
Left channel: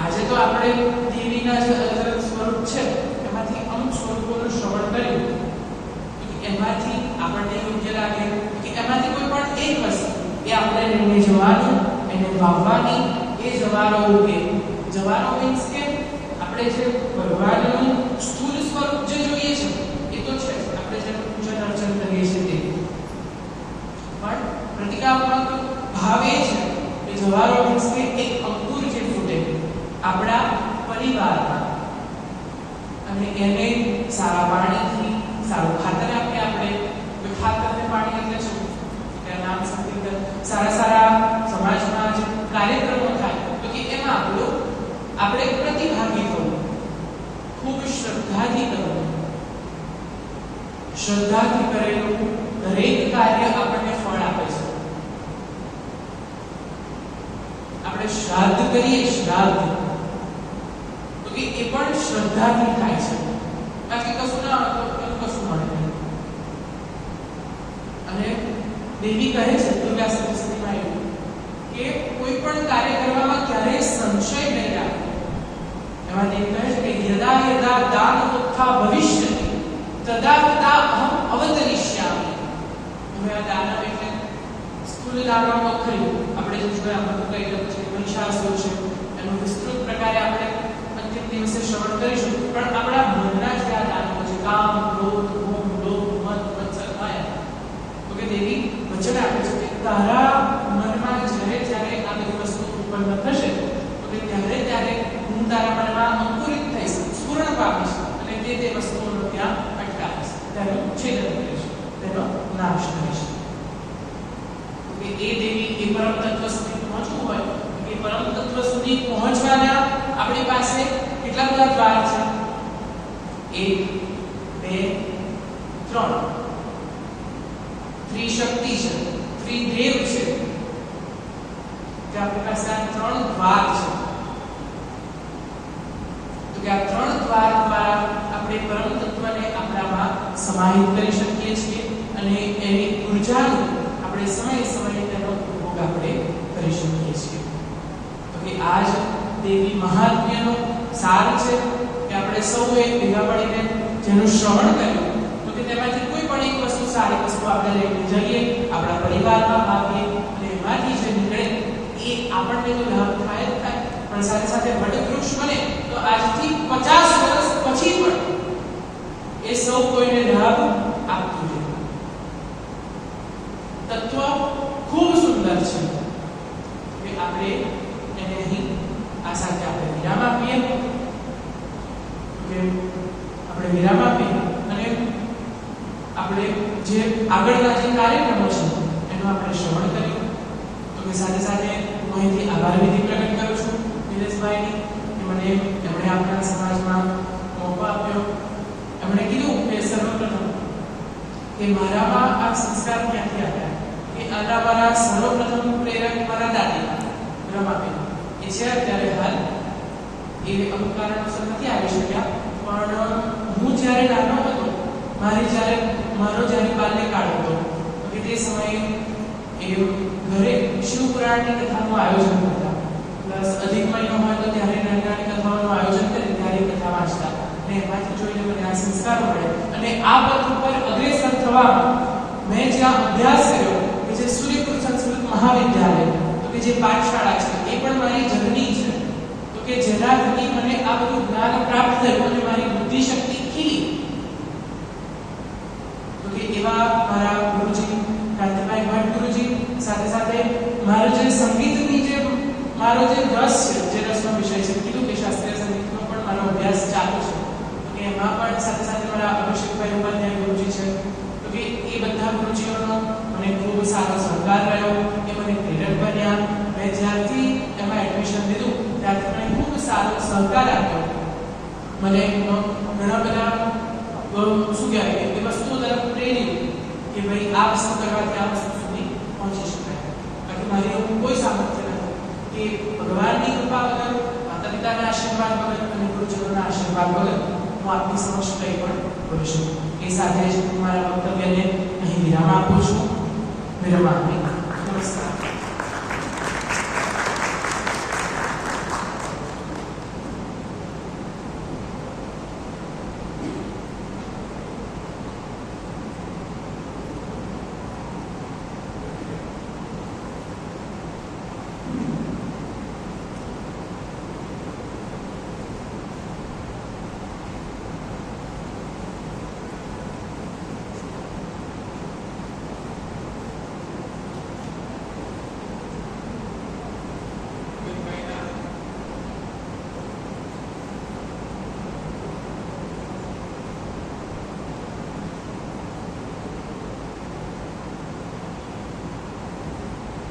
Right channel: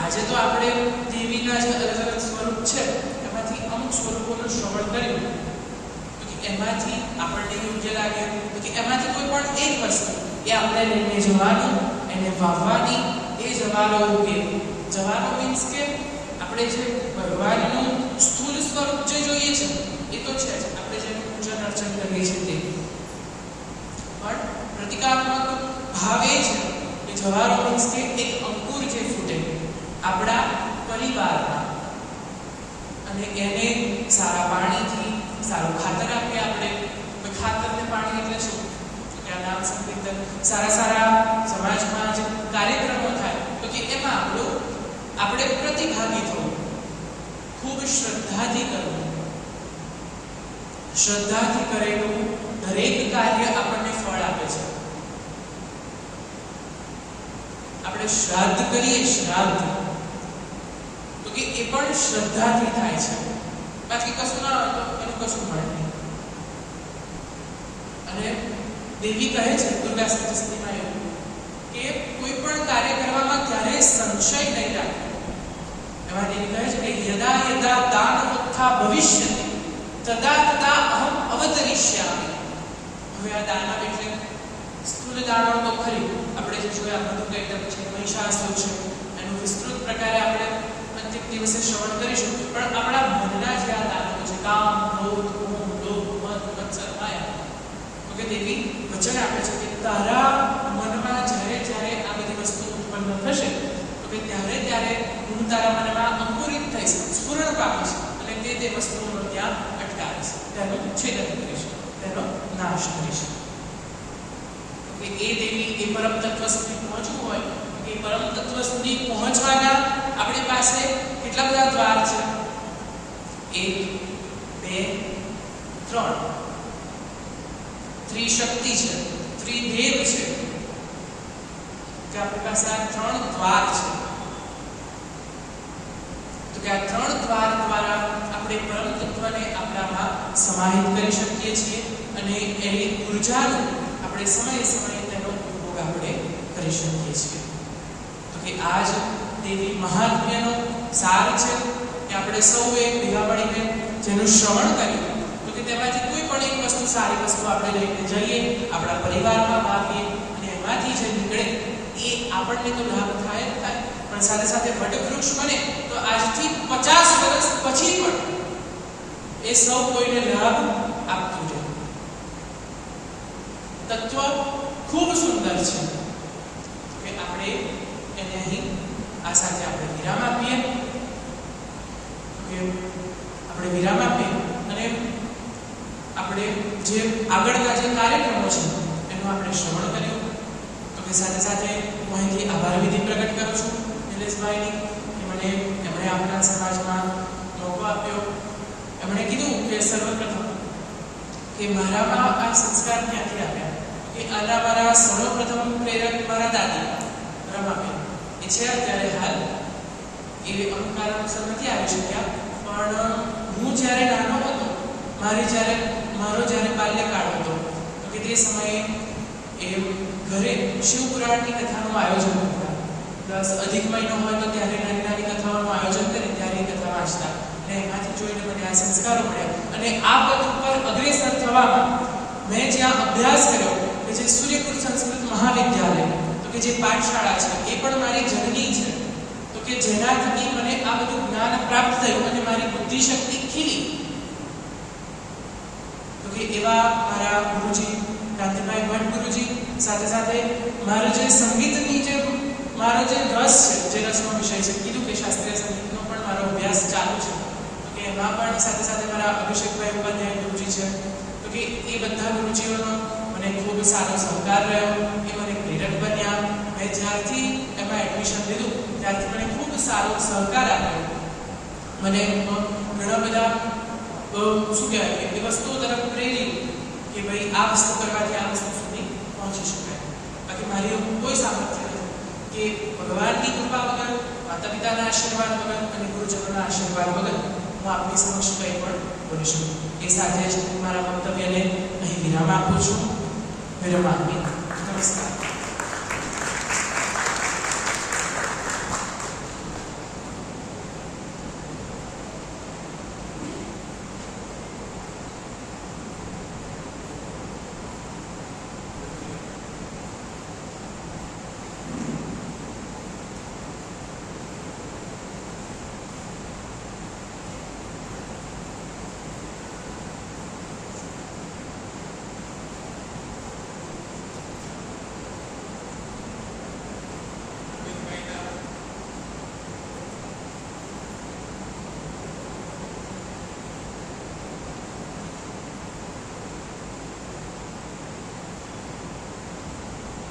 આજે તો આપણે દેવીના જે અલગ અલગ સ્વરૂપ છે એમાંથી અમુક સ્વરૂપોનું શ્રવણ કર્યું. તો કે એમાંથી આપણને યોગ્ય લાગે કે એમાંથી કોઈ પણ એક વસ્તુ એ આપણે લઈને જવાનું, એને વાવવાની, એ જવારો ઉગે. જવારો મીન્સ કે આપણે જે ભગવાનનું સ્થૂળ સ્વરૂપ જે જોઈએ છે એ તો છે જ, આપણે જે પૂજન અર્ચન કરીએ છીએ તે, પણ પ્રતિકાત્મક ભાવ એ છે કે જવારો મીન્સ કે એક અંકુર જે ફૂટે આપણા પરિવારમાં, અને એને સારા પાણીથી સારું ખાતર આપીએ આપણે. ખાતર ને પાણી એટલે શું? કે નામ સંકીર્તન, સારા સમાજમાં જે કાર્યક્રમો થાય તો કે એમાં આપણે પ્રતિભાગી થવું, ખૂબ શ્રદ્ધાથી કરવું. શ્રદ્ધાથી કરેલું દરેક કાર્ય આપણને ફળ આપે છે. આપણે શ્રાદ્ધ કરીએ, શ્રાદ્ધ તો કે એ પણ શ્રદ્ધાથી થાય છે. બાકી કશું ના હોય તો એનું કશું મળે નહીં. અને દેવી કહે છે દુર્ગા સપ્તશતીમાં એવું કે કોઈ પણ કાર્ય કરવામાં ક્યારેય સંશય નહીં રાખવો. એમાં દેવી કહે છે કે યદા યદા દાન ઉત્થા ભવિષ્યતિ તદા તદા અહમ અવતરિષ્યામિ. હવે આ દાનવ એટલે સ્થૂળ દાનવ તો ખરી, આપણે જે જોયા મધુકૈટભ છે, મહિષાસુર છે, એનું વિસ્તૃત પ્રકારે આપણે અંતિમ દિવસે શ્રવણ કરીશું. પણ આપણા મનના જે આ દાનવો છે, કામ, ક્રોધ, મોહ, લોભ, મદ, મત્સર, માયા, તો કે દેવી વચન આપે છે કે તારા મનમાં જ્યારે આ બધી વસ્તુ ઉત્પન્ન થશે તો કે ત્યારે હું તારા મનમાં અંકુરિત થઈશ, સ્ફુરણ પામીશ, અને તે વસ્તુઓનો ત્યાં અટકાવીશ, તેનું છેદન કરીશ, તેનો નાશ કરીશ. કે એ દેવી એ પરમ તત્વ સુધી પહોંચવું હોય, એ પરમ તત્વ સુધી પહોંચવાના આપણી પાસે કેટલા બધા દ્વાર છે? 1, 2, 3. ત્રિશક્તિ છે, ત્રિદેવ છે, કે આપણી પાસે આ 3 દ્વાર છે. તો કે આ 3 દ્વાર દ્વારા આપણે પરમ તત્વને આપણામાં સમાહિત કરી શકીએ છીએ, અને એની ઉર્જાનો આપણે સમયે તેનો ઉપયોગ આપણે કરી શકીએ છીએ. તો કે આજ દેવી મહાત્મ્યનો સાર છે કે આપણે સૌએ ભેગા મળીને જેનું શ્રવણ કર્યું, તો કે તેમાંથી કોઈ પણ એક વસ્તુ, સારી વસ્તુ આપણે લઈને જઈએ, આપણા પરિવારમાં ભાગીએ, અને એમાંથી જે નીકળે એ આપણને તો લાભ થાય જ થાય, પણ સાથે સાથે વટવૃક્ષ બને તો આજથી 50 વર્ષ પછી પણ એ સૌ કોઈને લાભ આપતું રહે. તત્વ ખૂબ સુંદર છે કે આપણે એને સાથે સાથે હું અહીંથી આભાર વિધિ પ્રગટ કરું છું નિલેશભાઈની કે મને એમણે આપણા સમાજમાં મોકો આપ્યો. એમણે કીધું કે સર્વપ્રથમ કે મારામાં આ સંસ્કાર ક્યાંથી આવ્યા, કે આના મારા સર્વપ્રથમ પ્રેરક મારા દાદી રમાબેન એ છે અત્યારે હાલ, એ અમુક કારણોસર નથી આવી શક્યા, પણ હું જ્યારે નાનો હતો, મારો જ્યારે બાલ્યકાળ હતો, તો કે તે સમયે એ ઘરે શિવપુરાણની કથાનું આયોજન કરતા, પ્લસ અધિક મહિનો હોય તો ત્યારે નાની નાની કથાઓનું આયોજન કરે, ત્યારે એ કથા વાંચતા અને એમાંથી જોઈને મને આ સંસ્કારો મળ્યા. અને આ પથ ઉપર અગ્રેસર થવામાં મેં જ્યાં અભ્યાસ કર્યો કે જે સૂર્યકુલ સંસ્કૃત મહાવિદ્યાલય, તો કે જે પાઠશાળા છે એ પણ મારી જનની છે, તો કે જેના થકી મને આ બધું જ્ઞાન પ્રાપ્ત થયું અને મારી બુદ્ધિ શક્તિ ખીલી. તો કે એવા મારા ગુરુજી કાંતિભાઈ ભટ્ટ ગુરુજી, સાથે સાથે મારો જે સંગીતની જે મારો જે રસ છે, જે રસનો વિષય છે, કીધું કે શાસ્ત્રીય સંગીતનો પણ મારો અભ્યાસ ચાલુ છે, તો કે એમાં પણ સાથે સાથે મારા અભિષેકભાઈ ઉપાધ્યાય ગુરુજી છે, તો કે એ બધા ગુરુજીઓનો મને ખૂબ સારો સહકાર રહ્યો, એ મને પ્રેરક બન્યા. મેં જ્યારથી એમાં એડમિશન લીધું ત્યારથી મને ખૂબ સારો સહકાર આપ્યો, મને ઘણા બધા શું કહેવાય એ વસ્તુઓ તરફ પ્રેરિત કે ભાઈ આ વસ્તુ કરવાથી આ વસ્તુ સુધી પહોંચી શકાય. બાકી મારી એવું કોઈ સામર્થ્ય નથી કે ભગવાનની કૃપા વગર, માતા પિતાના આશીર્વાદ વગર અને ગુરુજનોના આશીર્વાદ વગર હું આપની સમક્ષ કંઈ પણ બોલી શકું. એ સાથે જ હું મારા વક્તવ્યને અહીં વિરામ આપું છું. વિરામ આપી નમસ્કાર.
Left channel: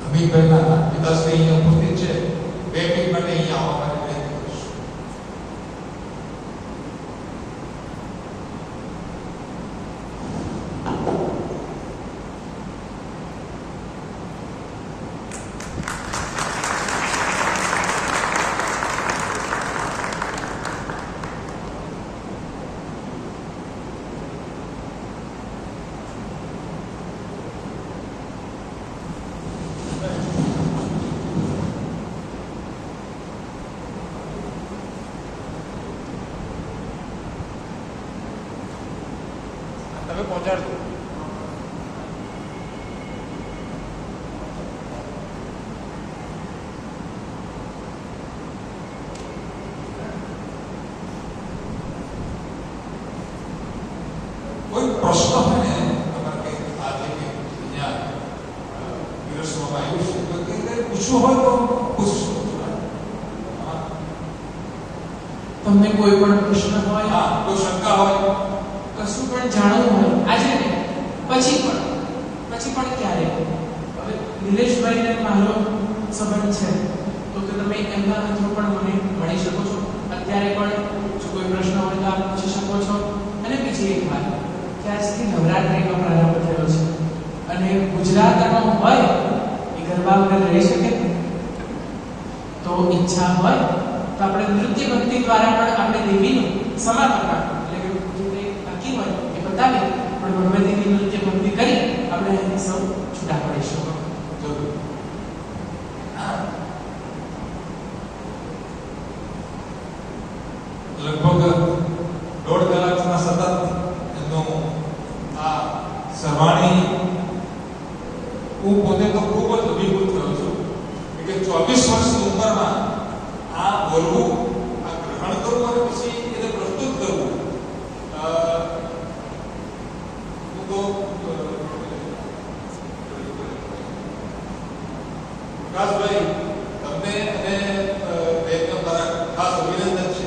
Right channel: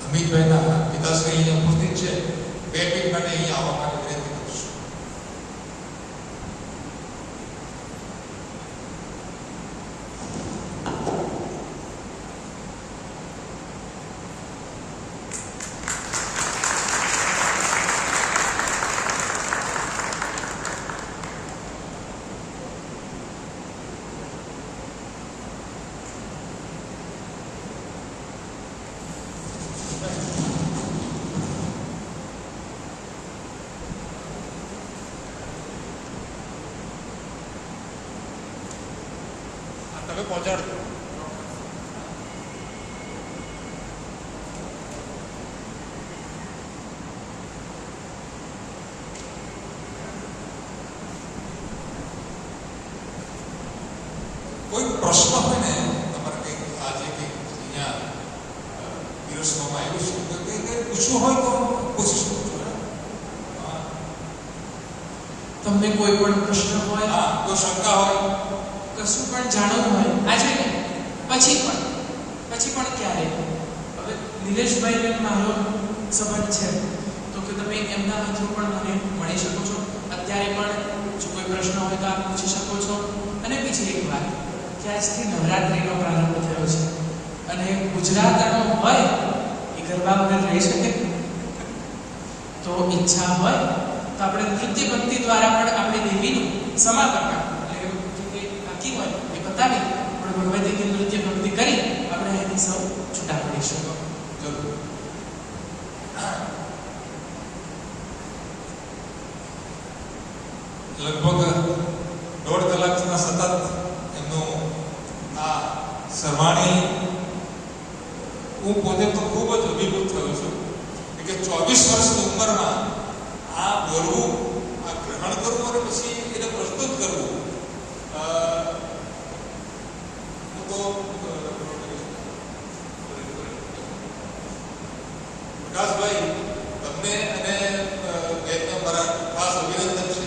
અમિતભાઈના પિતાશ્રી અહીંયા ઉપસ્થિત છે. 2 મિનિટ માટે અહીંયા આવવા માટે વિનંતી કરું છું. તમે પહોંચાડજો. કોઈ પ્રશ્ન હોય ને તમારે કંઈક આજે કે અહીંયા પીરસવામાં આવ્યું છે, કોઈ કંઈ પૂછવું હોય તો પૂછી શકો છો. તમને કોઈ પણ પ્રશ્ન હોય, હા, કોઈ શંકા હોય, કશું પણ જાણવું હોય, આજે નહીં પછી પણ ક્યારે, હવે નિલેશભાઈને મારો સંબંધ છે તો કે તમે એમના થ્રુ પણ મને મળી શકો છો. અત્યારે પણ જો કોઈ પ્રશ્ન હોય તો આપ પૂછી શકો છો. અને બીજી એક વાત કે આજથી નવરાત્રિનો પ્રારંભ થયો છે અને ગુજરાતનો હોય એ ગરબા વગર રહી શકે, તો ઈચ્છા હોય તો આપણે નૃત્ય ભક્તિ દ્વારા પણ આપણે દેવીનું સમાપન બતાવી પણ ભગવતીની નૃત્ય ભક્તિ કરી આપણે એની સૌ છૂટા પડીશું. લગભગ 1.5 કલાકના સતત એમનું આ સરવાણી હું પોતે તો ખૂબ જ અભિભૂત થયો છું કે 24 વર્ષની ઉંમરમાં આ બોલવું, આ ગ્રહણ કરવું અને પછી એને પ્રસ્તુત કરવું, પ્રકાશભાઈ તમને અને બેનને મારા ખાસ અભિનંદન છે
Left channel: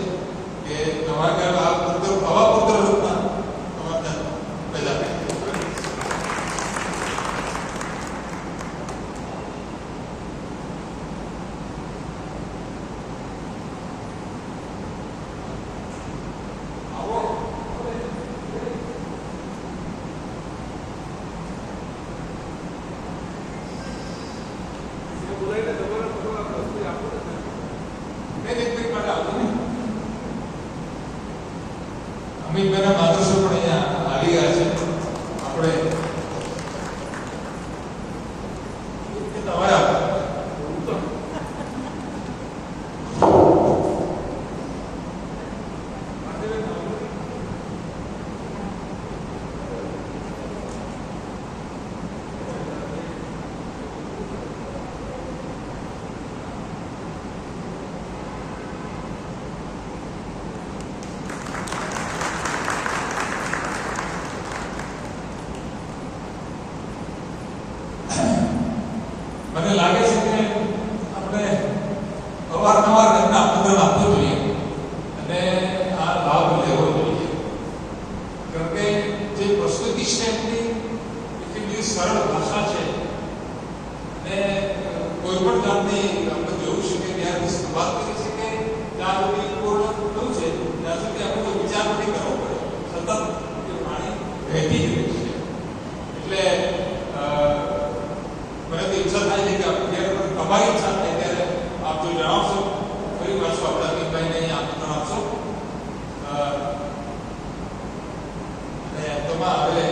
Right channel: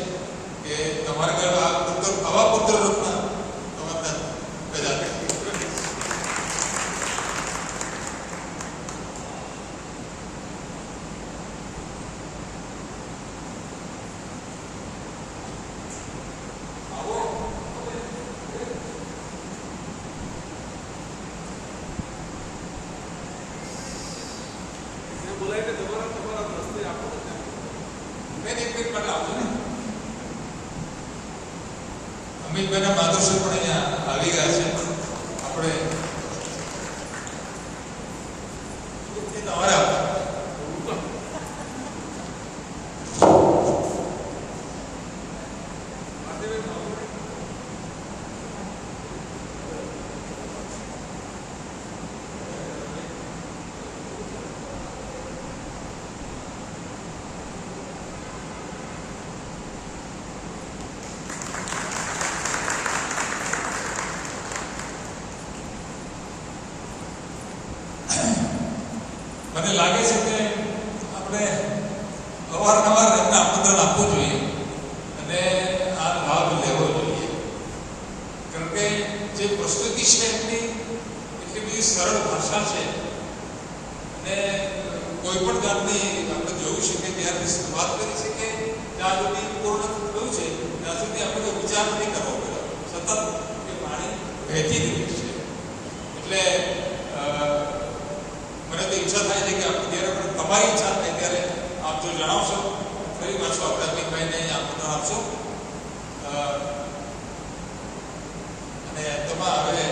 કે તમારા ઘરમાં આ પુત્ર આવા પુત્ર રત્ન તમારા પેદા કર્યા. માર્ગદર્શક પણ અહીંયા આવી ગયા છે. આપણે તમારે મને લાગે છે કે આપણે અવારનવાર એમને આમંત્રણ આપવું જોઈએ અને આ લાભ લેવો જોઈએ. કારણ કે જે પ્રસ્તુતિ છે એમની એટલી બધી સરળ ભાષા છે અને કોઈ પણ જાતની આપણે જોયું છે કે ત્યારથી શરૂઆત કરી છે કે જ્યાં સુધી પૂર્ણ થયું છે ત્યાં સુધી આપણે તો વિચાર નથી કરવો પડે, સતત એ વાણી વહેતી જ રહે છે. એટલે મને તો ઈચ્છા થાય છે કે આપણે જ્યારે પણ તમારી ઈચ્છા થાય ત્યારે આપ જો જણાવશો ફરી પાછું આપણે અમિતભાઈને આમંત્રણ આપશો. અને અંતમાં હવે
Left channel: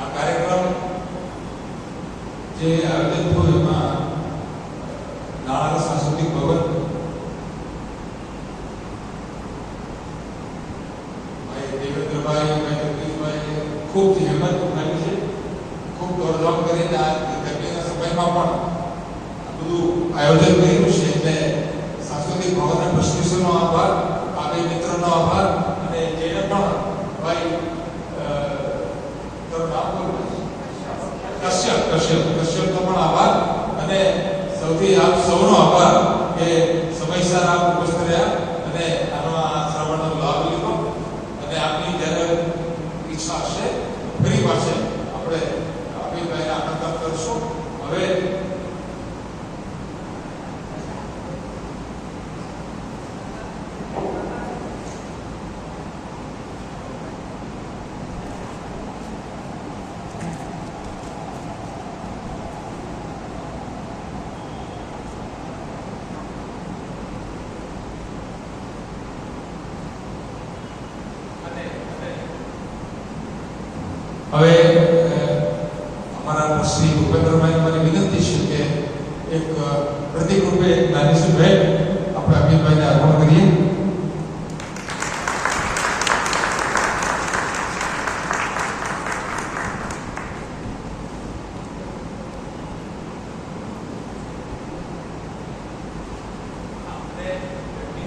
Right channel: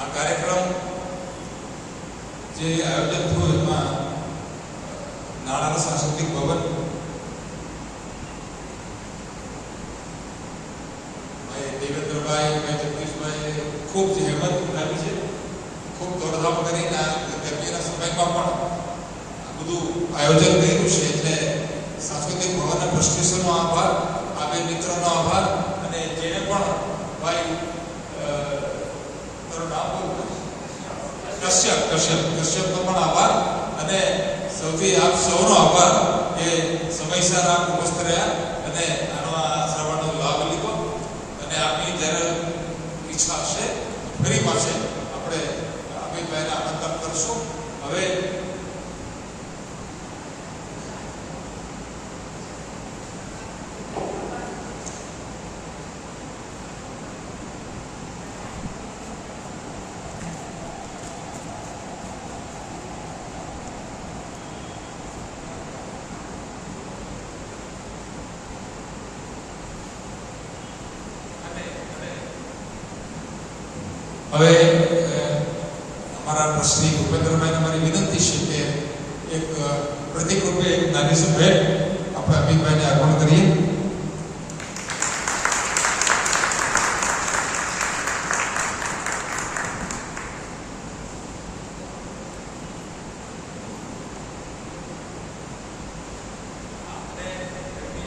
આ કાર્યક્રમ જે આયોજન થયું એમાં નાણાં સાંસ્કૃતિક ભવન દેવેન્દ્રભાઈ અને જગદીશભાઈ ખૂબ જહેમત ઉઠાવી છે, ખૂબ દોડધામ કરીને આ ગરમીના સમયમાં પણ બધું આયોજન કર્યું છે. એટલે સાંસ્કૃતિક ભવનના ટ્રસ્ટીઓનો આભાર, આ બે મિત્રોનો આભાર અને જેને પણ ભાઈ કશ્યપનો પણ આભાર અને સૌથી આપ સૌનો આભાર કે સમયસર આપ ઉપસ્થિત રહ્યા અને આનો આ શ્રવણનો લાભ લીધો. અને આપની જ્યારે ઈચ્છા હશે ફરી પાછે આપણે અમિતભાઈને આમંત્રણ કરશું. હવે અમારા ટ્રસ્ટી ભૂપેન્દ્રભાઈને મારી વિનંતી છે કે એક પ્રતિક રૂપે એક નાની સી ભેટ આપણે અમિતભાઈને અર્પણ કરીએ.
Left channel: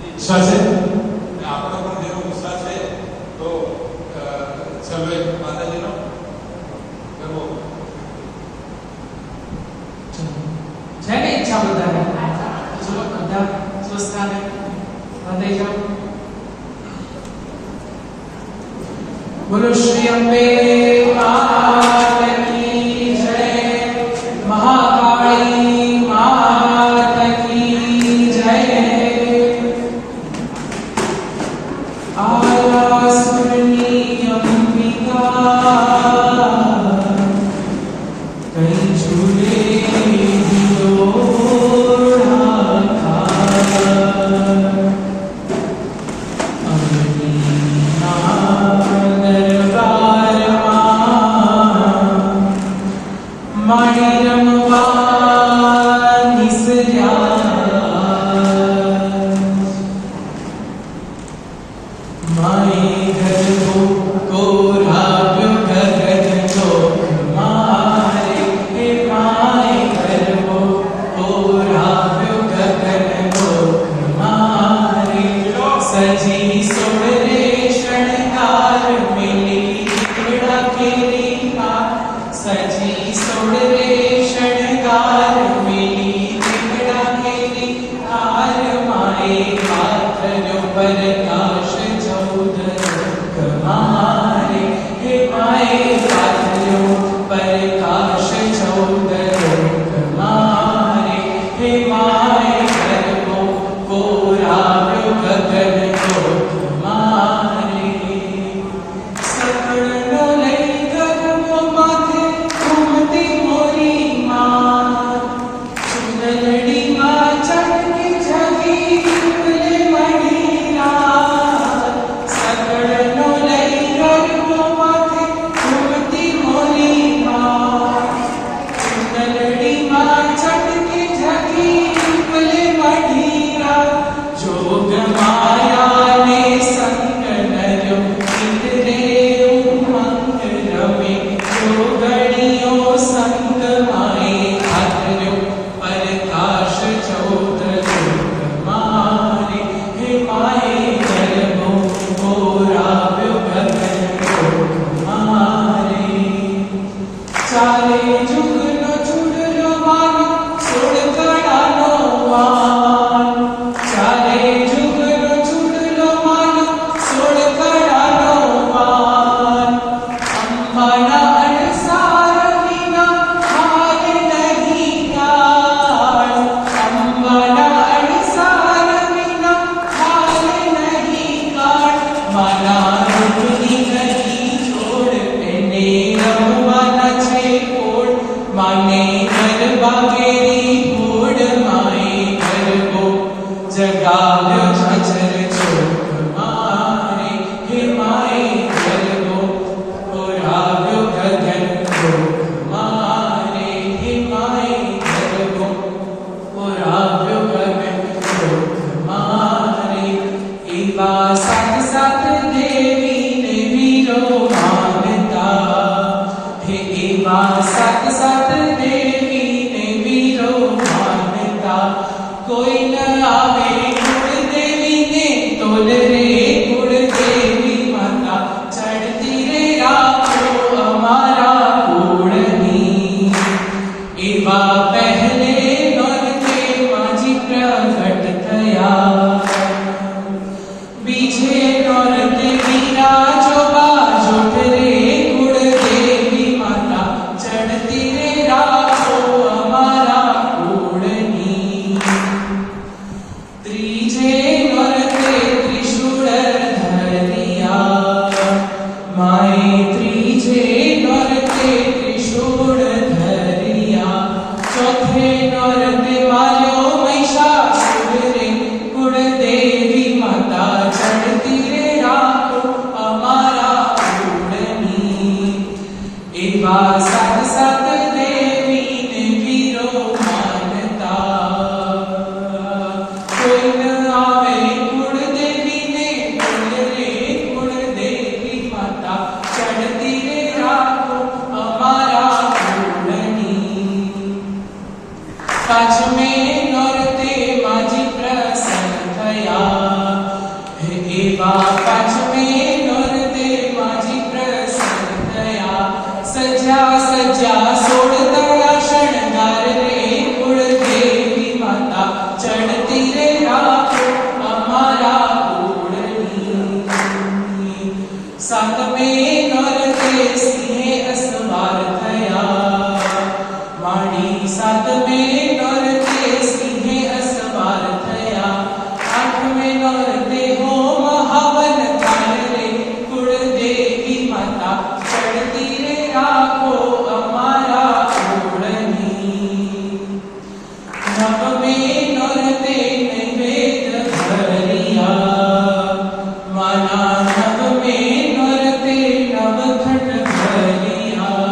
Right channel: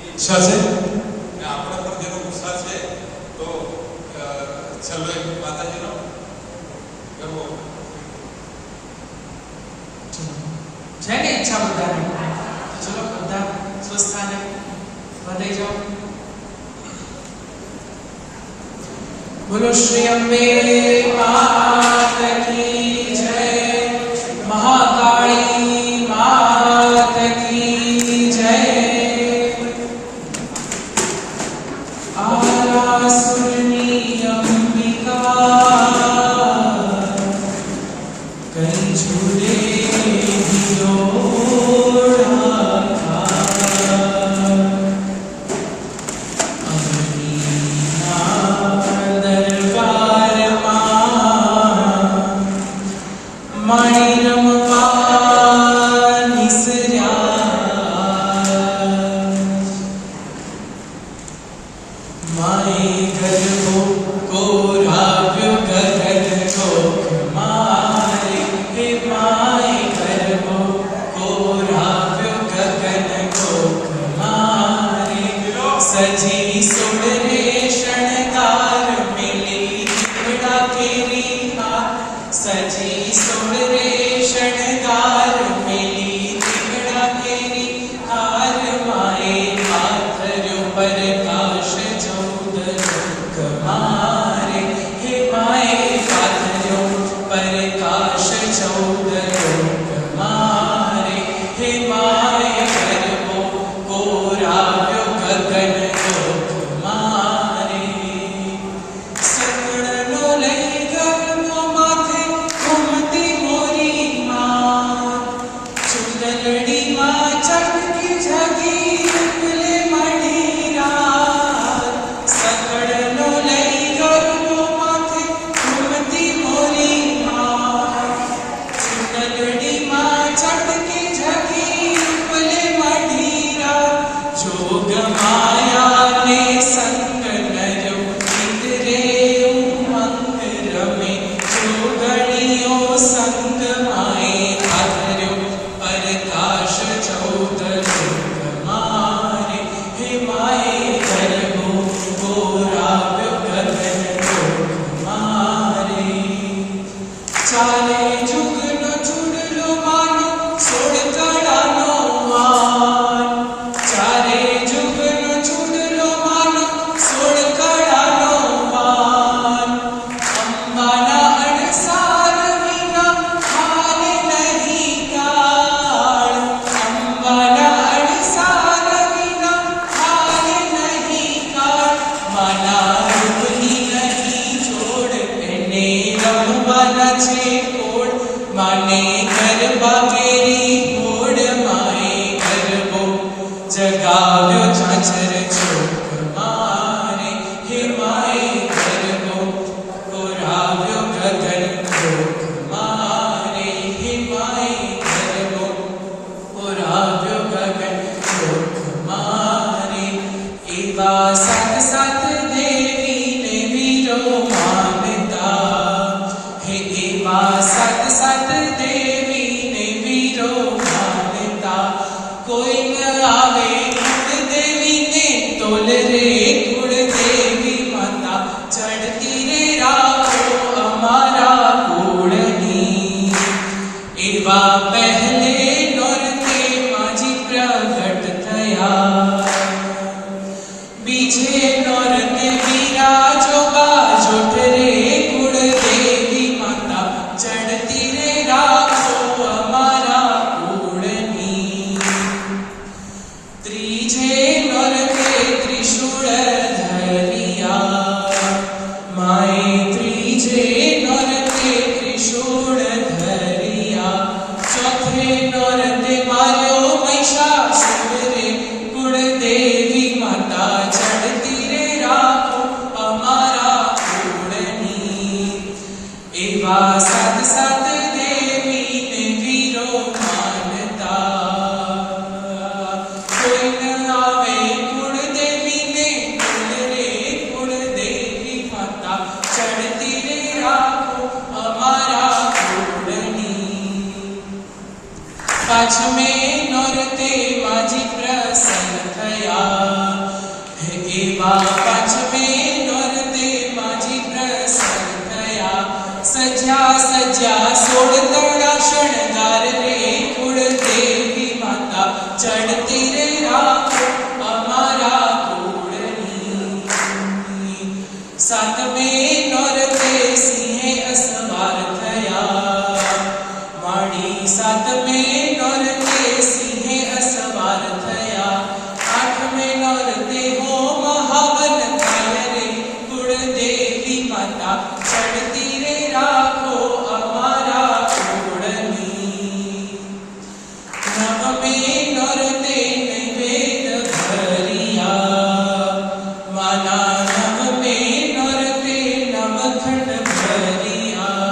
ઈચ્છા છે આપણે પણ જેનો ઉત્સાહ છે તો ચાલો એક માતાજીનો જેને ઈચ્છા બધાને ચલો બધા સ્વસ્થાને બંધાઈ જાઓ. બોલો શ્રી અંબે માત કી જય, મહાકાળી માત કી જય. આરાસુરની અંબિકા કઈ ઝૂલે Kumare સાતમે નોરતે સિંહે અસવાર થયા, માડી સાતમે નોરતે સિંહે અસવાર થયા, આઠમે નોરતે હો મહાવન કાળ રે, કુળદેવી માતા ચડતી રે રાખો અમારા કુળની. નવમે નોરતે નૈવેદ્ય ભર્યા, માના નવમે નોરતે નવખંડ ભર્યા.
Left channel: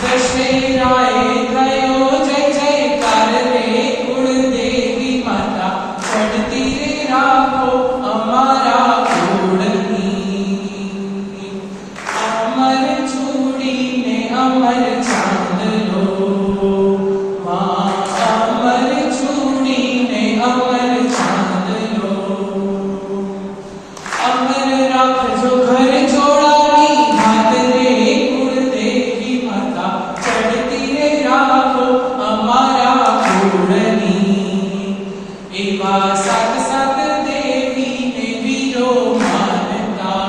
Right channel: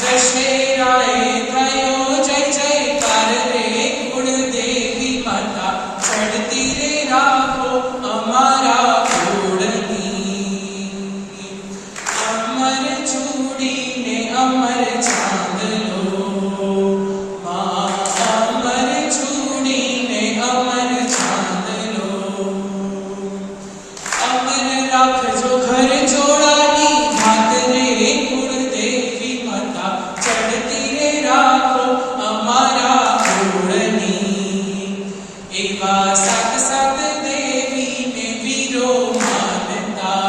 દશેરાએ થયો જય જયકાર રે, કુળદેવી માતા ચડતી રે રાખો અમારા કુળની. અમર ચૂડીને અમર ચાંદલો, અમર ચૂડીને અમર ચાંદલો, અમર રાખજો ઘર જોડાની વાત રે, કુળદેવી માતા ચડતી રે રાખો અમારા કુળની. એવા સાત સાત દેવીને વીરો માનતા,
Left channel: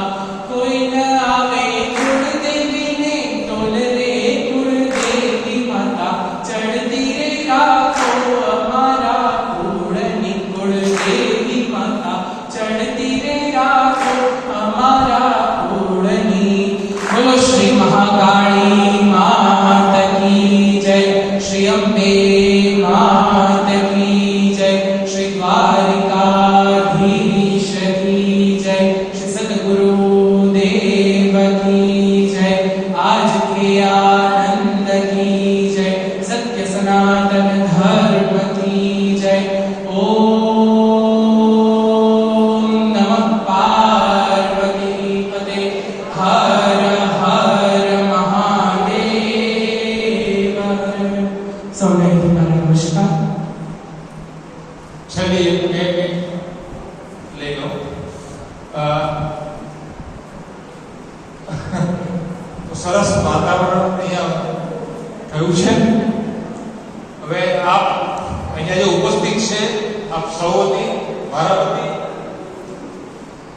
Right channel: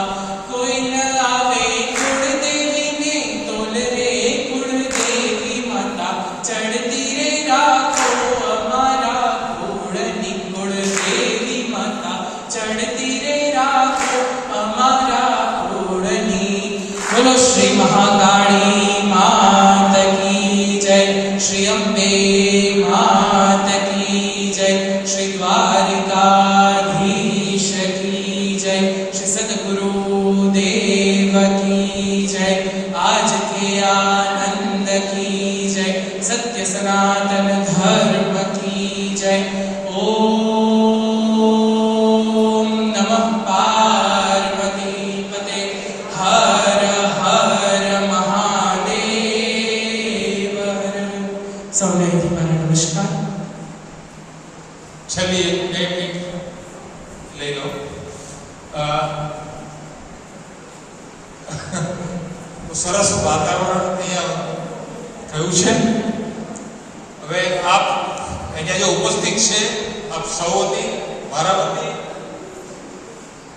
કોઈ ન આવે કુળદેવીને તોલ રે, કુળદેવી માતા ચડતી રે રાખો અમારા કુળની. કુળદેવી માતા ચડતી રે રાખો અમારા કુળની. બોલો શ્રી મહાકાળી માત કી જય, શ્રી અંબે માત કી જય, શ્રી દ્વારિકાધીશ કી જય, શ્રી સદગુરુ દેવ કી જય, આજ કે આનંદ કી જય, સત્ય સનાતન ધર્મ કી જય. ઓમ નમઃ પાર્વતી પતે, હર હર મહાદેવ હર. સૌને મારા નમસ્કાર. છેલ્લી એક 2 મિનિટ લઈ લો. સરસ વાતાવરણ અહીંયા થયું છે. હવે આપ અહીંયા જે ઉપસ્થિત છે, આપ સૌ વતી મારા વતી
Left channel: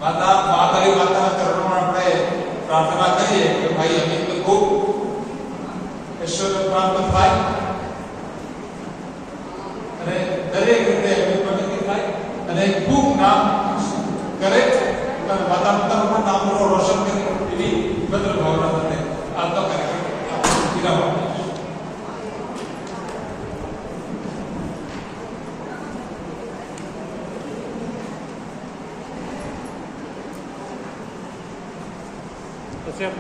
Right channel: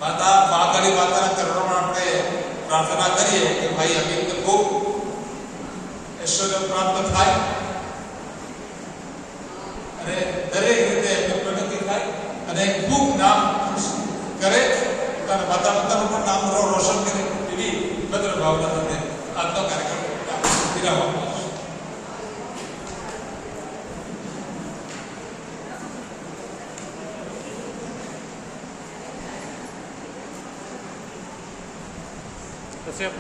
મહાકાળી માતાના ચરણોમાં આપણે પ્રાર્થના કરીએ કે ભાઈ અમિતને ખૂબ ઐશ્વર્ય પ્રાપ્ત થાય અને દરેક રીતે એમની પ્રગતિ થાય અને ખૂબ નામ કરે, પોતાના માતા પિતાનું પણ નામ રોશન કરે, એવી ભદ્ર ભાવના સાથે આજનો કાર્યક્રમ વિરામ આપીશું. પછી